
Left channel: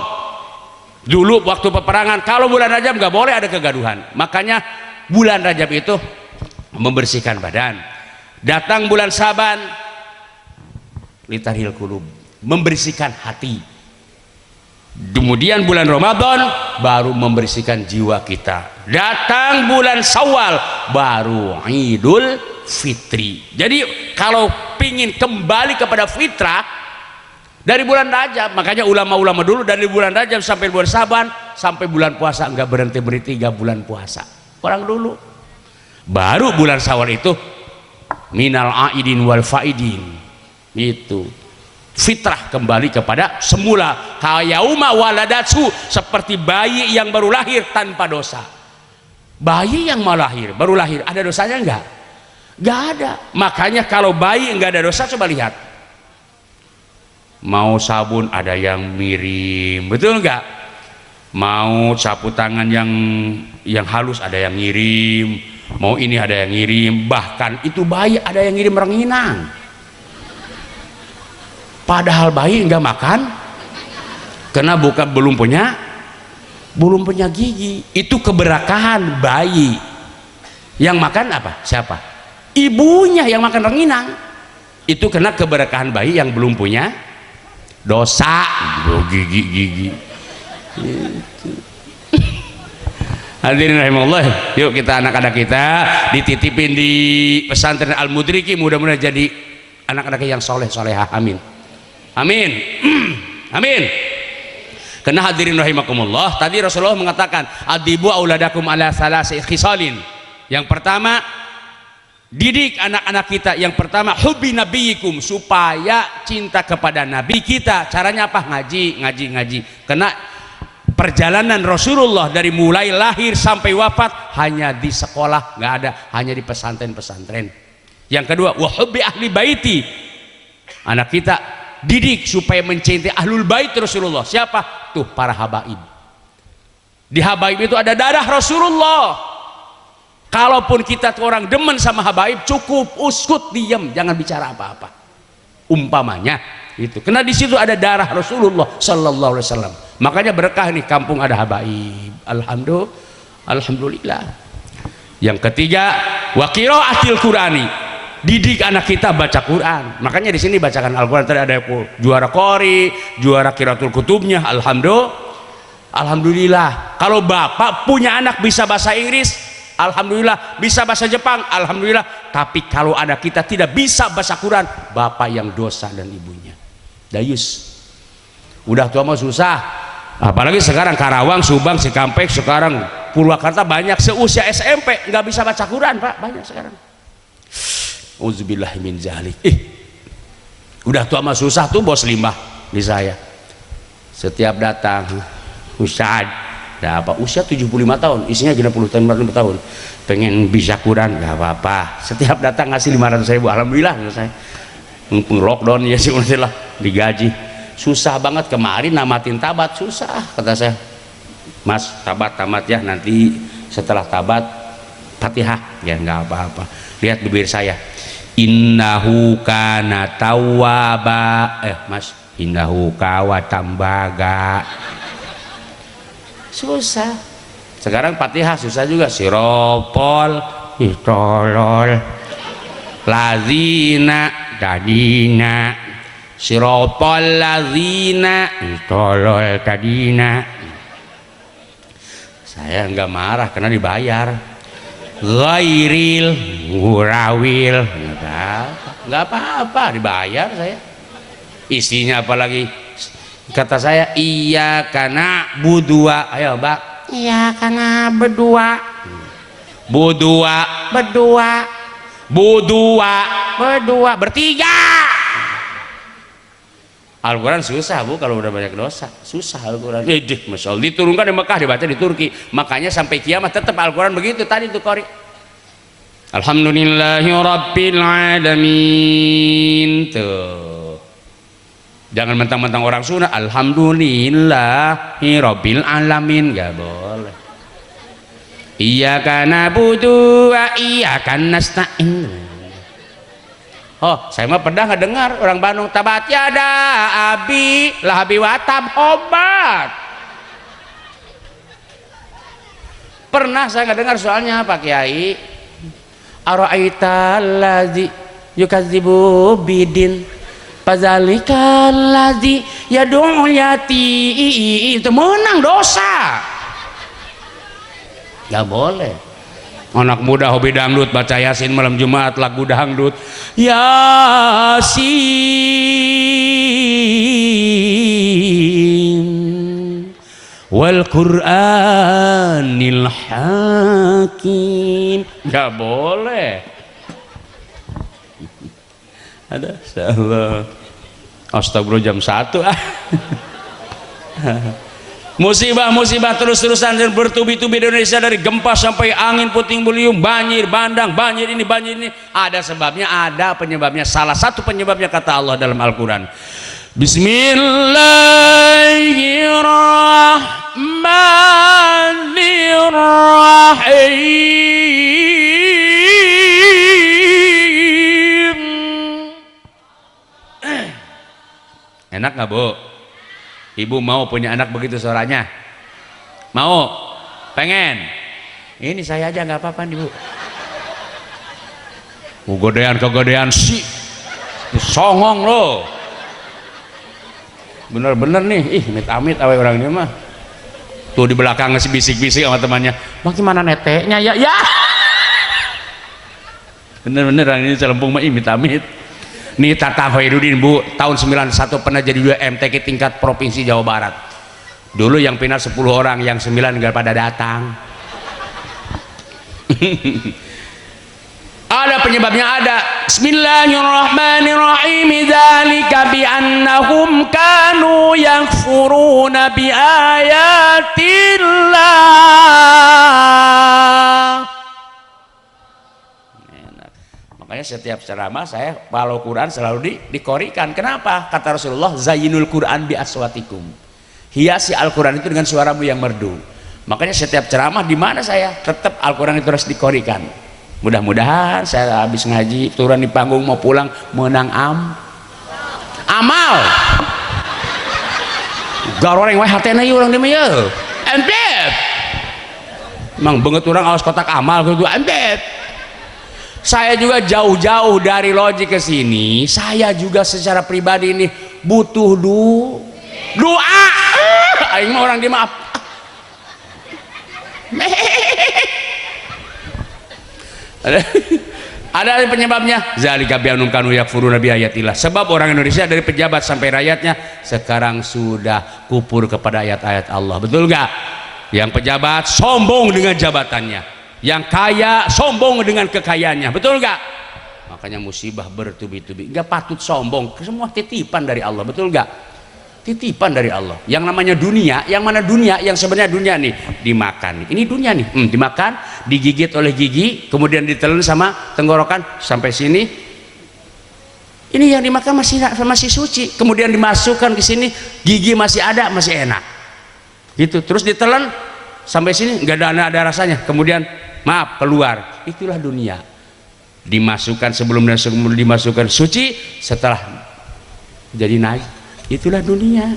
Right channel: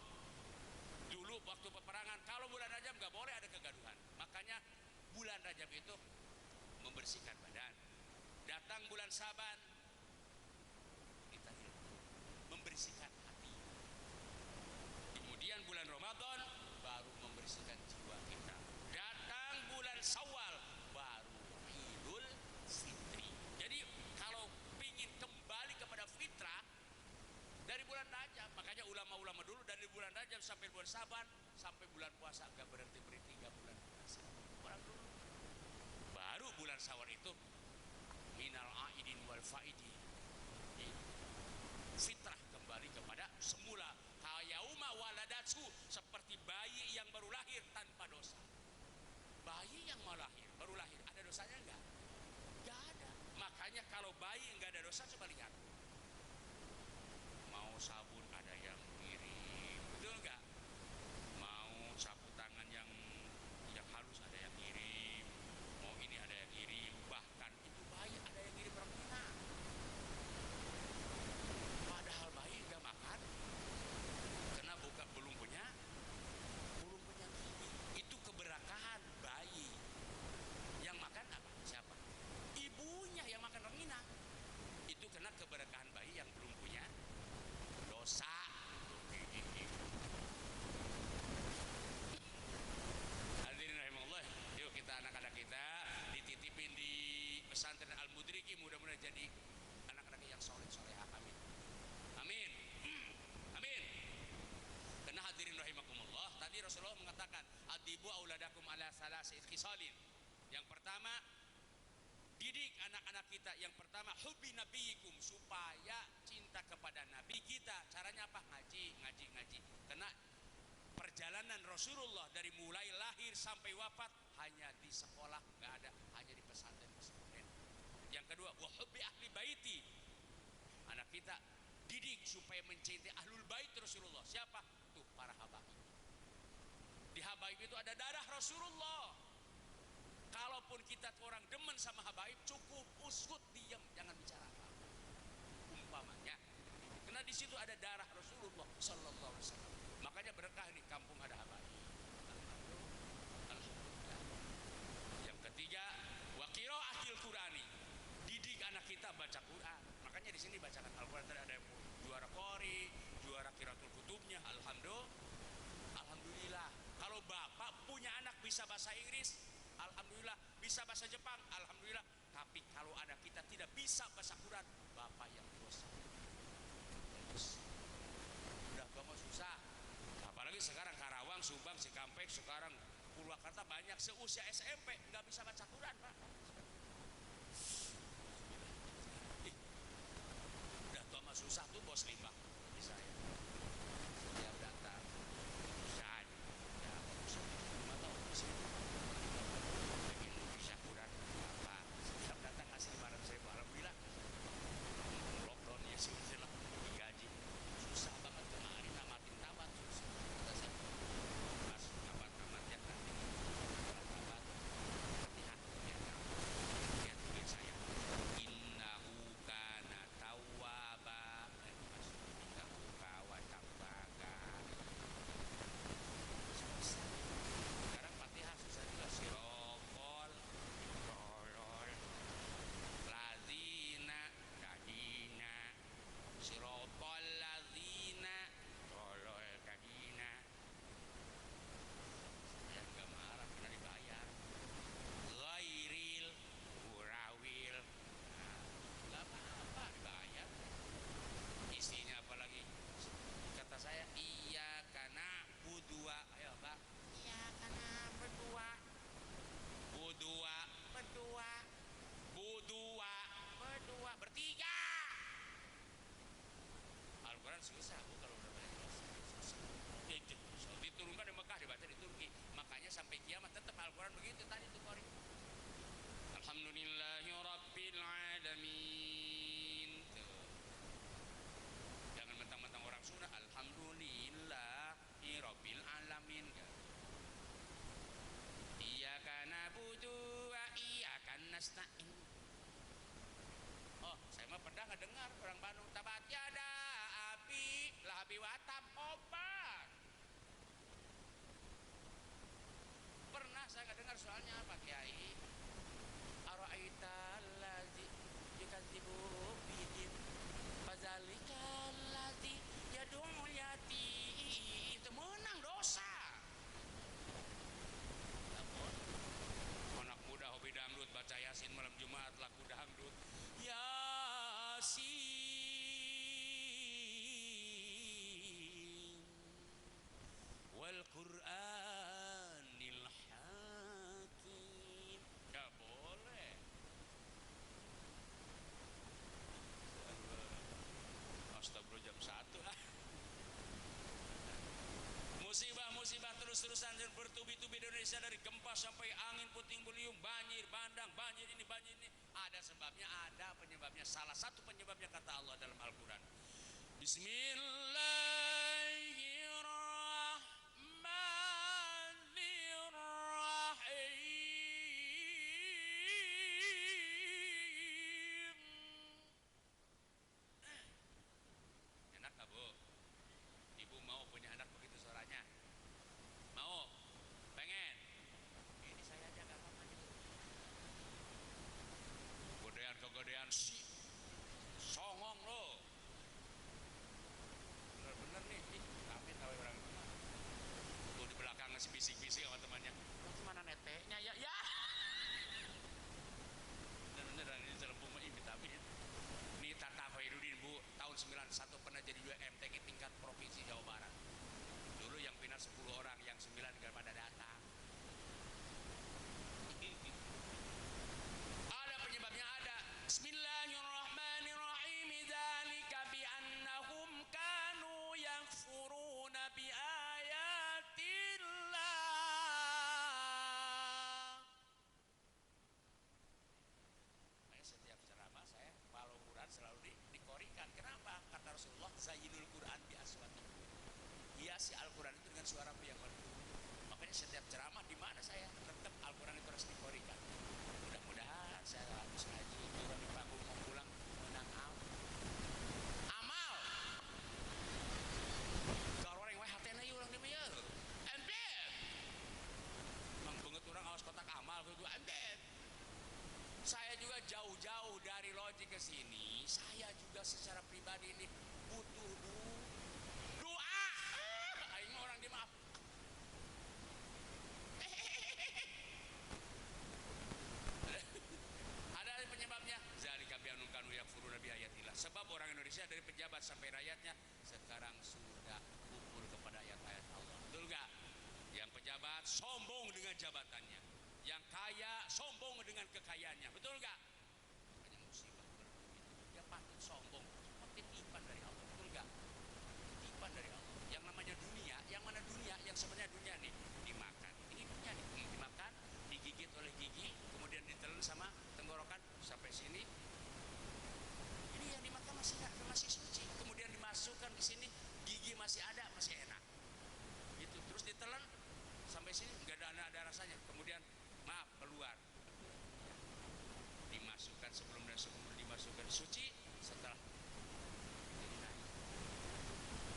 Dulu waktu peperangan kalau bulan Rajab nggak boleh ada kegaduhan. Makanya bulan Rajab itu membersihkan badan. Datang bulan Saban, litarhil qulub, membersihkan hati. Kemudian bulan Ramadan baru membersihkan jiwa kita. Datang bulan Syawal baru Idul Fitri. Jadi kalau pingin kembali kepada fitrah dari bulan Rajab, makanya ulama-ulama dulu dari bulan Rajab sampai bulan Saban sampai bulan puasa enggak berhenti 3 bulan puasa. Orang dulu. Baru bulan Syawal itu minal aidin wal faidin. Itu fitrah kembali kepada semula, kayauma waladatsu, seperti bayi yang baru lahir tanpa dosa. Bayi yang mau lahir baru lahir ada dosanya enggak? Enggak ada. Makanya kalau bayi enggak ada dosa, coba lihat, mau sabun ada yang mirim, betul enggak? Mau sapu tangan yang halus ada yang ngirim, mau ini ada yang ngirim, bahkan itu bayi ada yang ngirim rengginang. Padahal bayi enggak makan karena belum punya gigi. Itu keberkahan bayi. Yang makan apa? Siapa? Ibunya yang makan rengginang. Itu karena keberkahan bayi yang belum punya dosa. Gigi. Hadirin rahimahullah, yuk kita anak-anak kita dititipin di pesantren Al-Mudriki, mudah-mudahan jadi anak-anak yang soleh-solehah. Amin. Amin. Amin. Karena hadirin rahimakumullah, tadi Rasulullah mengatakan adibu auladakum ala salasi khisalin. Yang pertama, didik anak-anak kita. Yang pertama, hubbi nabiyikum, supaya cinta kepada nabi kita. Caranya apa? Ngaji. Karena perjalanan Rasulullah dari mulai lahir sampai wafat hanya di sekolah, nggak ada, hanya di pesantren-pesantren. Yang kedua, wa hubbi ahli baiti. Anak kita didik supaya mencintai ahlul bait Rasulullah. Siapa? Tuh para habaib. Di habaib itu ada darah Rasulullah. Kalaupun kita tuh orang demen sama habaib, cukup uskut, diam, jangan bicara apa-apa. Umpamanya itu. Karena di situ ada darah Rasulullah sallallahu alaihi wasallam. Makanya berkah nih kampung ada habaib. Alhamdulillah. Yang ketiga, wa qiraatil Qur'ani. Didik anak kita baca Quran. Makanya di sini bacakan Al-Quran. Tadi ada juara qori, juara qiraatul kutubnya. Alhamdulillah. Kalau bapak punya anak bisa bahasa Inggris, alhamdulillah. Bisa bahasa Jepang, alhamdulillah. Tapi kalau anak kita tidak bisa bahasa Quran, bapak yang dosa dan ibunya dayus. Udah tua mah susah. Apalagi sekarang Karawang, Subang, Cikampek sekarang Purwakarta banyak seusia SMP nggak bisa baca Quran Pak, banyak sekarang. Uzubillah min zalik. Udah tua mah susah tuh bos limbah di saya. Setiap datang, Ustad, dah apa usia 75 tahun, isinya 60 tahun, pengen bisa Quran, nggak apa-apa. Setiap datang ngasih 500.000, alhamdulillah saya. Mumpung lockdown ya sih lah digaji. Susah banget kemarin namatin tabat susah kata saya. Mas tamat ya nanti setelah tabat Fatihah ya nggak apa-apa. Lihat bibir saya. Innahu kana tawwaba. Mas, innahu kawatambaga. Susah. Sekarang Fatihah susah juga. Siropol, tolol. Lazina, tadina. Siropol lazina, tolol tadina. Saya nggak marah karena dibayar. Ghairil ngurawil nggak apa-apa dibayar saya. Isinya apalagi kata saya iya karena berdua. Ayo Mbak, iya karena berdua bertiga. Al-Quran susah Bu kalau udah banyak dosa, susah Al-Quran. Masya Allah, diturunkan di Mekah, dibaca di Turki, makanya sampai kiamat tetap Al-Quran begitu tadi tuh Qori. Alhamdulillahi Rabbil Alamin. Tuh, jangan mentang-mentang orang Sunda Alhamdulillahi Rabbil Alamin, gak boleh. Iyyaka na'budu wa iyyaka nasta'in. Oh, saya mah pernah nggak dengar orang Bandung tabat yada abi lahabi watab obat. Pernah saya nggak dengar soalnya Pak Kiai. Ara'aita allazi yukadzibu bidin fadzalika allazi yad'u yati. Itu menang dosa. Nggak boleh. Anak muda hobi dangdut baca Yasin malam Jumat lagu dangdut Yasin wal Qur'anil Hakim. Nggak boleh. Ada salah. Astagfirullah jam 1 Musibah-musibah terus-terusan dan bertubi-tubi di Indonesia, dari gempa sampai angin puting beliung, banjir bandang, banjir ini ada sebabnya, ada penyebabnya. Salah satu penyebabnya kata Allah dalam Al-Quran, Bismillahirrahmanirrahim. Enak nggak Bu? Ibu mau punya anak begitu suaranya? Mau? Pengen? Ini saya aja nggak apa-apa nih Bu. Kegodean sih, songong loh. Bener-bener nih, amit-amit awe orang ini mah. Tuh di belakang ngasih bisik-bisik sama temannya. Bang gimana neteknya ya? Ya. Bener-bener orang ini celempung mah amit-amit. Nih Tata Hoirudin Bu, tahun 91 pernah jadi 2 MTQ tingkat provinsi Jawa Barat. Dulu yang final 10 orang, yang 9 nggak pada datang. Ada penyebabnya, ada. Bismillahirrahmanirrahim. Dzalika bi annahum kanu yakfuruna bi ayatillah. Makanya setiap ceramah saya kalau Quran selalu dikorikan. Kenapa? Kata Rasulullah, zayyinul Quran bi aswatikum. Hiasi Al-Quran itu dengan suaramu yang merdu. Makanya setiap ceramah di mana saya tetap Al-Quran itu harus dikorikan. Mudah-mudahan saya habis ngaji turun di panggung mau pulang menang amal. Garoreng wae hatena ieu urang dieu mah. Empet. Mang beungeut urang aos kotak amal kudu empet. Saya juga jauh-jauh dari Loji ke sini, saya juga secara pribadi ini butuh doa. Aing mah orang dimaaf. Ada penyebabnya. Zalika bi'annahum kanu yakfuruna bi ayatillah. Sebab orang Indonesia dari pejabat sampai rakyatnya sekarang sudah kufur kepada ayat-ayat Allah. Betul enggak? Yang pejabat sombong dengan jabatannya, yang kaya sombong dengan kekayaannya, betul nggak? Makanya musibah bertubi-tubi. Nggak patut sombong, semua titipan dari Allah, betul nggak? Titipan dari Allah. Yang namanya dunia, yang mana dunia? Yang sebenarnya dunia nih dimakan. Ini dunia nih, dimakan, digigit oleh gigi, kemudian ditelan sama tenggorokan sampai sini. Ini yang dimakan masih suci, kemudian dimasukkan ke sini, gigi masih ada, masih enak. Gitu, terus ditelan sampai sini nggak ada rasanya. Kemudian maaf keluar. Itulah dunia. Dimasukkan sebelum dimasukkan suci, setelah jadi naik. Itulah dunia.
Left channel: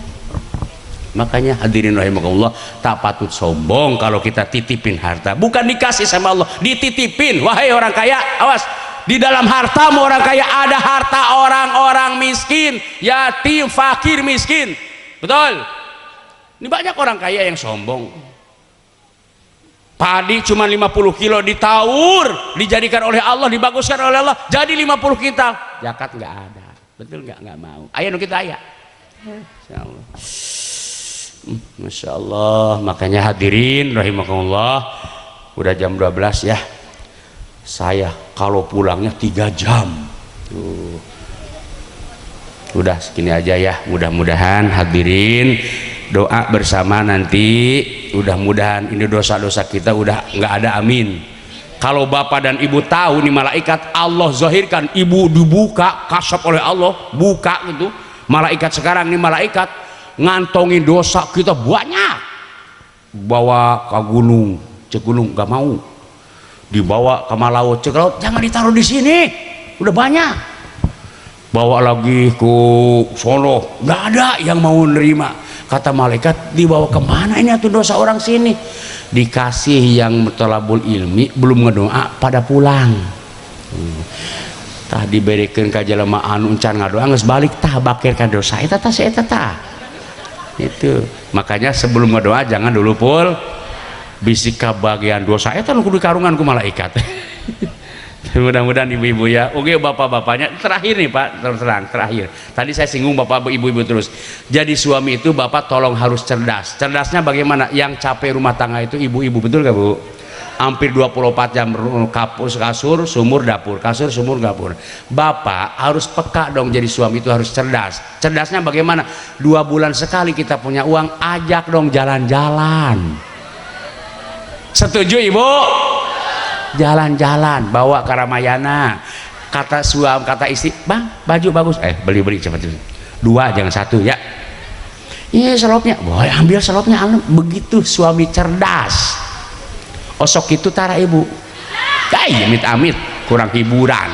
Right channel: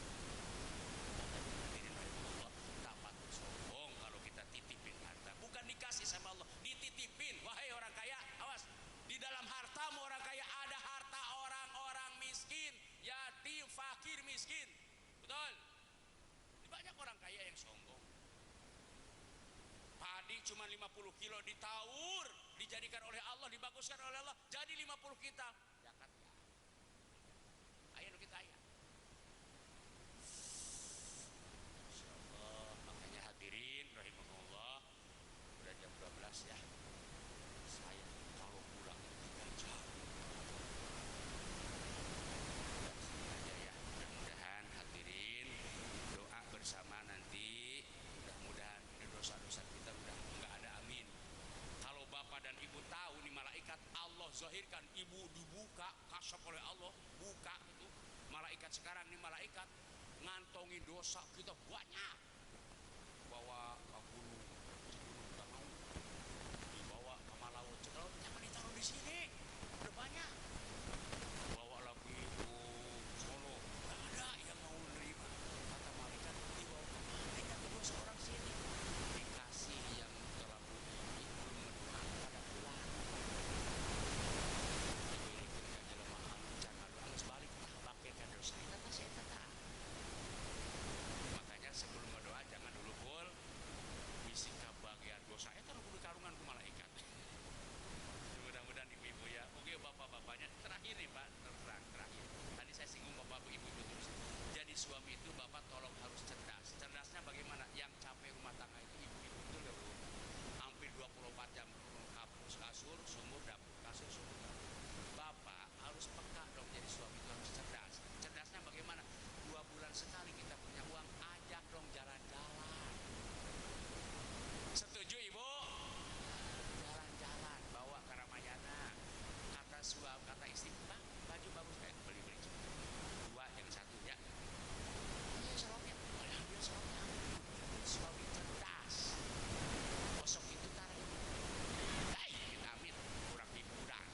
Makanya hadirin rahimakumullah, tak patut sombong kalau kita titipin harta. Bukan dikasih sama Allah, dititipin. Wahai orang kaya, awas, di dalam hartamu orang kaya ada harta orang-orang miskin, yatim, fakir, miskin. Betul? Ini banyak orang kaya yang sombong. Padi cuma 50 kilo ditaur, dijadikan oleh Allah, dibaguskan oleh Allah, jadi 50 kintal. Zakat nggak ada. Betul nggak? Nggak mau. Ayo kita ayah. Masya Allah. Masya Allah. Makanya hadirin rahimakumullah, udah jam 12 ya. Saya kalau pulangnya 3 jam. Udah segini aja ya. Mudah-mudahan hadirin doa bersama nanti. Mudah-mudahan ini dosa-dosa kita udah nggak ada, amin. Kalau bapak dan ibu tahu nih malaikat Allah zahirkan, ibu dibuka kasab oleh Allah, buka gitu. Malaikat sekarang nih malaikat ngantongin dosa kita banyak, bawa ke gunung, cek gunung nggak mau, dibawa ke laut, cek laut jangan ditaruh di sini, udah banyak, bawa lagi ke Solo nggak ada yang mau nerima. Kata malaikat, dibawa kemana ini tuh dosa orang sini? Dikasih yang thalabul ilmi belum ngedoa pada pulang. Tah diberikan ka jelema anu encan ngadoa geus balik tah bakirkan dosa eta tah saeta tah. Itu. Makanya sebelum ngedoa jangan dulu pul bisik ka bagian dosa eta nu kudu karungan ku malaikat. Mudah-mudahan ibu-ibu ya, oke bapak-bapaknya. Terakhir nih Pak, terang terakhir. Tadi saya singgung bapak ibu-ibu terus. Jadi suami itu bapak tolong harus cerdas. Cerdasnya bagaimana? Yang capek rumah tangga itu ibu-ibu, betul gak Bu? Hampir 24 jam kasur, sumur, dapur, kasur, sumur, dapur. Bapak harus peka dong, jadi suami itu harus cerdas. Cerdasnya bagaimana? 2 bulan sekali kita punya uang, ajak dong jalan-jalan. Setuju Ibu? Jalan-jalan, bawa ke Ramayana. Kata suami, kata istri, bang baju bagus, beli cepat, 2 jangan 1 ya. Iya selopnya, boy ambil selopnya. Begitu suami cerdas. Osok itu tara ibu, amit-amit kurang hiburan.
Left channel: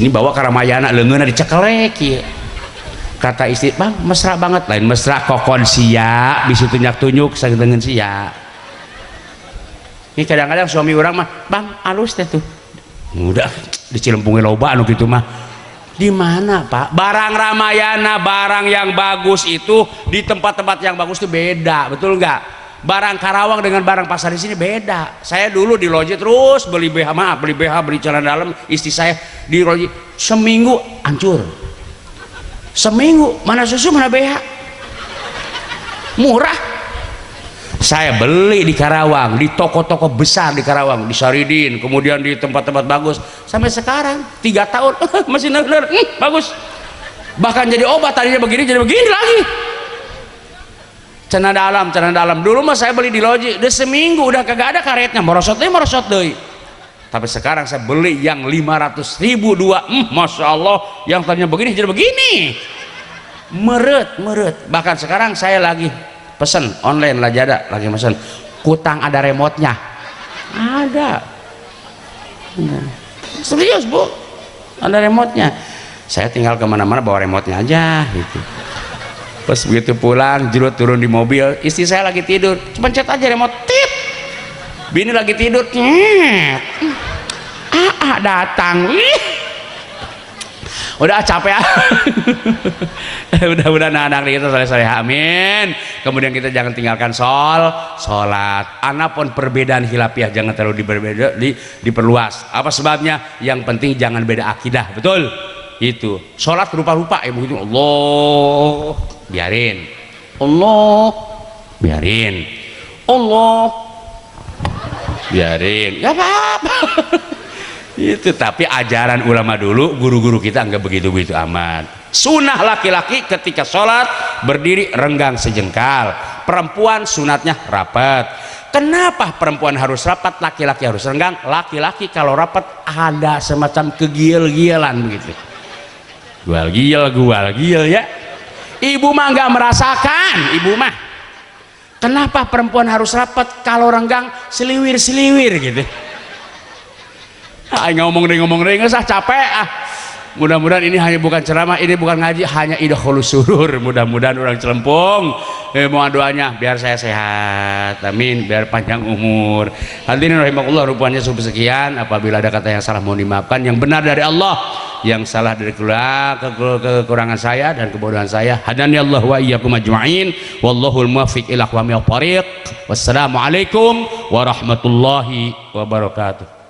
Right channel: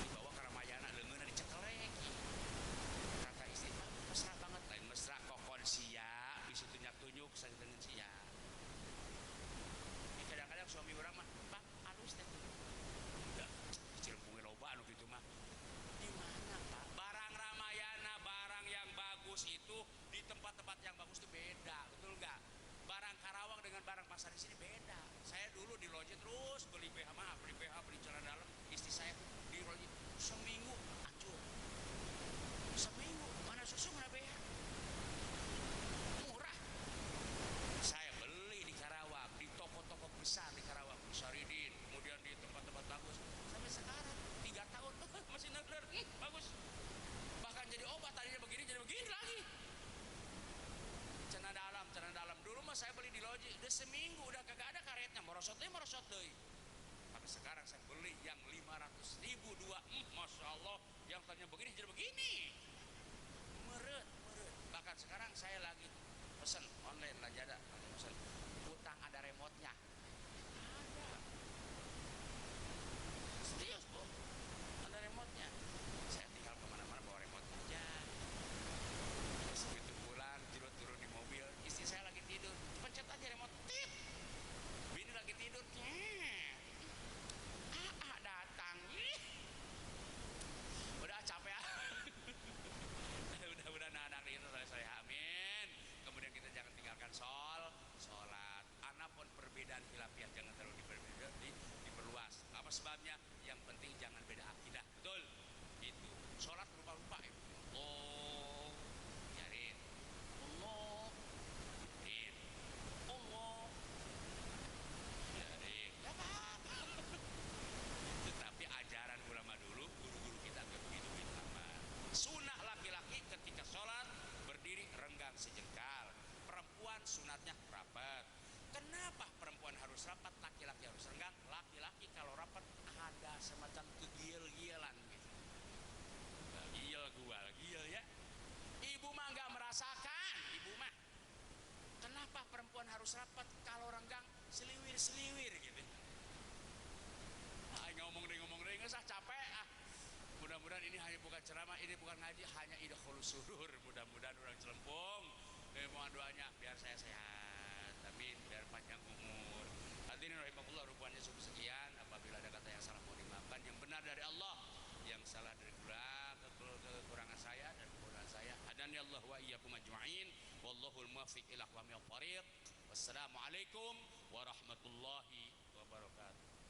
Ini bawa ke Ramayana, leungeunna dicekelek ya. Kata istri, bang mesra banget, lain mesra kokon sia, bisa tunjuk-tunjuk sageungeun sia. Ini kadang-kadang suami orang mah, bang alus teh tuh, udah dicilempungin loba anu gitu mah. Di mana Pak? Barang Ramayana, barang yang bagus itu di tempat-tempat yang bagus itu beda, betul nggak? Barang Karawang dengan barang pasar di sini beda. Saya dulu di loji terus beli BH, beli celana dalam, istri saya di loji seminggu hancur. Seminggu mana susu mana BH, murah. Saya beli di Karawang, di toko-toko besar di Karawang, di Saridin, kemudian di tempat-tempat bagus. Sampai sekarang 3 tahun masih bener, bagus. Bahkan jadi obat, tadinya begini jadi begini lagi. Celana dalam. Dulu mah saya beli di loji, udah seminggu udah kagak ada karetnya, merosot deui. Tapi sekarang saya beli yang 500.000 2, masya Allah, yang tadinya begini jadi begini. Meret. Bahkan sekarang saya lagi pesen online Lazada, lagi pesen kutang ada remote-nya. Ada. Serius Bu, ada remote-nya. Saya tinggal kemana-mana bawa remote-nya aja gitu. Pas begitu pulang, jerut turun di mobil, istri saya lagi tidur, pencet aja remote, tit. Bini lagi tidur, datang. Udah capek. Mudah-mudahan anak kita soleh-soleh, amin. Kemudian kita jangan tinggalkan sholat. Anapun perbedaan khilafiah jangan terlalu diperluas. Apa sebabnya? Yang penting jangan beda akidah, betul? Itu sholat rupa-rupa begitu, Allah biarin, Allah biarin. Allah, biarin, gak apa-apa. Itu tapi ajaran ulama dulu, guru-guru kita nggak begitu-begitu amat. Sunnah laki-laki ketika sholat berdiri renggang sejengkal, perempuan sunatnya rapat. Kenapa perempuan harus rapat, laki-laki harus renggang? Laki-laki kalau rapat ada semacam kegil-gilan begitu, gual-gil ya. Ibu mah nggak merasakan, ibu mah. Kenapa perempuan harus rapat? Kalau renggang seliwir-seliwir gitu. Ngomong deh nggak usah capek ah. Mudah-mudahan ini hanya bukan ceramah, ini bukan ngaji, hanya idkhulus surur. Mudah-mudahan orang Celempung mohon doanya biar saya sehat, amin, biar panjang umur. Hadirin rahimakumullah, rupanya cukup sekian. Apabila ada kata yang salah mohon dimaafkan, yang benar dari Allah, yang salah dari kekurangan saya dan kebodohan saya. Hadani Allah wa iyyakum ajma'in, wallahul muwaffiq ila aqwamit thariq. Wassalamualaikum warahmatullahi wabarakatuh.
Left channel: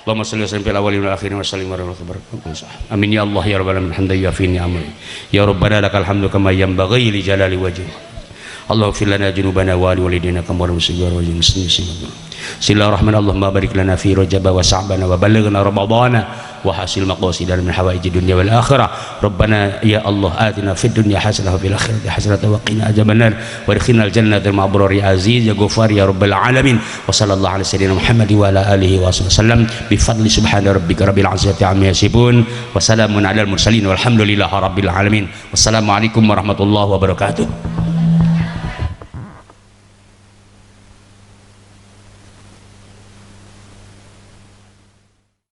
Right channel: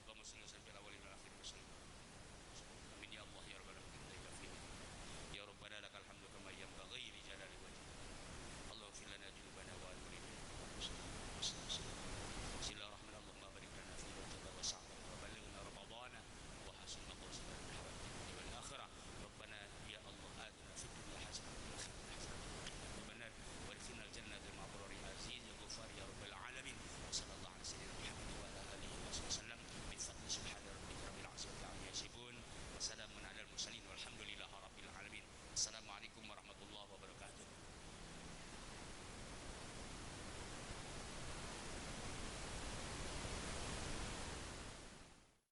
Allahumma shalli wa sallim fil awwalin wal akhirin wa sallim wa barakatuh. Amin ya Allah ya rabbal alamin hamdan yafi ni'amah. Ya rabbana lakal hamdu kama yanbaghi li jalali wajhik. Allahumma fir lana junubana wa li walidina kama rabbana wa muslimin. Bismillahirrahmanirrahim. Allahumma barik lana fi Rajab wa Sya'ban wa ballighna Ramadhana wa hasil maqasidana min hawaiji dunya wal akhirah. Rabbana ya Allah atina fid dunya hasanah wa fil akhirati hasanah wa qina adzabannar wa adkhilnal jannata ma'al abrari aziz ya ghafar ya rabbal alamin. Wa sallallahu ala sayyidina Muhammad wa ala alihi wa sallam bi fadli subhana rabbika rabbil izzati amma yasifun wa salamun alal mursalin walhamdulillahi rabbil alamin. Wassalamu alaikum warahmatullahi wabarakatuh.